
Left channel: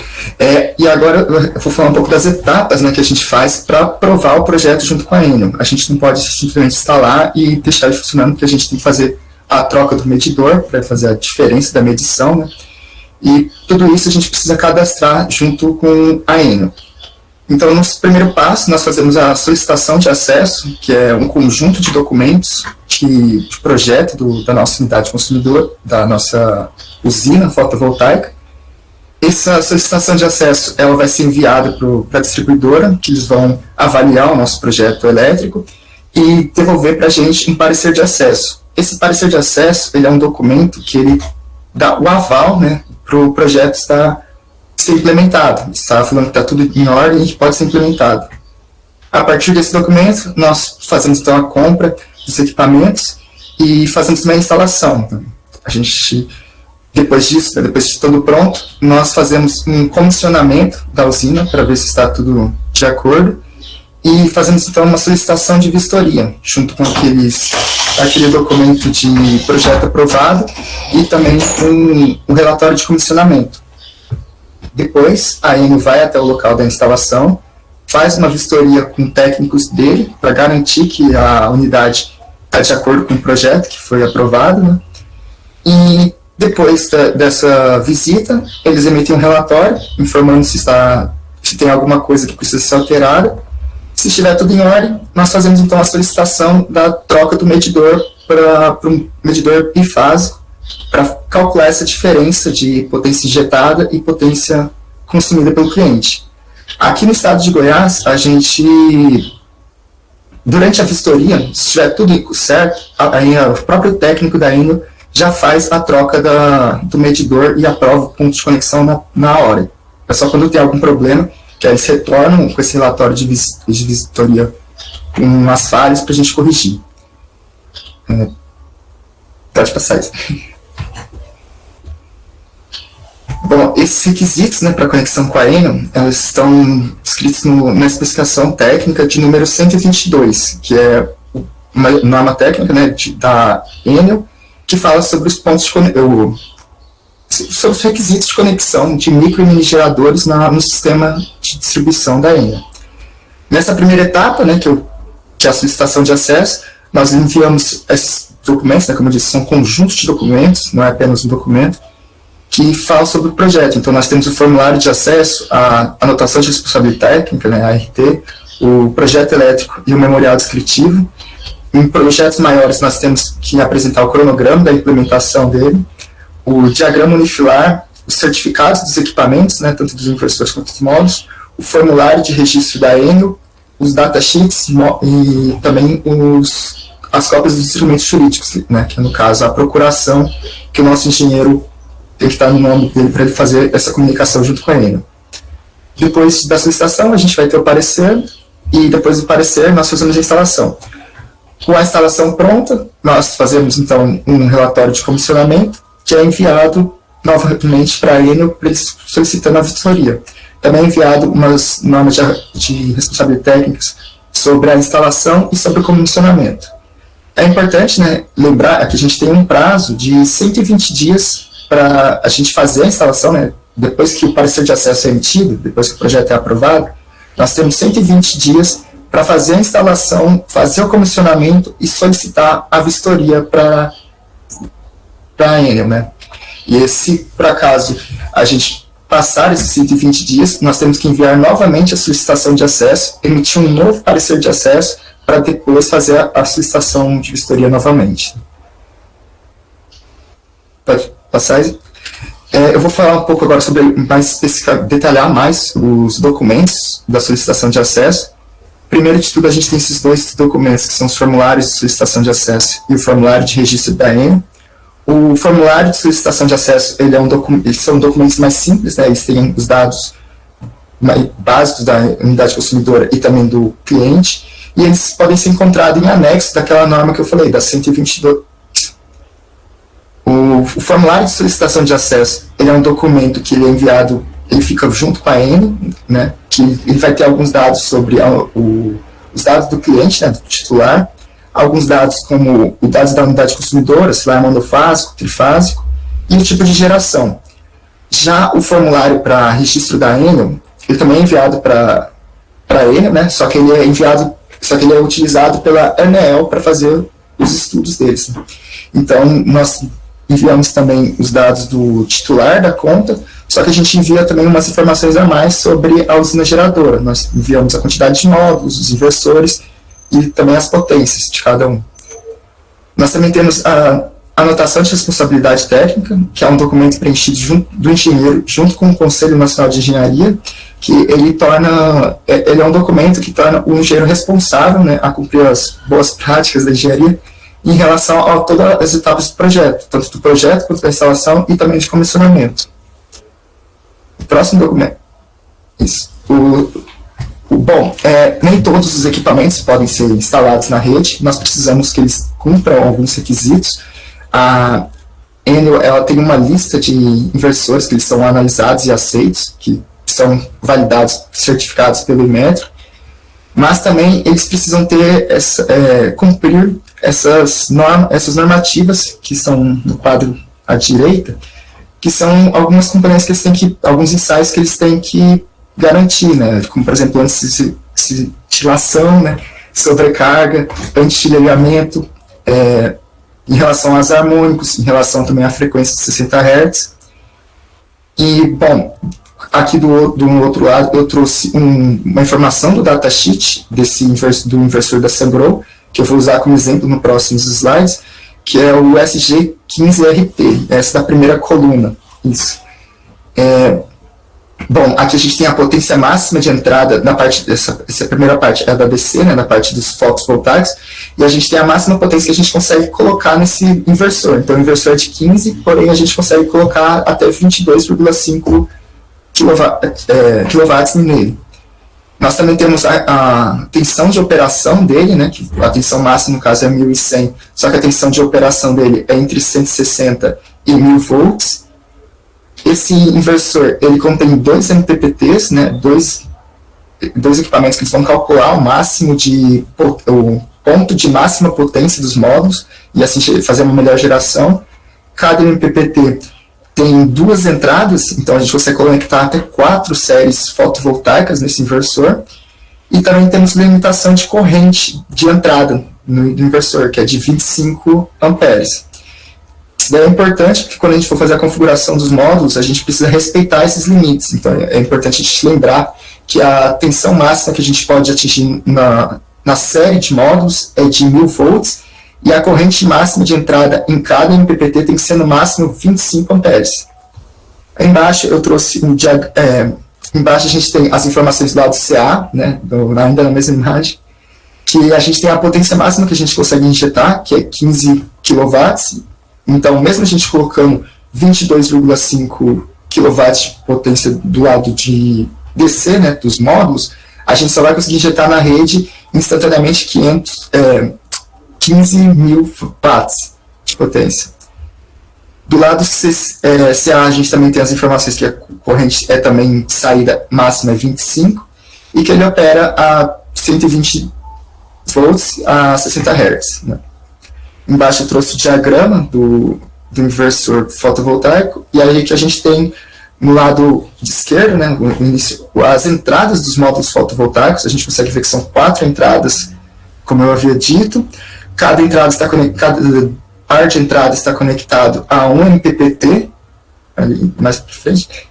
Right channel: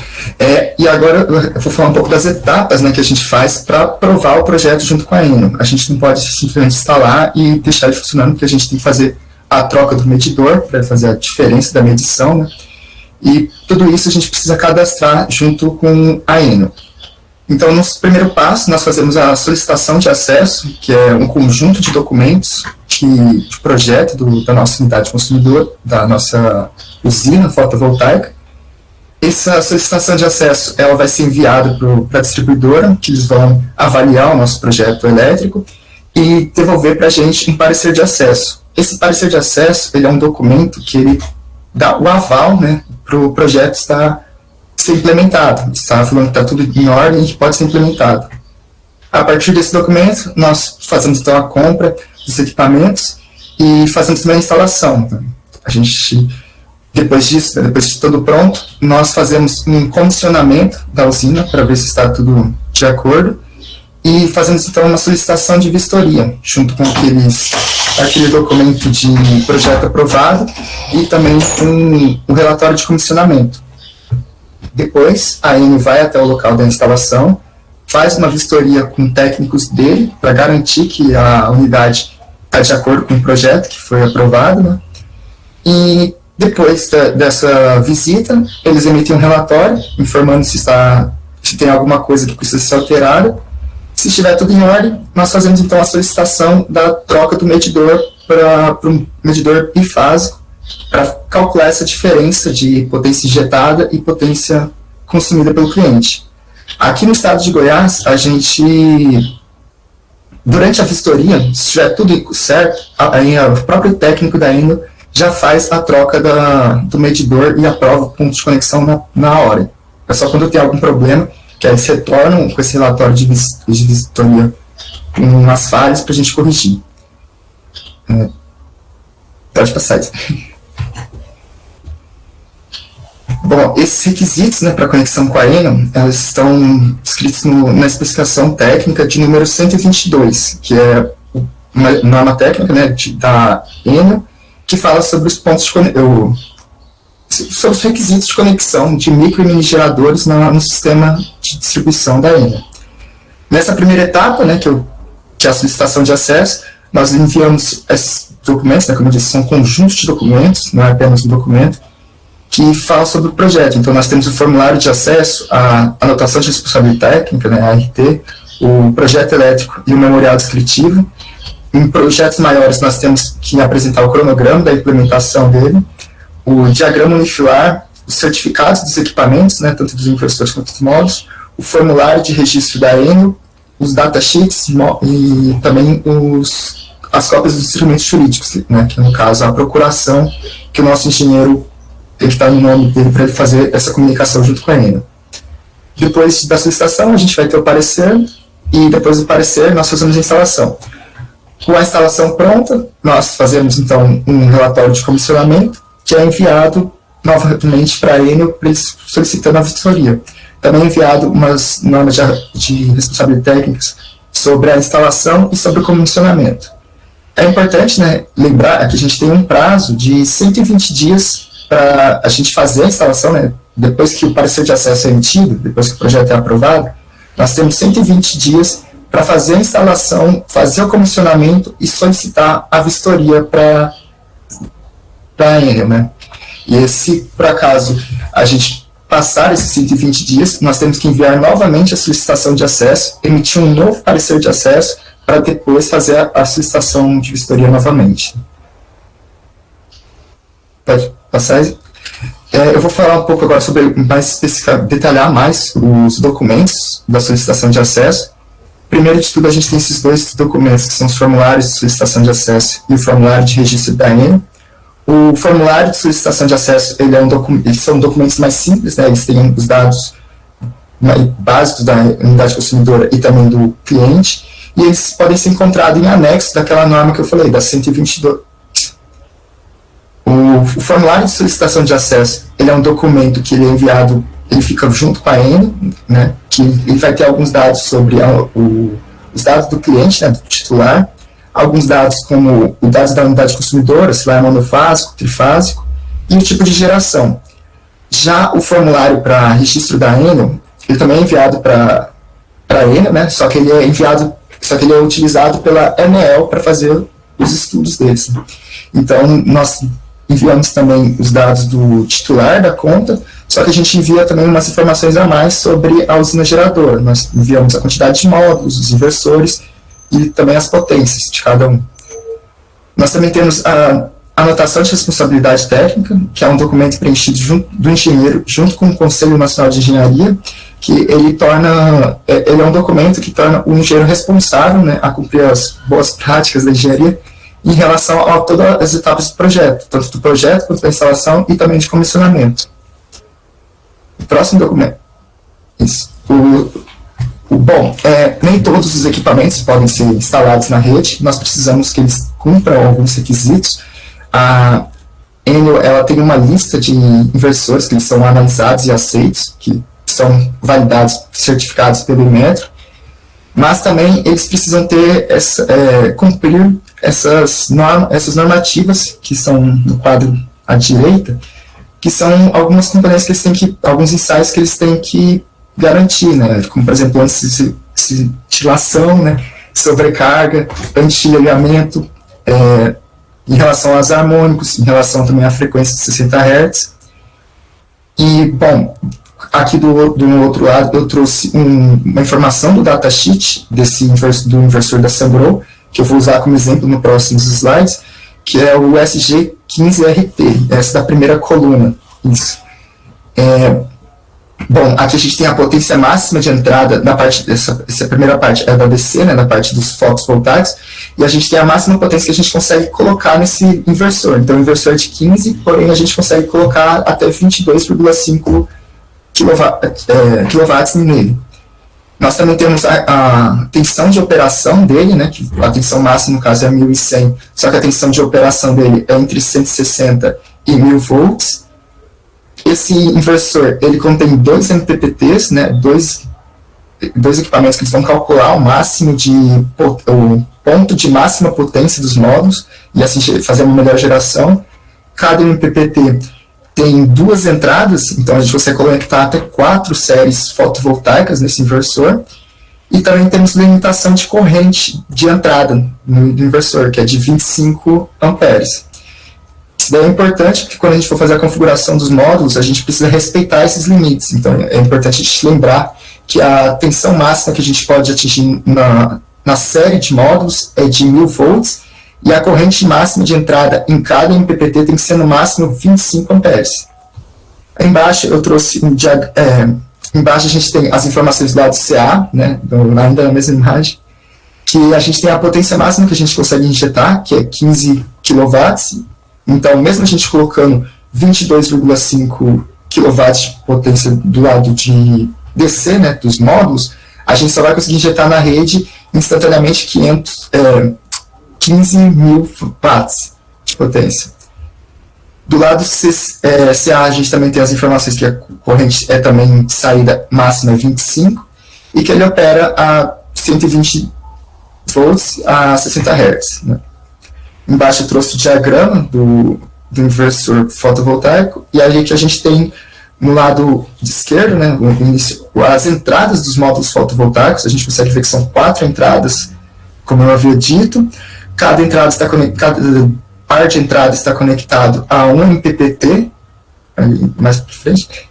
E agora eu vou falar um pouco das etapas, né, que a gente faz para aprovar o projeto junto com a Enel. A gente não pode simplesmente instalar e deixar ele funcionando, porque a gente tem que fazer a troca do medidor para fazer a diferença da medição, né? E tudo isso a gente precisa cadastrar junto com a Enel. Então, no primeiro passo, nós fazemos a solicitação de acesso, que é um conjunto de documentos de projeto da nossa unidade consumidora, da nossa usina fotovoltaica. Essa solicitação de acesso ela vai ser enviada para a distribuidora, que eles vão avaliar o nosso projeto elétrico e devolver para a gente um parecer de acesso. Esse parecer de acesso ele é um documento que ele dá o aval, né, para o projeto ser implementado. Está falando que está tudo em ordem e que pode ser implementado. A partir desse documento, nós fazemos então a compra dos equipamentos e fazemos também a instalação. A gente, depois disso, depois de tudo pronto, nós fazemos um comissionamento da usina para ver se está tudo de acordo e fazemos então uma solicitação de vistoria, junto com aquele documento de projeto aprovado e também um relatório de comissionamento. Depois, a Enel vai até o local da instalação, faz uma vistoria com técnicos dele para garantir que a unidade está de acordo com o projeto que foi aprovado, né? E depois dessa visita, eles emitem um relatório informando se tem alguma coisa que precisa ser alterada. Se estiver tudo em ordem, nós fazemos então a solicitação da troca do medidor para um medidor bifásico, para calcular essa diferença de potência injetada e potência consumida pelo cliente. Aqui no estado de Goiás, a gente, durante a vistoria, se estiver tudo certo, o próprio técnico da Enel já faz a troca do medidor e aprova o ponto de conexão na hora. É só quando tem algum problema que aí eles retornam com esse relatório de vistoria com as falhas para a gente corrigir. Pode passar isso. Bom, esses requisitos, né, para conexão com a Enel, elas estão escritos na especificação técnica de número 122, que é uma norma técnica, né, da Enel, que fala sobre os pontos sobre os requisitos de conexão de micro e mini geradores no sistema de distribuição da Enel. Nessa primeira etapa, né, que é a solicitação de acesso, nós enviamos esses documentos, né, como eu disse, são conjuntos de documentos, não é apenas um documento, que fala sobre o projeto. Então, nós temos o formulário de acesso, a anotação de responsabilidade técnica, né, a ART, o projeto elétrico e o memorial descritivo. Em projetos maiores, nós temos que apresentar o cronograma da implementação dele, o diagrama unifilar, os certificados dos equipamentos, né, tanto dos inversores quanto dos módulos, o formulário de registro da Enel, os datasheets e também as cópias dos instrumentos jurídicos, né, que no caso a procuração, que o nosso engenheiro tem que estar no nome dele para ele fazer essa comunicação junto com a Enel. Depois da solicitação, a gente vai ter o parecer, e depois do parecer, nós fazemos a instalação. Com a instalação pronta, nós fazemos, então, um relatório de comissionamento, que é enviado novamente para a Enel, para eles solicitando a vistoria. Também é enviado umas normas de responsabilidade técnicas sobre a instalação e sobre o comissionamento. É importante, né, lembrar que a gente tem um prazo de 120 dias para a gente fazer a instalação, né, depois que o parecer de acesso é emitido, depois que o projeto é aprovado, nós temos 120 dias para fazer a instalação, fazer o comissionamento e solicitar a vistoria para a Enel, né. E se, por acaso, a gente passar esses 120 dias, nós temos que enviar novamente a solicitação de acesso, emitir um novo parecer de acesso, para depois fazer a solicitação de vistoria novamente. Pode passar? Eu vou falar um pouco agora sobre, mais especificamente, detalhar mais os documentos da solicitação de acesso. Primeiro de tudo, a gente tem esses dois documentos, que são os formulários de solicitação de acesso e o formulário de registro da ENE. O formulário de solicitação de acesso, eles são documentos mais simples, né? Eles têm os dados básicos da unidade consumidora e também do cliente, e eles podem ser encontrados em anexo daquela norma que eu falei, da 122. O formulário de solicitação de acesso, ele é um documento que ele é enviado, ele fica junto com a ENE, né, que ele vai ter alguns dados sobre os dados do cliente, né, do titular, alguns dados como os dados da unidade consumidora, se lá é monofásico, trifásico, e o tipo de geração. Já o formulário para registro da ENE, ele também é enviado para a ENE, né, só que ele é utilizado pela ANEEL para fazer os estudos deles. Então, nós enviamos também os dados do titular da conta, só que a gente envia também umas informações a mais sobre a usina geradora. Nós enviamos a quantidade de módulos, os inversores e também as potências de cada um. Nós também temos a anotação de responsabilidade técnica, que é um documento preenchido do engenheiro junto com o Conselho Nacional de Engenharia, que ele é um documento que torna o engenheiro responsável, né, a cumprir as boas práticas da engenharia em relação a todas as etapas do projeto, tanto do projeto quanto da instalação e também de comissionamento. O próximo documento. Isso. Bom, nem todos os equipamentos podem ser instalados na rede, nós precisamos que eles cumpram alguns requisitos. A Enel, ela tem uma lista de inversores que eles são analisados e aceitos, que são validados, certificados pelo Inmetro, mas também eles precisam ter cumprir essas normativas que são no quadro à direita, que são algumas componentes que eles têm que, alguns ensaios que eles têm que garantir, né? Como, por exemplo, anti-cintilação, né? Sobrecarga, anti-chilhamento, em relação aos harmônicos, em relação também à frequência de 60 Hz. E, bom, aqui do outro lado eu trouxe uma informação do datasheet do inversor da Sungrow, que eu vou usar como exemplo no próximos slides, que é o SG15RT, essa da primeira coluna. Isso. Bom, aqui a gente tem a potência máxima de entrada, na parte essa primeira parte é da DC, né, na parte dos fotovoltaicos, e a gente tem a máxima potência que a gente consegue colocar nesse inversor. Então, o inversor é de 15, porém a gente consegue colocar até 22,5 kW nele. Nós também temos a tensão de operação dele, né, que a tensão máxima, no caso, é 1.100, só que a tensão de operação dele é entre 160 e 1.000 volts. Esse inversor, ele contém 2 MPPTs, né, dois equipamentos que vão calcular o ponto de máxima potência dos módulos e assim fazer uma melhor geração. Cada MPPT tem 2 entradas, então a gente consegue conectar até 4 séries fotovoltaicas nesse inversor. E também temos limitação de corrente de entrada no inversor, que é de 25 amperes. Isso daí é importante, porque quando a gente for fazer a configuração dos módulos, a gente precisa respeitar esses limites. Então, é importante a gente lembrar que a tensão máxima que a gente pode atingir na série de módulos é de 1.000 volts, e a corrente máxima de entrada em cada MPPT tem que ser no máximo 25 amperes. Aí embaixo eu trouxe embaixo a gente tem as informações do lado CA, né, ainda na mesma imagem, que a gente tem a potência máxima que a gente consegue injetar, que é 15 kW. Então, mesmo a gente colocando 22,5 kW de potência do lado de DC, né, dos módulos, a gente só vai conseguir injetar na rede instantaneamente 15.000 watts de potência. Do lado CA, a gente também tem as informações que a corrente também saída máxima é 25 e que ele opera a 120 volts a 60 Hz. Né? Embaixo eu trouxe o diagrama do inversor fotovoltaico, e aí que a gente tem no lado de esquerdo, né, as entradas dos módulos fotovoltaicos. A gente consegue ver que são 4 entradas, como eu havia dito. Cada par de entrada está conectado a um MPPT, ali mais para frente,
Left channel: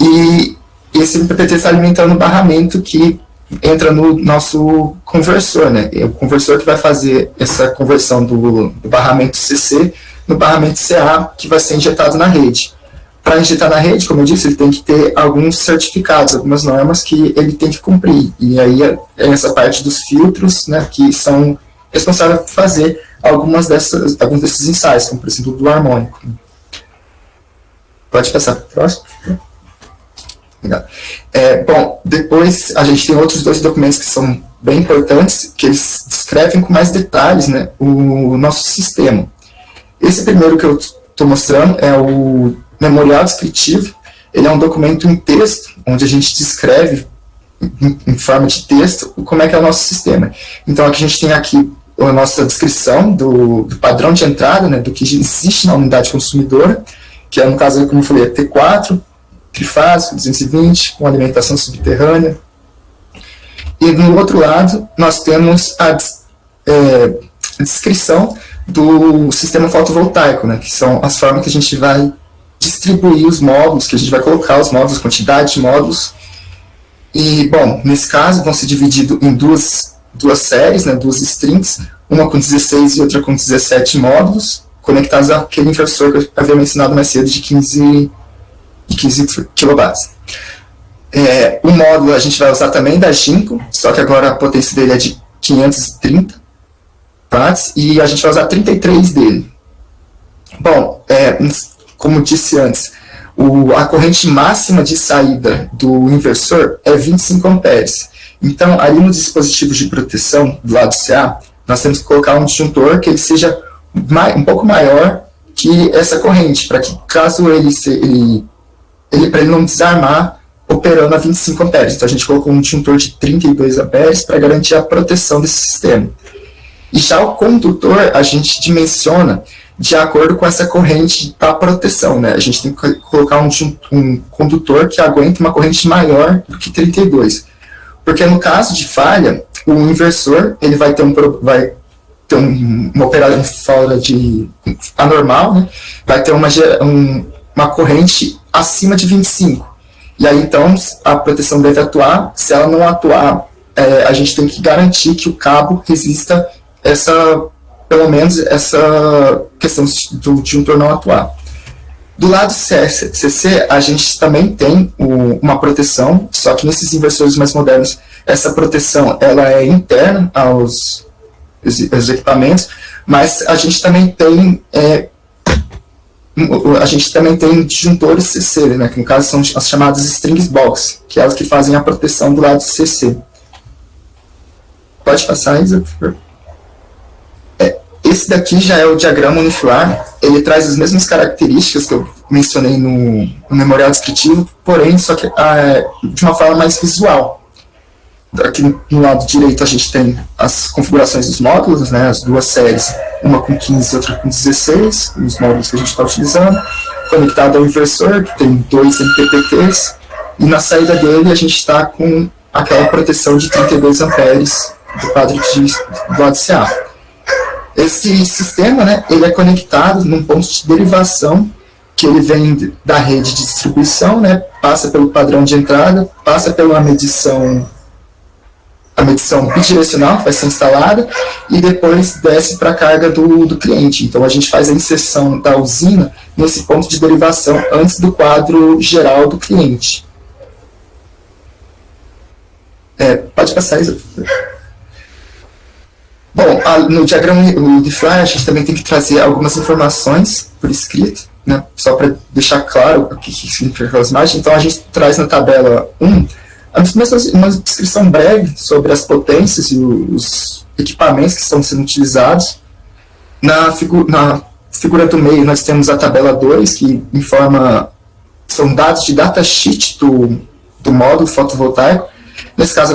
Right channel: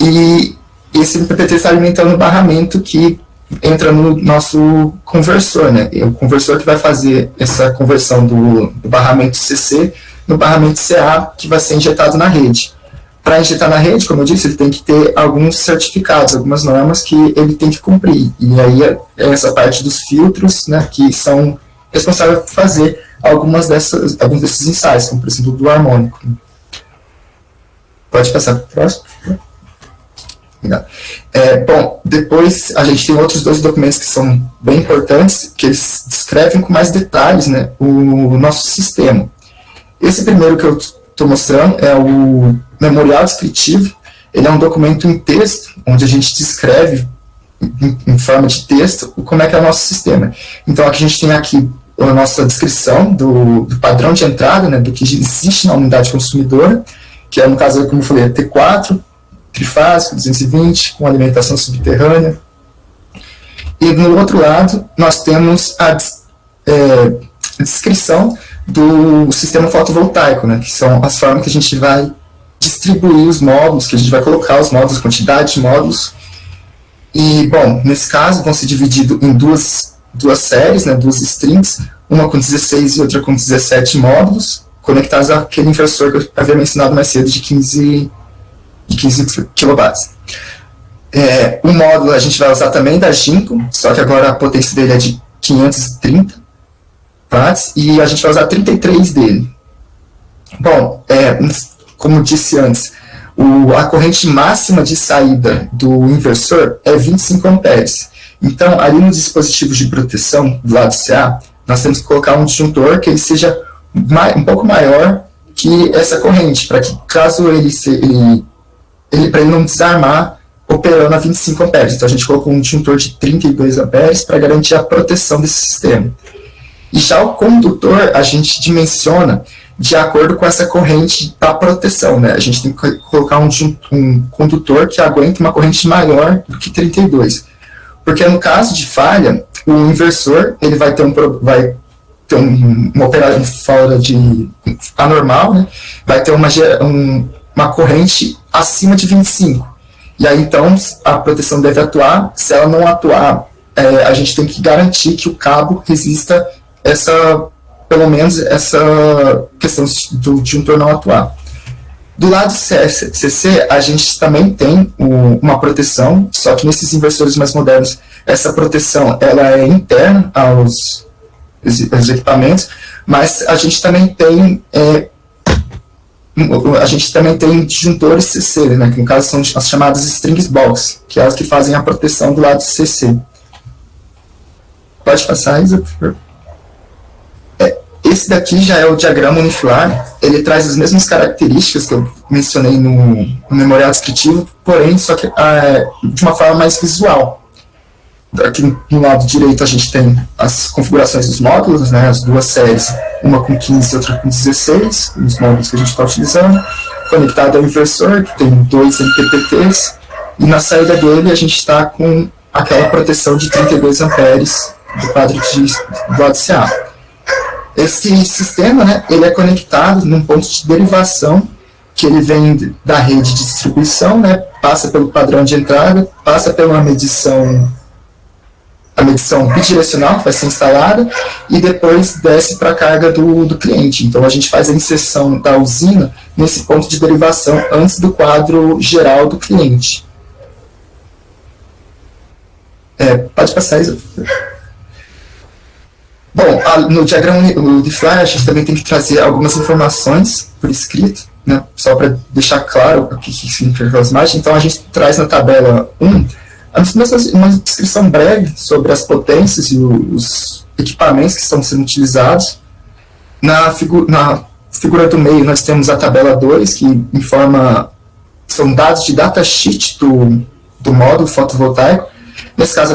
e esse MPPT está alimentando o barramento que entra no nosso conversor, né? É o conversor que vai fazer essa conversão do barramento CC no barramento CA, que vai ser injetado na rede. Para injetar na rede, como eu disse, ele tem que ter alguns certificados, algumas normas que ele tem que cumprir. E aí é essa parte dos filtros, né, que são responsáveis por fazer alguns desses ensaios, como por exemplo do harmônico. Pode passar para o próximo? Obrigado. Bom, depois a gente tem outros dois documentos que são bem importantes, que eles descrevem com mais detalhes, né, o nosso sistema. Esse primeiro que eu estou mostrando é o memorial descritivo. Ele é um documento em texto, onde a gente descreve em forma de texto como é que é o nosso sistema. Então aqui a gente tem aqui a nossa descrição do padrão de entrada, né, do que existe na unidade consumidora, que é, no caso, como eu falei, T4, trifásico, 220, com alimentação subterrânea. E no outro lado, nós temos a descrição do sistema fotovoltaico, né, que são as formas que a gente vai distribuir os módulos, que a gente vai colocar os módulos, quantidade de módulos. E, bom, nesse caso, vão ser divididos em duas séries, né, duas strings, uma com 16 e outra com 17 módulos, conectados àquele inversor que eu havia mencionado mais cedo, de 15 kW. O módulo a gente vai usar também da Jinko, só que agora a potência dele é de 530 watts, e a gente vai usar 33 dele. Bom, como disse antes, a corrente máxima de saída do inversor é 25 amperes. Então, ali nos dispositivos de proteção do lado CA, nós temos que colocar um disjuntor que ele seja um pouco maior que essa corrente, para que caso para ele não desarmar operando a 25 amperes. Então, a gente colocou um disjuntor de 32 amperes para garantir a proteção desse sistema. E já o condutor, a gente dimensiona de acordo com essa corrente da proteção, né? A gente tem que colocar um condutor que aguente uma corrente maior do que 32. Porque no caso de falha, o inversor ele vai ter uma operação fora de anormal, né? Vai ter uma corrente acima de 25. E aí, então, a proteção deve atuar. Se ela não atuar, a gente tem que garantir que o cabo resista pelo menos essa questão do disjuntor não atuar. Do lado CC, a gente também tem uma proteção, só que nesses inversores mais modernos, essa proteção ela é interna aos equipamentos, mas a gente também tem disjuntores CC, né, que no caso são as chamadas strings box, que é as que fazem a proteção do lado CC. Pode passar, Isa, por favor. Esse daqui já é o diagrama unifilar, ele traz as mesmas características que eu mencionei no memorial descritivo, porém, só que de uma forma mais visual. Aqui no lado direito a gente tem as configurações dos módulos, né, as duas séries, uma com 15 e outra com 16, os módulos que a gente está utilizando, conectado ao inversor, que tem 2 MPPTs, e na saída dele a gente está com aquela proteção de 32 amperes do quadro do lado CA. Esse sistema, né, ele é conectado num ponto de derivação, que ele vem da rede de distribuição, né, passa pelo padrão de entrada, passa pela medição bidirecional que vai ser instalada, e depois desce para a carga do cliente. Então a gente faz a inserção da usina nesse ponto de derivação antes do quadro geral do cliente. Pode passar isso. Bom, no diagrama Unifilar, a gente também tem que trazer algumas informações por escrito, né, só para deixar claro o que significa aquelas imagens. Então, a gente traz na tabela 1 uma descrição breve sobre as potências e os equipamentos que estão sendo utilizados. Na figura do meio, nós temos a tabela 2, que informa, são dados de datasheet do módulo fotovoltaico. Nesse caso,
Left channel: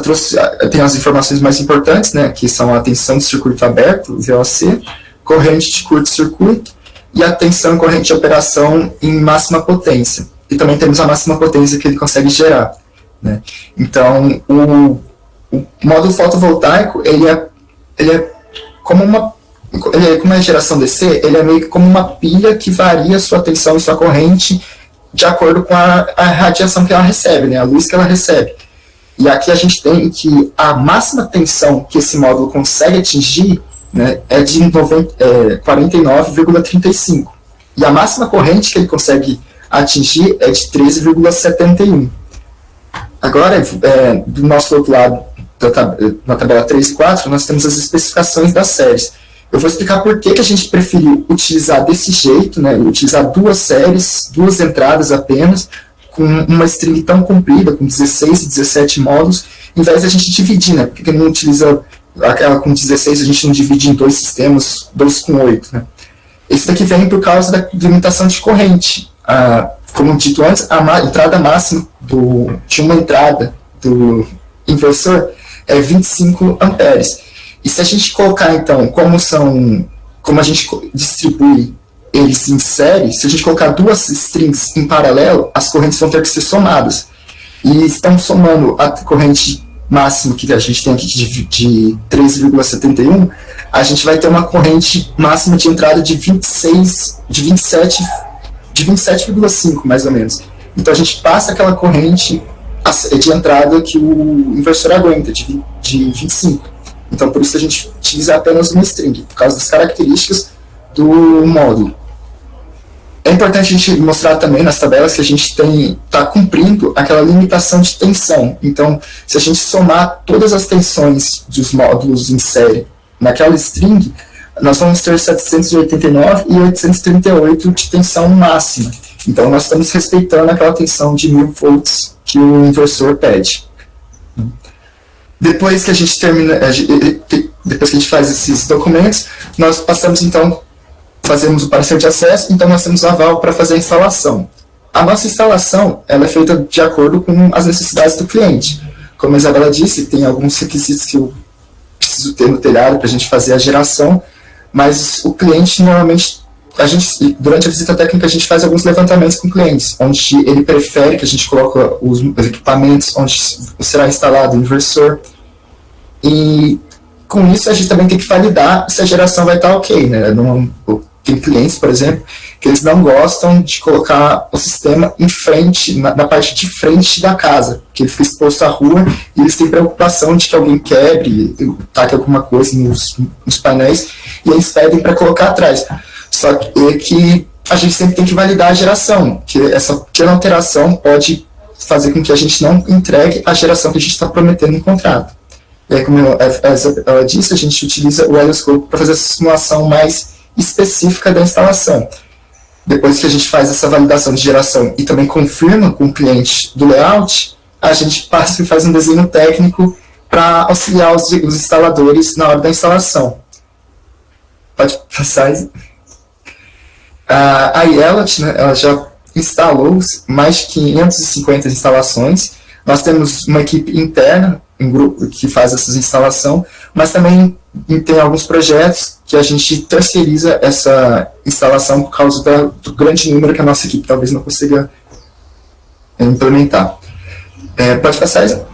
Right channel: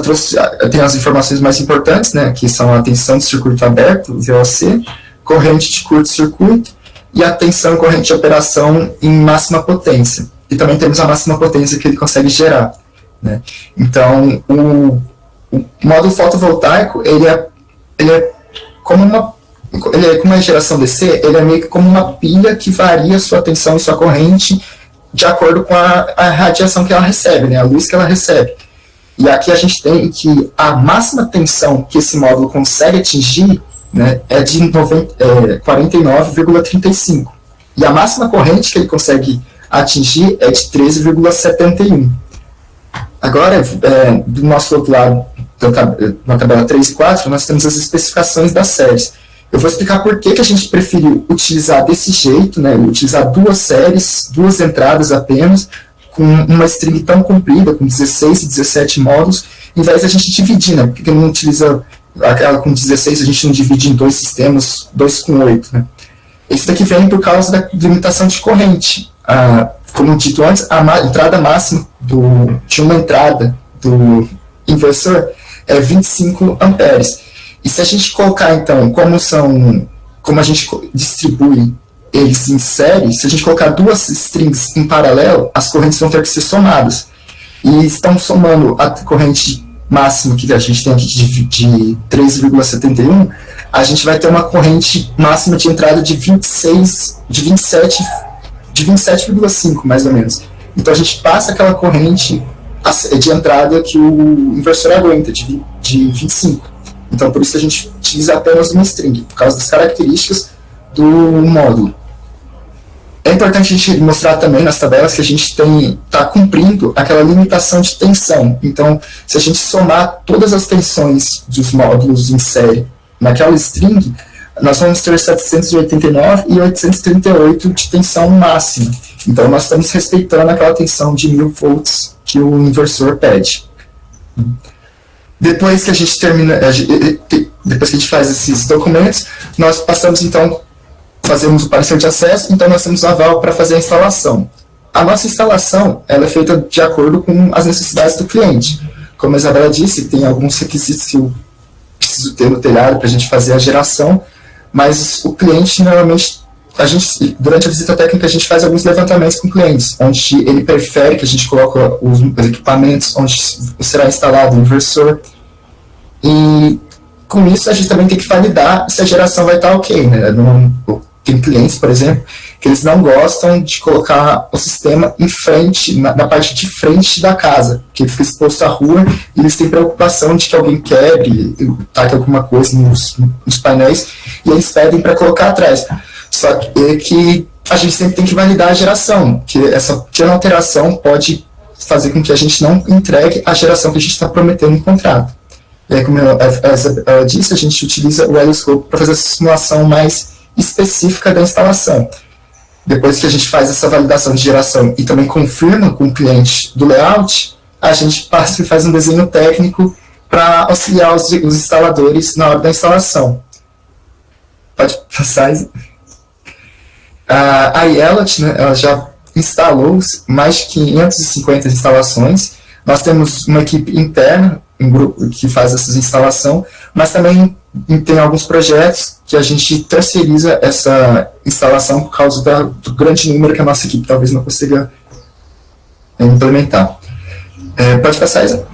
eu tenho as informações mais importantes, né, que são a tensão de circuito aberto, VOC, corrente de curto-circuito e a tensão e corrente de operação em máxima potência. E também temos a máxima potência que ele consegue gerar, né. Então, o módulo fotovoltaico, ele é como uma geração DC, ele é meio que como uma pilha que varia sua tensão e sua corrente de acordo com a radiação que ela recebe, né, a luz que ela recebe. E aqui a gente tem que a máxima tensão que esse módulo consegue atingir, né, é de 49,35. E a máxima corrente que ele consegue atingir é de 13,71. Agora, do nosso outro lado, na tabela 3 e 4, nós temos as especificações das séries. Eu vou explicar por que a gente preferiu utilizar desse jeito, né, utilizar 2 séries, 2 entradas apenas, com uma string tão comprida, com 16 e 17 módulos, em vez de a gente dividir, né, porque não utiliza aquela com 16, a gente não divide em 2 sistemas, 2 com 8, né. Esse daqui vem por causa da limitação de corrente. Como dito antes, a entrada máxima de uma entrada do inversor é 25 amperes. E se a gente colocar, então, como a gente distribui eles em série, se a gente colocar 2 strings em paralelo, as correntes vão ter que ser somadas. E estão somando a corrente máxima que a gente tem aqui de 3,71, a gente vai ter uma corrente máxima de entrada de 27,5, mais ou menos. Então a gente passa aquela corrente de entrada que o inversor aguenta, de 25. Então por isso que a gente utiliza apenas uma string, por causa das características do módulo. É importante a gente mostrar também nas tabelas que a gente está cumprindo aquela limitação de tensão. Então, se a gente somar todas as tensões dos módulos em série naquela string, nós vamos ter 789 e 838 de tensão máxima. Então, nós estamos respeitando aquela tensão de 1000 volts que o inversor pede. Depois que a gente depois que a gente faz esses documentos, nós passamos, então, fazemos o parecer de acesso, então nós temos o aval para fazer a instalação. A nossa instalação ela é feita de acordo com as necessidades do cliente. Como a Isabela disse, tem alguns requisitos que eu preciso ter no telhado para a gente fazer a geração, mas o cliente, normalmente, durante a visita técnica, a gente faz alguns levantamentos com clientes, onde ele prefere que a gente coloque os equipamentos, onde será instalado o inversor, e com isso a gente também tem que validar se a geração vai estar ok, né? Tem clientes, por exemplo, que eles não gostam de colocar o sistema em frente, na parte de frente da casa, que ele fica exposto à rua e eles têm preocupação de que alguém quebre, taque alguma coisa nos painéis, e eles pedem para colocar atrás. Só que a gente sempre tem que validar a geração, que essa pequena alteração pode fazer com que a gente não entregue a geração que a gente está prometendo no contrato. E aí, como ela disse, a gente utiliza o Helioscope para fazer essa simulação mais específica da instalação. Depois que a gente faz essa validação de geração e também confirma com o cliente do layout, a gente passa e faz um desenho técnico para auxiliar os instaladores na hora da instalação. Pode passar. A IELOT, né, ela já instalou mais de 550 instalações. Nós temos uma equipe interna, um grupo que faz essa instalação, mas também tem alguns projetos que a gente terceiriza essa instalação por causa do grande número que a nossa equipe talvez não consiga implementar. Pode passar, Isa?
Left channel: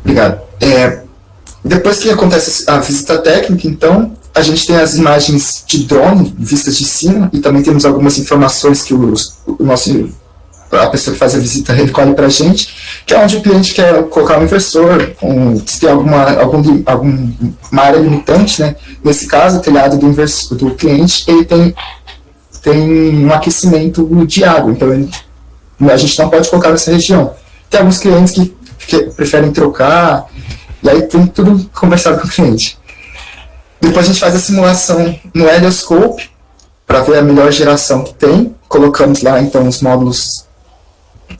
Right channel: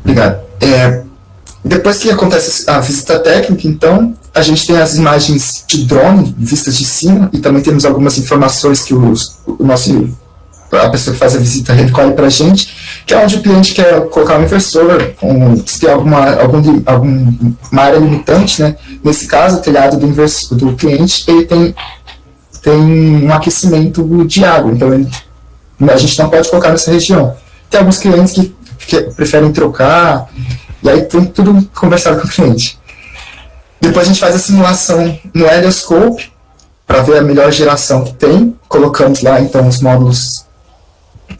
Obrigado. Depois que acontece a visita técnica, então, a gente tem as imagens de drone vistas de cima e também temos algumas informações que a pessoa que faz a visita recolhe para a gente, que é onde o cliente quer colocar um inversor, se tem alguma área limitante, né? Nesse caso, o telhado do cliente, ele tem um aquecimento de água, então a gente não pode colocar nessa região. Tem alguns clientes que preferem trocar, e aí tem tudo conversado com o cliente. Depois a gente faz a simulação no Helioscope, para ver a melhor geração que tem, colocamos lá então os módulos,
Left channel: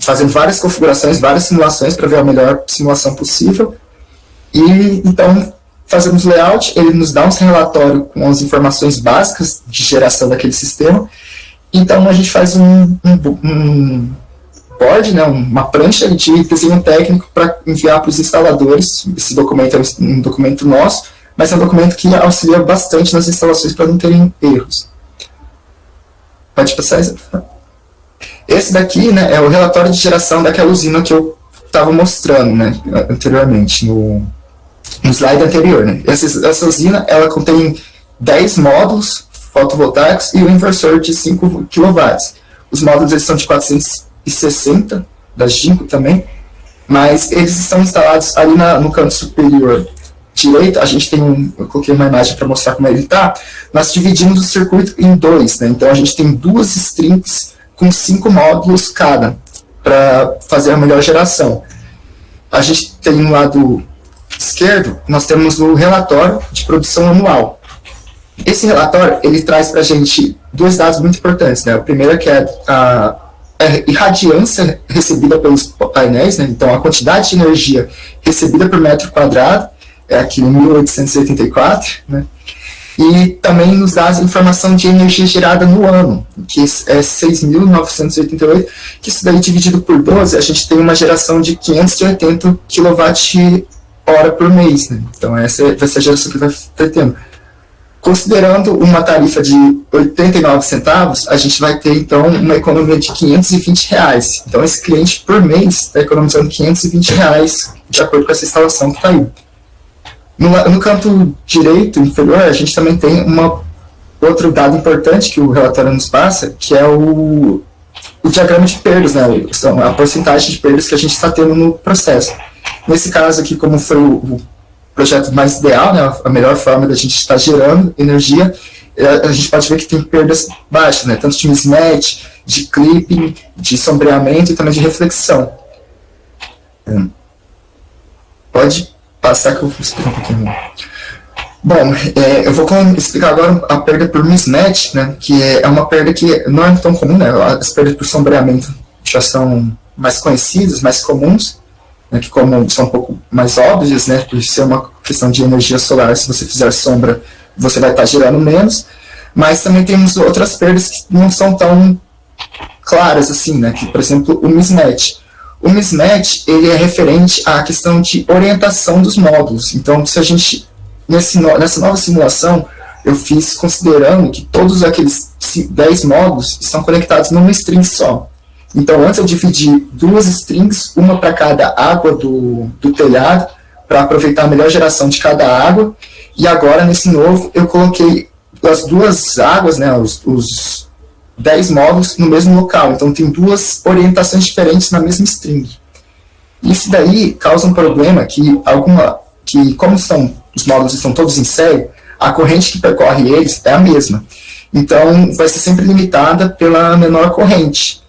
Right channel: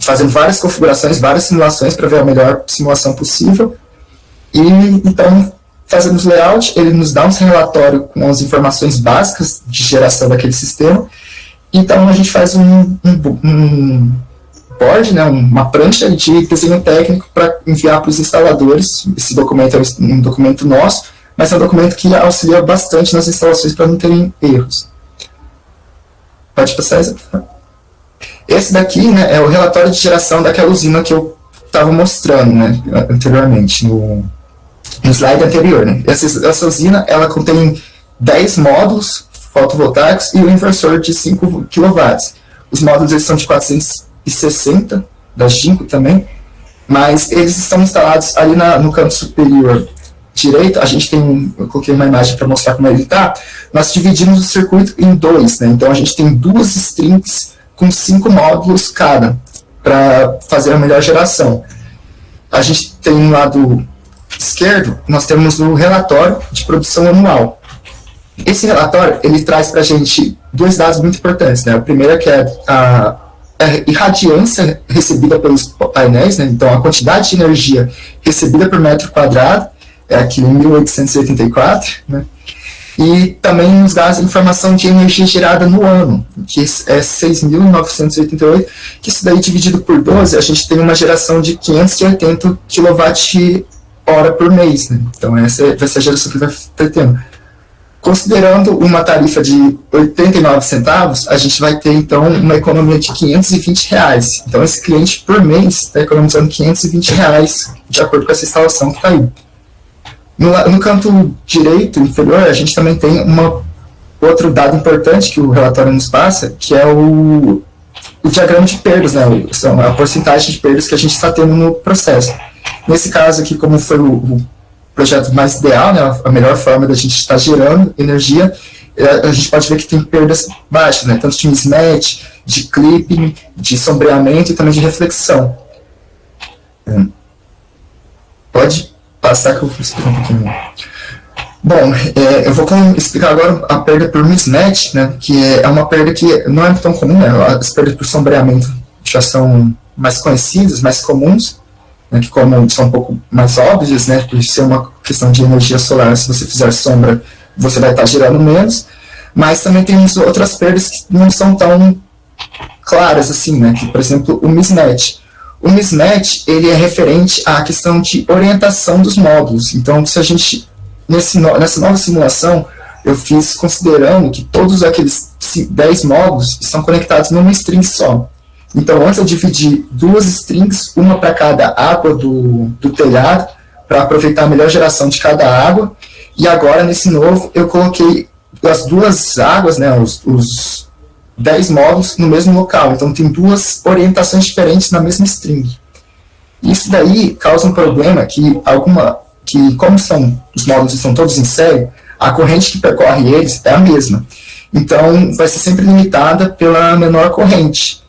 fazendo várias configurações, várias simulações para ver a melhor simulação possível. E então fazemos layout, ele nos dá um relatório com as informações básicas de geração daquele sistema. Então a gente faz um board, né, uma prancha de desenho técnico para enviar para os instaladores. Esse documento é um documento nosso, mas é um documento que auxilia bastante nas instalações para não terem erros. Pode passar, Isa? Esse daqui, né, é o relatório de geração daquela usina que eu estava mostrando, né, anteriormente, no slide anterior. Né. Essa usina ela contém 10 módulos fotovoltaicos e um inversor de 5 kW. os módulos eles são de 460, da Jinko também, mas eles estão instalados ali no canto superior direito. A gente tem, eu coloquei uma imagem para mostrar como ele está. Nós dividimos o circuito em dois, né? Então a gente tem 2 strings com 5 módulos cada, para fazer a melhor geração. A gente tem no lado esquerdo, nós temos o relatório de produção anual. Esse relatório, ele traz para a gente 2 dados muito importantes, né? O primeiro é que é a irradiância recebida pelos painéis, né? Então a quantidade de energia recebida por metro quadrado, é aquele 1884, né? E também nos dá a informação de energia gerada no ano, que é 6.988, que isso daí dividido por 12, a gente tem uma geração de 580 kWh por mês, né? Então essa vai ser a geração que vai estar tendo. Considerando uma tarifa de 89 centavos, a gente vai ter, então, uma economia de R$520. Então, esse cliente, por mês, está economizando R$520, de acordo com essa instalação que está aí. No canto direito, inferior, a gente também tem outro dado importante que o relatório nos passa, que é o diagrama de perdas, né? São a porcentagem de perdas que a gente está tendo no processo. Nesse caso aqui, como foi o projeto mais ideal, né, a melhor forma da gente estar gerando energia, a gente pode ver que tem perdas baixas, né, tanto de mismatch, de clipping, de sombreamento e também de reflexão. Pode passar que eu vou explicar um pouquinho. Bom, eu vou explicar agora a perda por mismatch, né, que é uma perda que não é tão comum, né, as perdas por sombreamento já são mais conhecidas, mais comuns, né, que como são um pouco mais óbvias, né, por ser uma questão de energia solar, se você fizer sombra, você vai estar gerando menos, mas também temos outras perdas que não são tão claras assim, né, que, por exemplo, o mismatch. O mismatch, ele é referente à questão de orientação dos módulos. Então, se a gente, nessa nova simulação, eu fiz considerando que todos aqueles 10 módulos estão conectados numa string só. Então, antes eu dividi 2 strings, uma para cada água do telhado, para aproveitar a melhor geração de cada água. E agora, nesse novo, eu coloquei as 2 águas, né, os 10 módulos, no mesmo local. Então, tem 2 orientações diferentes na mesma string. Isso daí causa um problema que como os módulos estão todos em série, a corrente que percorre eles é a mesma. Então, vai ser sempre limitada pela menor corrente.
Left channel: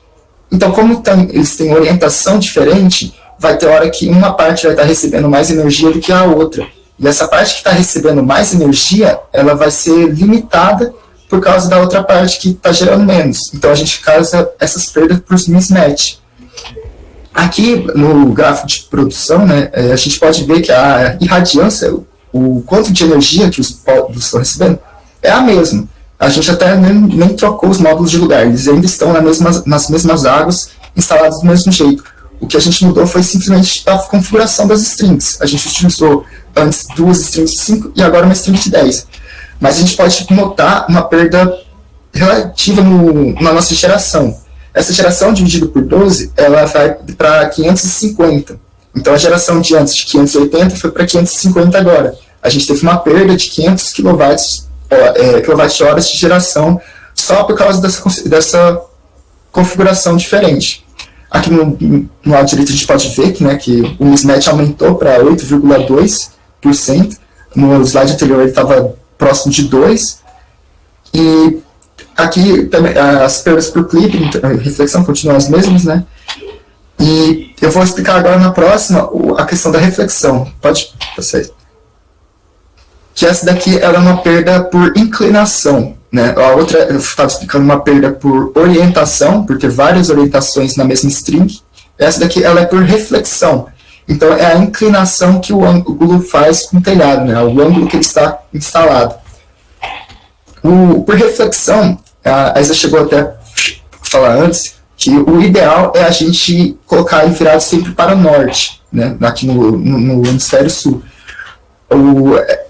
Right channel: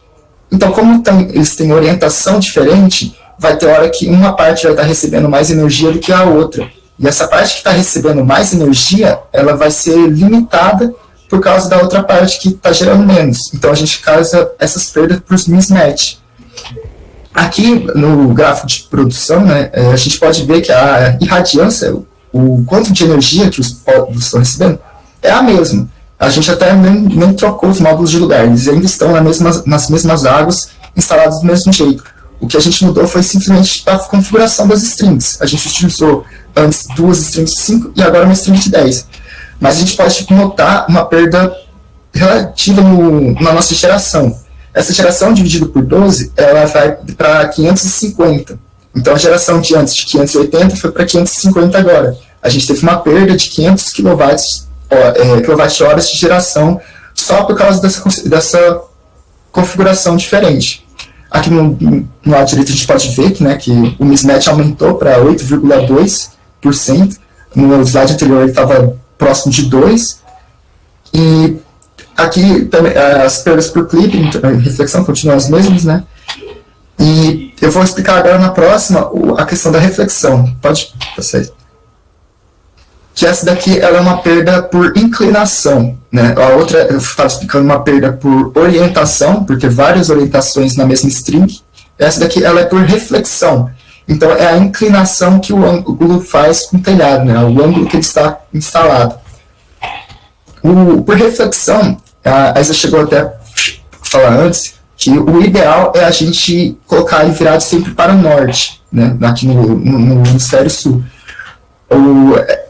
Então, como eles têm orientação diferente, vai ter hora que uma parte vai estar recebendo mais energia do que a outra. E essa parte que está recebendo mais energia, ela vai ser limitada por causa da outra parte que está gerando menos. Então, a gente causa essas perdas por mismatch. Aqui, no gráfico de produção, né, a gente pode ver que a irradiância, o quanto de energia que os módulos estão recebendo, é a mesma. A gente até nem trocou os módulos de lugar, eles ainda estão nas mesmas águas, instalados do mesmo jeito. O que a gente mudou foi simplesmente a configuração das strings. A gente utilizou antes 2 strings de 5 e agora uma string de 10. Mas a gente pode notar uma perda relativa na nossa geração. Essa geração dividida por 12, ela vai para 550. Então a geração de antes de 580 foi para 550 agora. A gente teve uma perda de 500 kWh de geração só por causa dessa configuração diferente. Aqui no lado direito a gente pode ver que o mismatch aumentou para 8,2%. No slide anterior ele estava próximo de 2%. E aqui também as perdas por clipping, reflexão continuam as mesmas, né? E eu vou explicar agora na próxima a questão da reflexão. Pode passar. Que essa daqui ela é uma perda por inclinação, né? A outra, eu estava explicando uma perda por orientação, porque várias orientações na mesma string. Essa daqui ela é por reflexão. Então é a inclinação que o ângulo faz com o telhado, né? O ângulo que ele está instalado. Por reflexão, a Isa chegou até a falar antes, que o ideal é a gente colocar ele virado sempre para o norte, né? Aqui no hemisfério sul.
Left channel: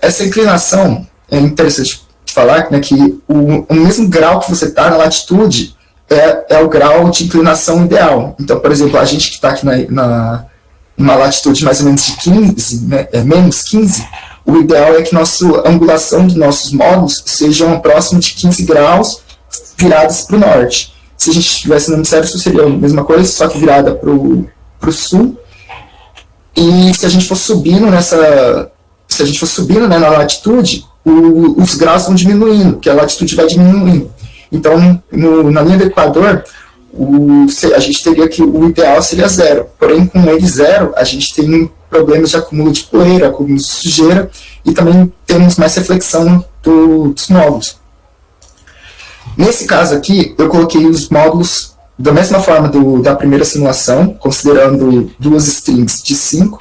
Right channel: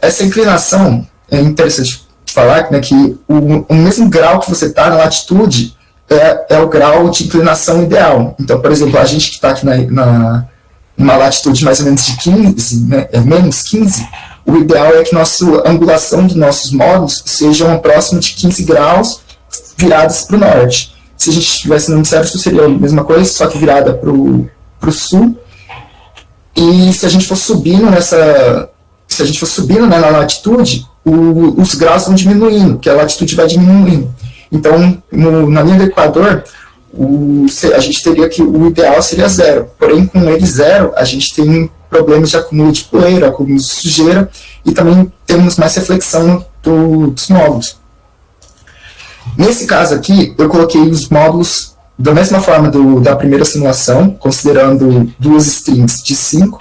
Essa inclinação, é interessante falar, né, que o mesmo grau que você está na latitude é o grau de inclinação ideal. Então, por exemplo, a gente que está aqui numa latitude mais ou menos de 15, né, menos 15, o ideal é que a angulação dos nossos módulos sejam próximo de 15 graus virados para o norte. se a gente estivesse no hemisfério sul, seria a mesma coisa, só que virada para o sul. E se a gente for subindo né, na latitude, os graus vão diminuindo, porque a latitude vai diminuindo. Então, na linha do Equador, a gente teria que o ideal seria 0. Porém, com ele 0, a gente tem problemas de acúmulo de poeira, acúmulo de sujeira, e também temos mais reflexão dos módulos. Nesse caso aqui, eu coloquei os módulos da mesma forma da primeira simulação, considerando 2 strings de 5,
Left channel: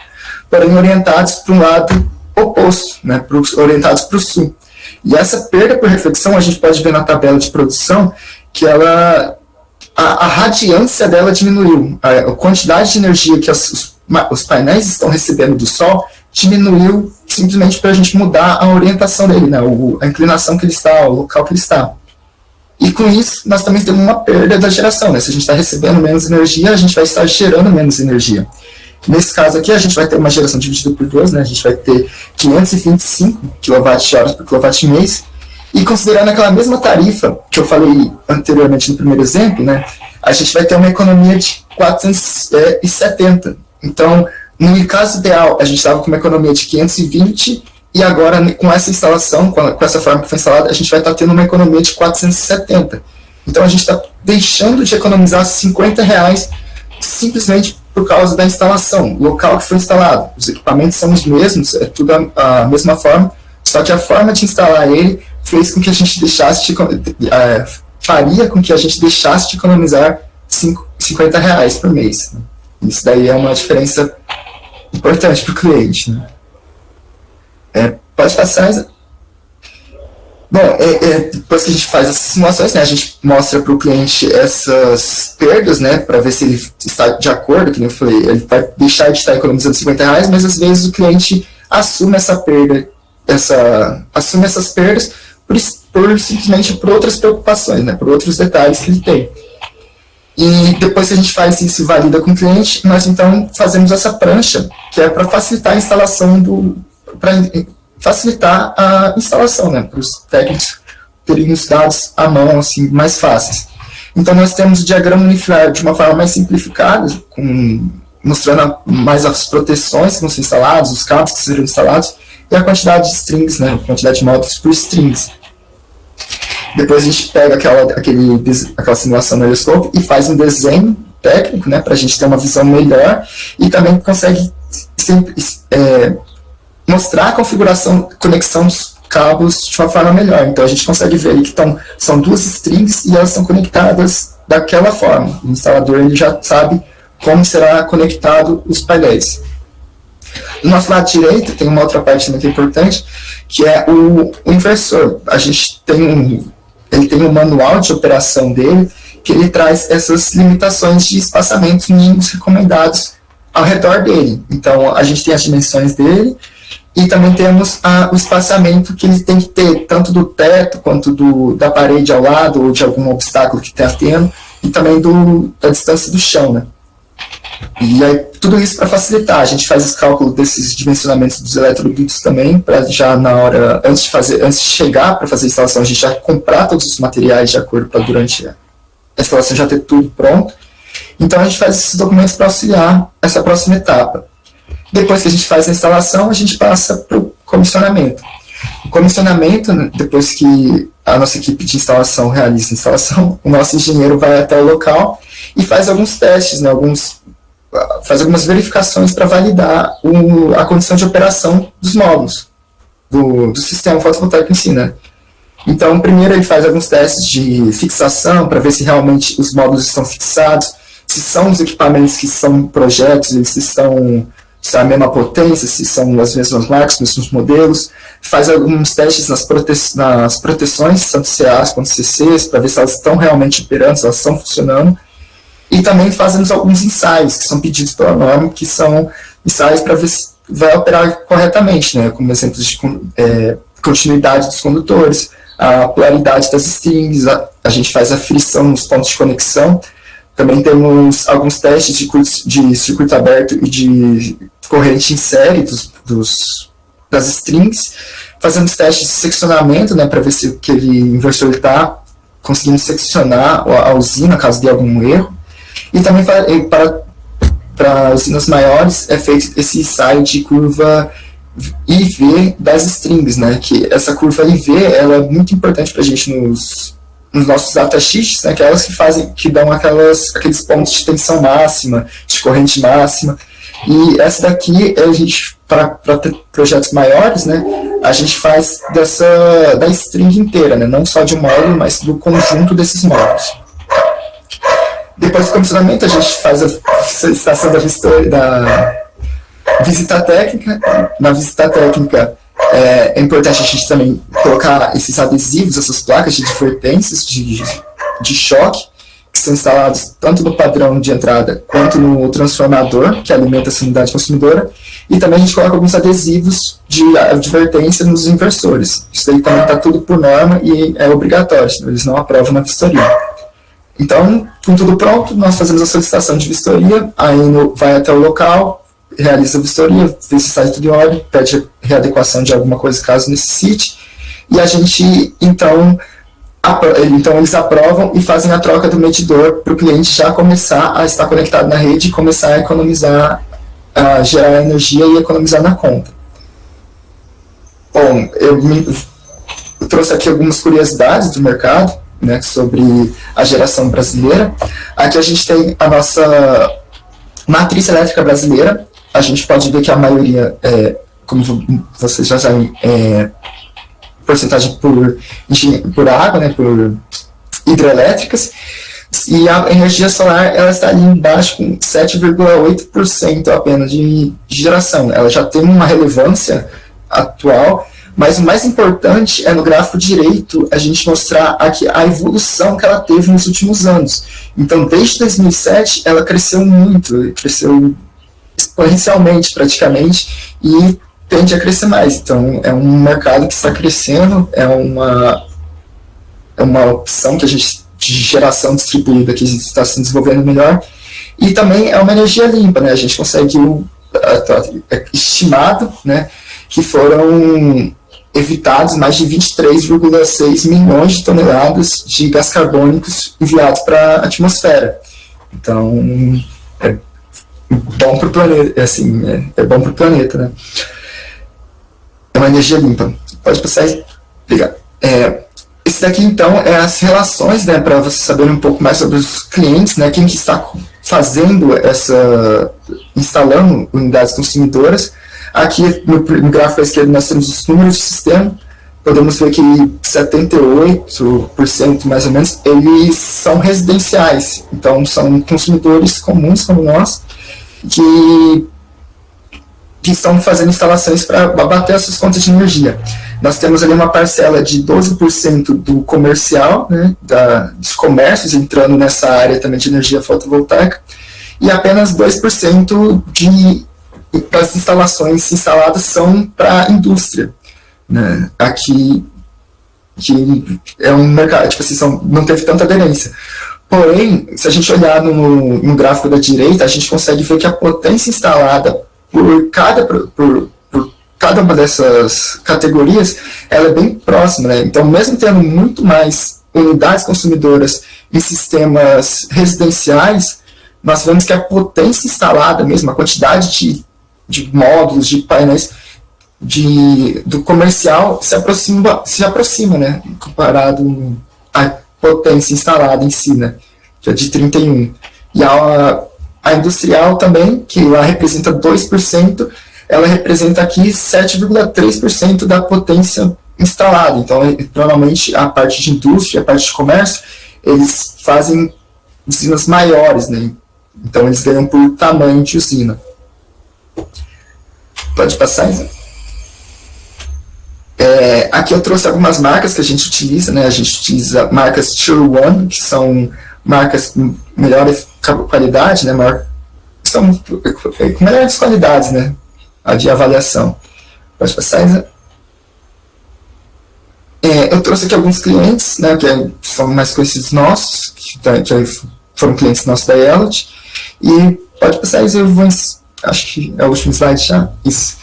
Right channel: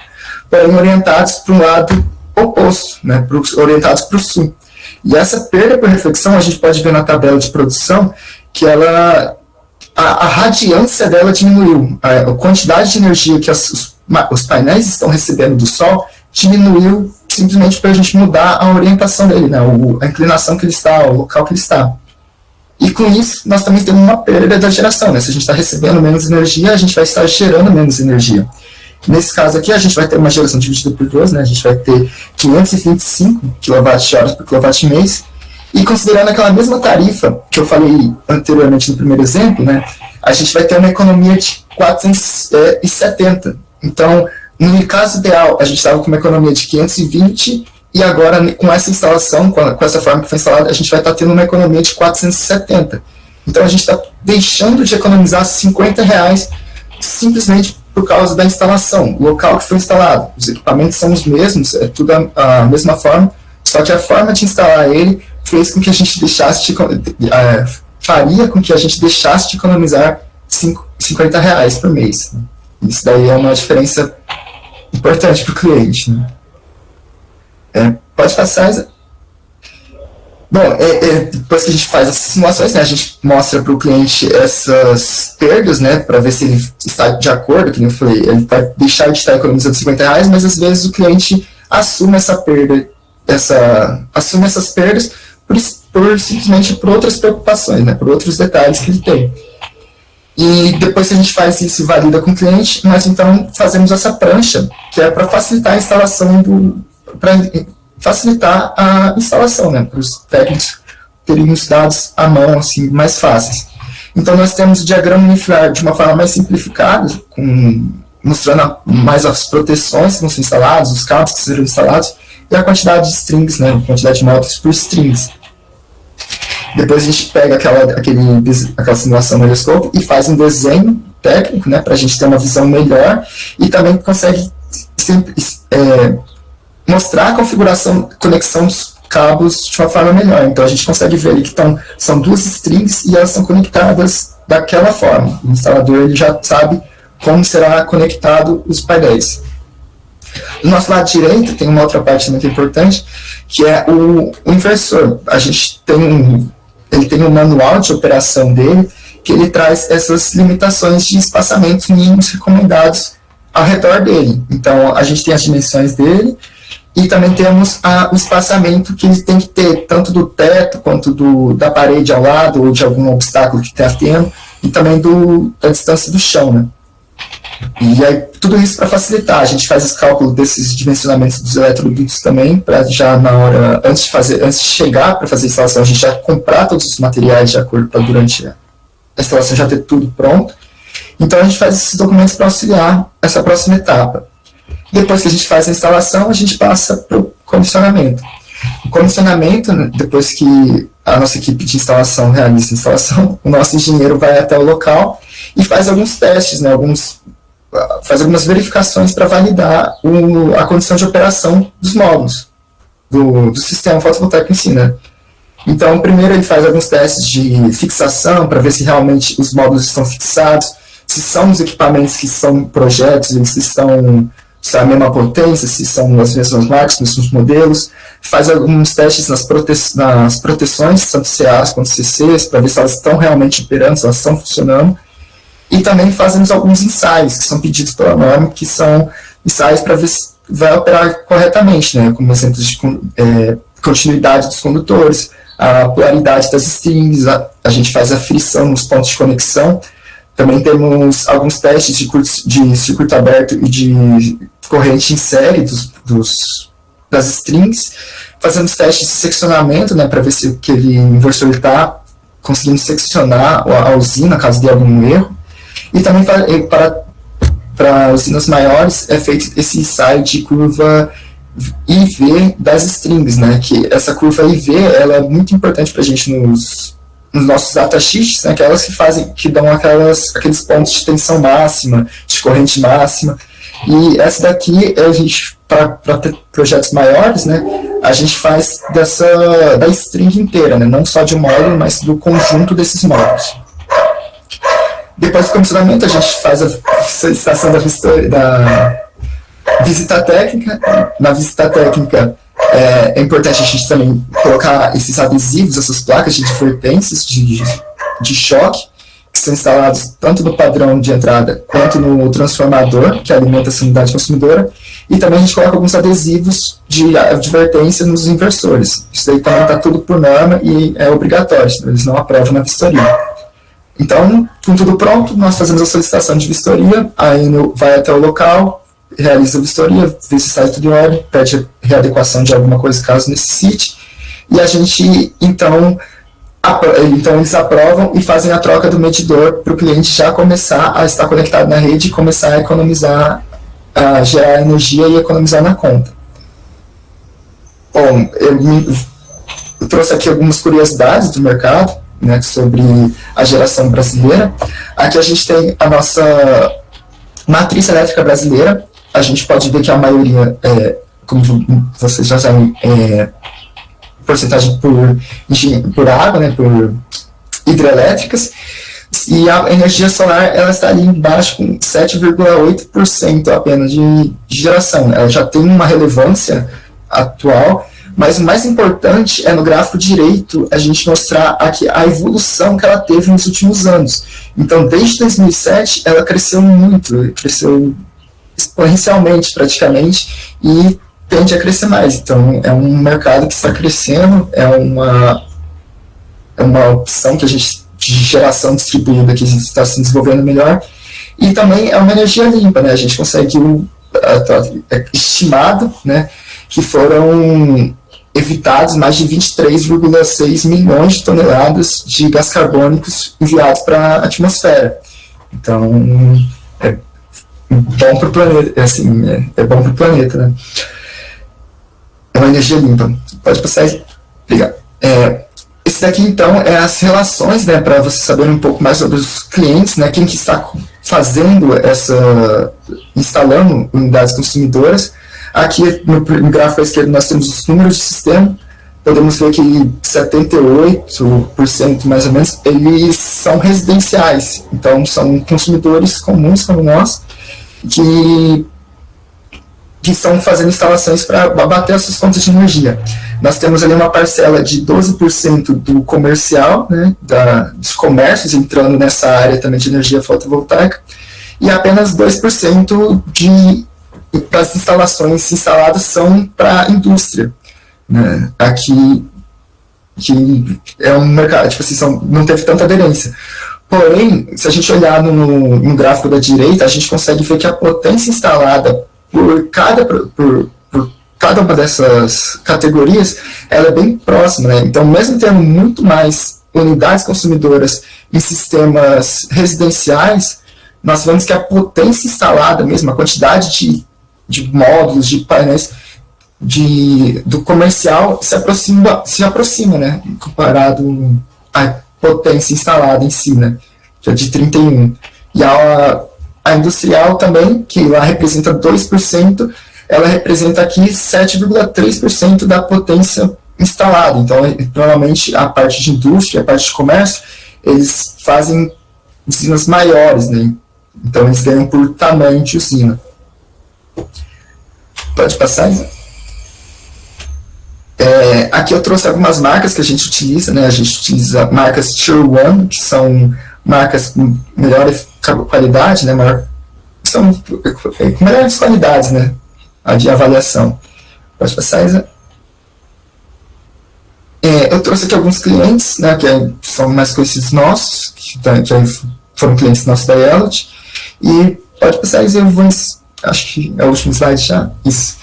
porém orientados para um lado oposto, né, orientados para o sul. E essa perda por reflexão, a gente pode ver na tabela de produção que a radiância dela diminuiu, a quantidade de energia que os painéis estão recebendo do Sol diminuiu simplesmente para a gente mudar a orientação dele, né, a inclinação que ele está, o local que ele está. E com isso, nós também temos uma perda da geração, né? Se a gente está recebendo menos energia, a gente vai estar gerando menos energia. Nesse caso aqui, a gente vai ter uma geração dividida por 2, né? A gente vai ter 525 kWh por kWh, e considerando aquela mesma tarifa que eu falei anteriormente no primeiro exemplo, né? A gente vai ter uma economia de 470. Então, no caso ideal, a gente estava com uma economia de 520, e agora, com essa instalação, com essa forma que foi instalada, a gente vai estar tendo uma economia de 470. Então, a gente está deixando de economizar R$50 simplesmente por causa da instalação, o local que foi instalado. Os equipamentos são os mesmos, é tudo a mesma forma, só que a forma de instalar ele fez com que a gente faria com que a gente deixasse de economizar R$50 por mês. Isso daí é uma diferença importante para o cliente, né? Pode passar. Bom, depois que a gente faz essas simulações, né, a gente mostra para o cliente essas perdas, né, para ver se ele está de acordo, que nem eu falei, ele vai deixar de estar economizando R$50, mas às vezes o cliente assume essa perda, assume essas perdas simplesmente por outras preocupações, né, por outros detalhes que ele tem. E depois que a gente faz isso e valida com o cliente, nós então fazemos essa prancha, que é para facilitar a instalação para facilitar a instalação, né, para os técnicos terem os dados à mão, assim, mais fáceis. Então, nós temos o diagrama unifilar de uma forma mais simplificada, mostrando mais as proteções que vão ser instaladas, os cabos que serão instalados, e a quantidade de strings, né, a quantidade de módulos por strings. Depois a gente pega aquela simulação no Helioscope e faz um desenho técnico, né, para a gente ter uma visão melhor, e também consegue mostrar a configuração, conexão dos cabos de uma forma melhor. Então a gente consegue ver ali que são 2 strings e elas estão conectadas daquela forma. O instalador ele já sabe como será conectado os painéis. Do nosso lado direito tem uma outra parte muito importante, que é o inversor. A gente ele tem um manual de operação dele, que ele traz essas limitações de espaçamentos mínimos recomendados ao redor dele. Então a gente tem as dimensões dele, e também temos o espaçamento que ele tem que ter, tanto do teto, quanto da parede ao lado, ou de algum obstáculo que está tendo, e também da distância do chão, né? E aí, tudo isso para facilitar. A gente faz os cálculos desses dimensionamentos dos eletrodutos também, para já na hora, antes de chegar para fazer a instalação, a gente já comprar todos os materiais de acordo para durante a instalação já ter tudo pronto. Então a gente faz esses documentos para auxiliar essa próxima etapa. Depois que a gente faz a instalação, a gente passa para o comissionamento. O comissionamento, depois que a nossa equipe de instalação realiza a instalação, o nosso engenheiro vai até o local e faz alguns testes, né, faz algumas verificações para validar a condição de operação dos módulos, do sistema fotovoltaico em si, né? Então, primeiro ele faz alguns testes de fixação, para ver se realmente os módulos estão fixados, se são os equipamentos que são projetos, se estão a mesma potência, se são as mesmas marcas, os mesmos modelos, faz alguns testes nas proteções, tanto CAs quanto CCs, para ver se elas estão realmente operando, se elas estão funcionando, e também fazemos alguns ensaios, que são pedidos pela norma, que são ensaios para ver se vai operar corretamente, né, como exemplos de continuidade dos condutores, a polaridade das strings, a gente faz a frição nos pontos de conexão. Também temos alguns testes de circuito aberto e de corrente em série das strings, fazendo os testes de seccionamento, né, para ver se aquele inversor está conseguindo seccionar a usina caso de algum erro. E também para usinas maiores é feito esse ensaio de curva IV das strings, né? Que essa curva IV ela é muito importante para a gente nos nossos datasheets, né? Que é elas que dão aqueles pontos de tensão máxima, de corrente máxima. E essa daqui a gente para projetos maiores, né? A gente faz da string inteira, né? Não só de um módulo, mas do conjunto desses módulos. Depois do comissionamento, a gente faz a solicitação da visita técnica. Na visita técnica, é importante a gente também colocar esses adesivos, essas placas de advertências de choque, que são instalados tanto no padrão de entrada quanto no transformador, que alimenta essa unidade consumidora. E também a gente coloca alguns adesivos de advertência nos inversores. Isso aí também está tudo por norma e é obrigatório, senão eles não aprovam na vistoria. Então, com tudo pronto, nós fazemos a solicitação de vistoria, a Enel vai até o local, realiza a vistoria, vê se está tudo em ordem, pede readequação de alguma coisa caso necessite, e a gente, então eles aprovam e fazem a troca do medidor para o cliente já começar a estar conectado na rede e começar a economizar, a gerar energia e economizar na conta. Bom, eu trouxe aqui algumas curiosidades do mercado, né, sobre a geração brasileira. Aqui a gente tem a nossa matriz elétrica brasileira. A gente pode ver que a maioria, como vocês já sabem, porcentagem por água, né, por hidrelétricas. E a energia solar ela está ali embaixo com 7,8% apenas de geração. Ela já tem uma relevância atual, mas o mais importante é no gráfico direito a gente mostrar aqui a evolução que ela teve nos últimos anos. Então, desde 2007, ela cresceu muito, cresceu exponencialmente praticamente e tende a crescer mais. Então, é um mercado que está crescendo, é uma opção que a gente, de geração distribuída que está se desenvolvendo melhor. E também é uma energia limpa, né? A gente consegue estimado, né, que foram evitados mais de 23,6 milhões de toneladas de gás carbônicos enviados para a atmosfera. Então, é bom para o planeta, assim, é bom para o planeta, né? É uma energia limpa. Pode passar aí. Obrigado. Esse daqui, então, é as relações, né, para vocês saberem um pouco mais sobre os clientes, né, quem que está fazendo instalando unidades consumidoras. Aqui no gráfico à esquerda nós temos os números de sistema, podemos ver que 78% mais ou menos, eles são residenciais, então são consumidores comuns como nós, que estão fazendo instalações para abater as suas contas de energia. Nós temos ali uma parcela de 12% do comercial, né, dos comércios entrando nessa área também de energia fotovoltaica, e apenas 2% das instalações instaladas são para a indústria, né? Aqui que é um mercado, tipo assim, não teve tanta aderência. Porém, se a gente olhar no gráfico da direita, a gente consegue ver que a potência instalada por cada uma dessas categorias, ela é bem próxima, né? Então, mesmo tendo muito mais unidades consumidoras em sistemas residenciais, nós vemos que a potência instalada mesmo, a quantidade de módulos, de painéis do comercial se aproxima, né, comparado à potência instalada em si, né, que é de 31. E a industrial também, que lá representa 2%, ela representa aqui 7,3% da potência instalada. Então, normalmente, a parte de indústria, a parte de comércio, eles fazem usinas maiores, né? Então, eles ganham por tamanho de usina. Pode passar, Isa? Aqui eu trouxe algumas marcas que a gente utiliza, né? A gente utiliza marcas Tier 1, que são marcas com melhor qualidade, né? São com melhores qualidades, né? De avaliação. Pode passar, Isa? Eu trouxe aqui alguns clientes, né? Que são mais conhecidos nossos, que foram clientes nossos da Elot. E pode passar, Isa, acho que é o último slide já. Isso.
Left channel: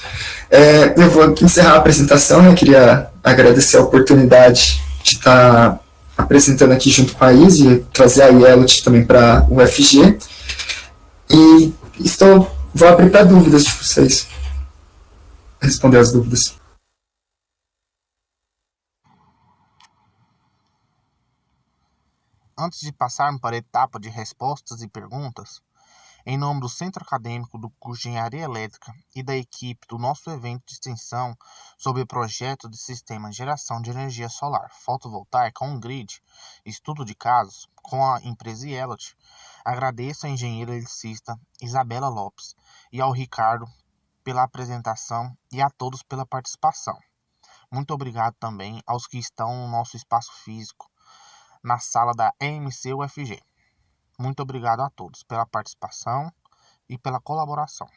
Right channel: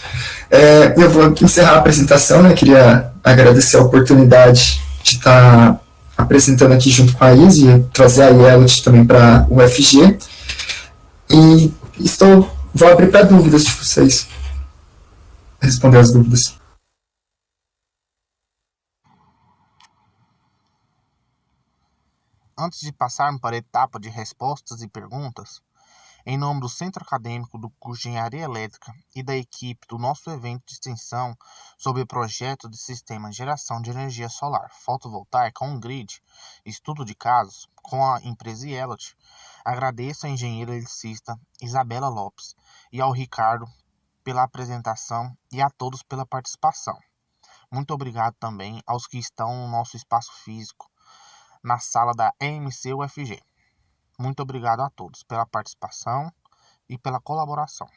Eu vou encerrar a apresentação, né? Queria agradecer a oportunidade de estar apresentando aqui junto com a Izzy, trazer a Yellow também para o UFG. E vou abrir para dúvidas de vocês. Responder as dúvidas. Antes de passarmos para a etapa de respostas e perguntas, em nome do Centro Acadêmico do curso de Engenharia Elétrica e da equipe do nosso evento de extensão sobre o projeto de sistema de geração de energia solar fotovoltaica on-grid, estudo de casos com a empresa Yellow, agradeço à engenheira eletricista Isabela Lopes e ao Ricardo pela apresentação e a todos pela participação. Muito obrigado também aos que estão no nosso espaço físico, na sala da EMC UFG. Muito obrigado a todos pela participação e pela colaboração.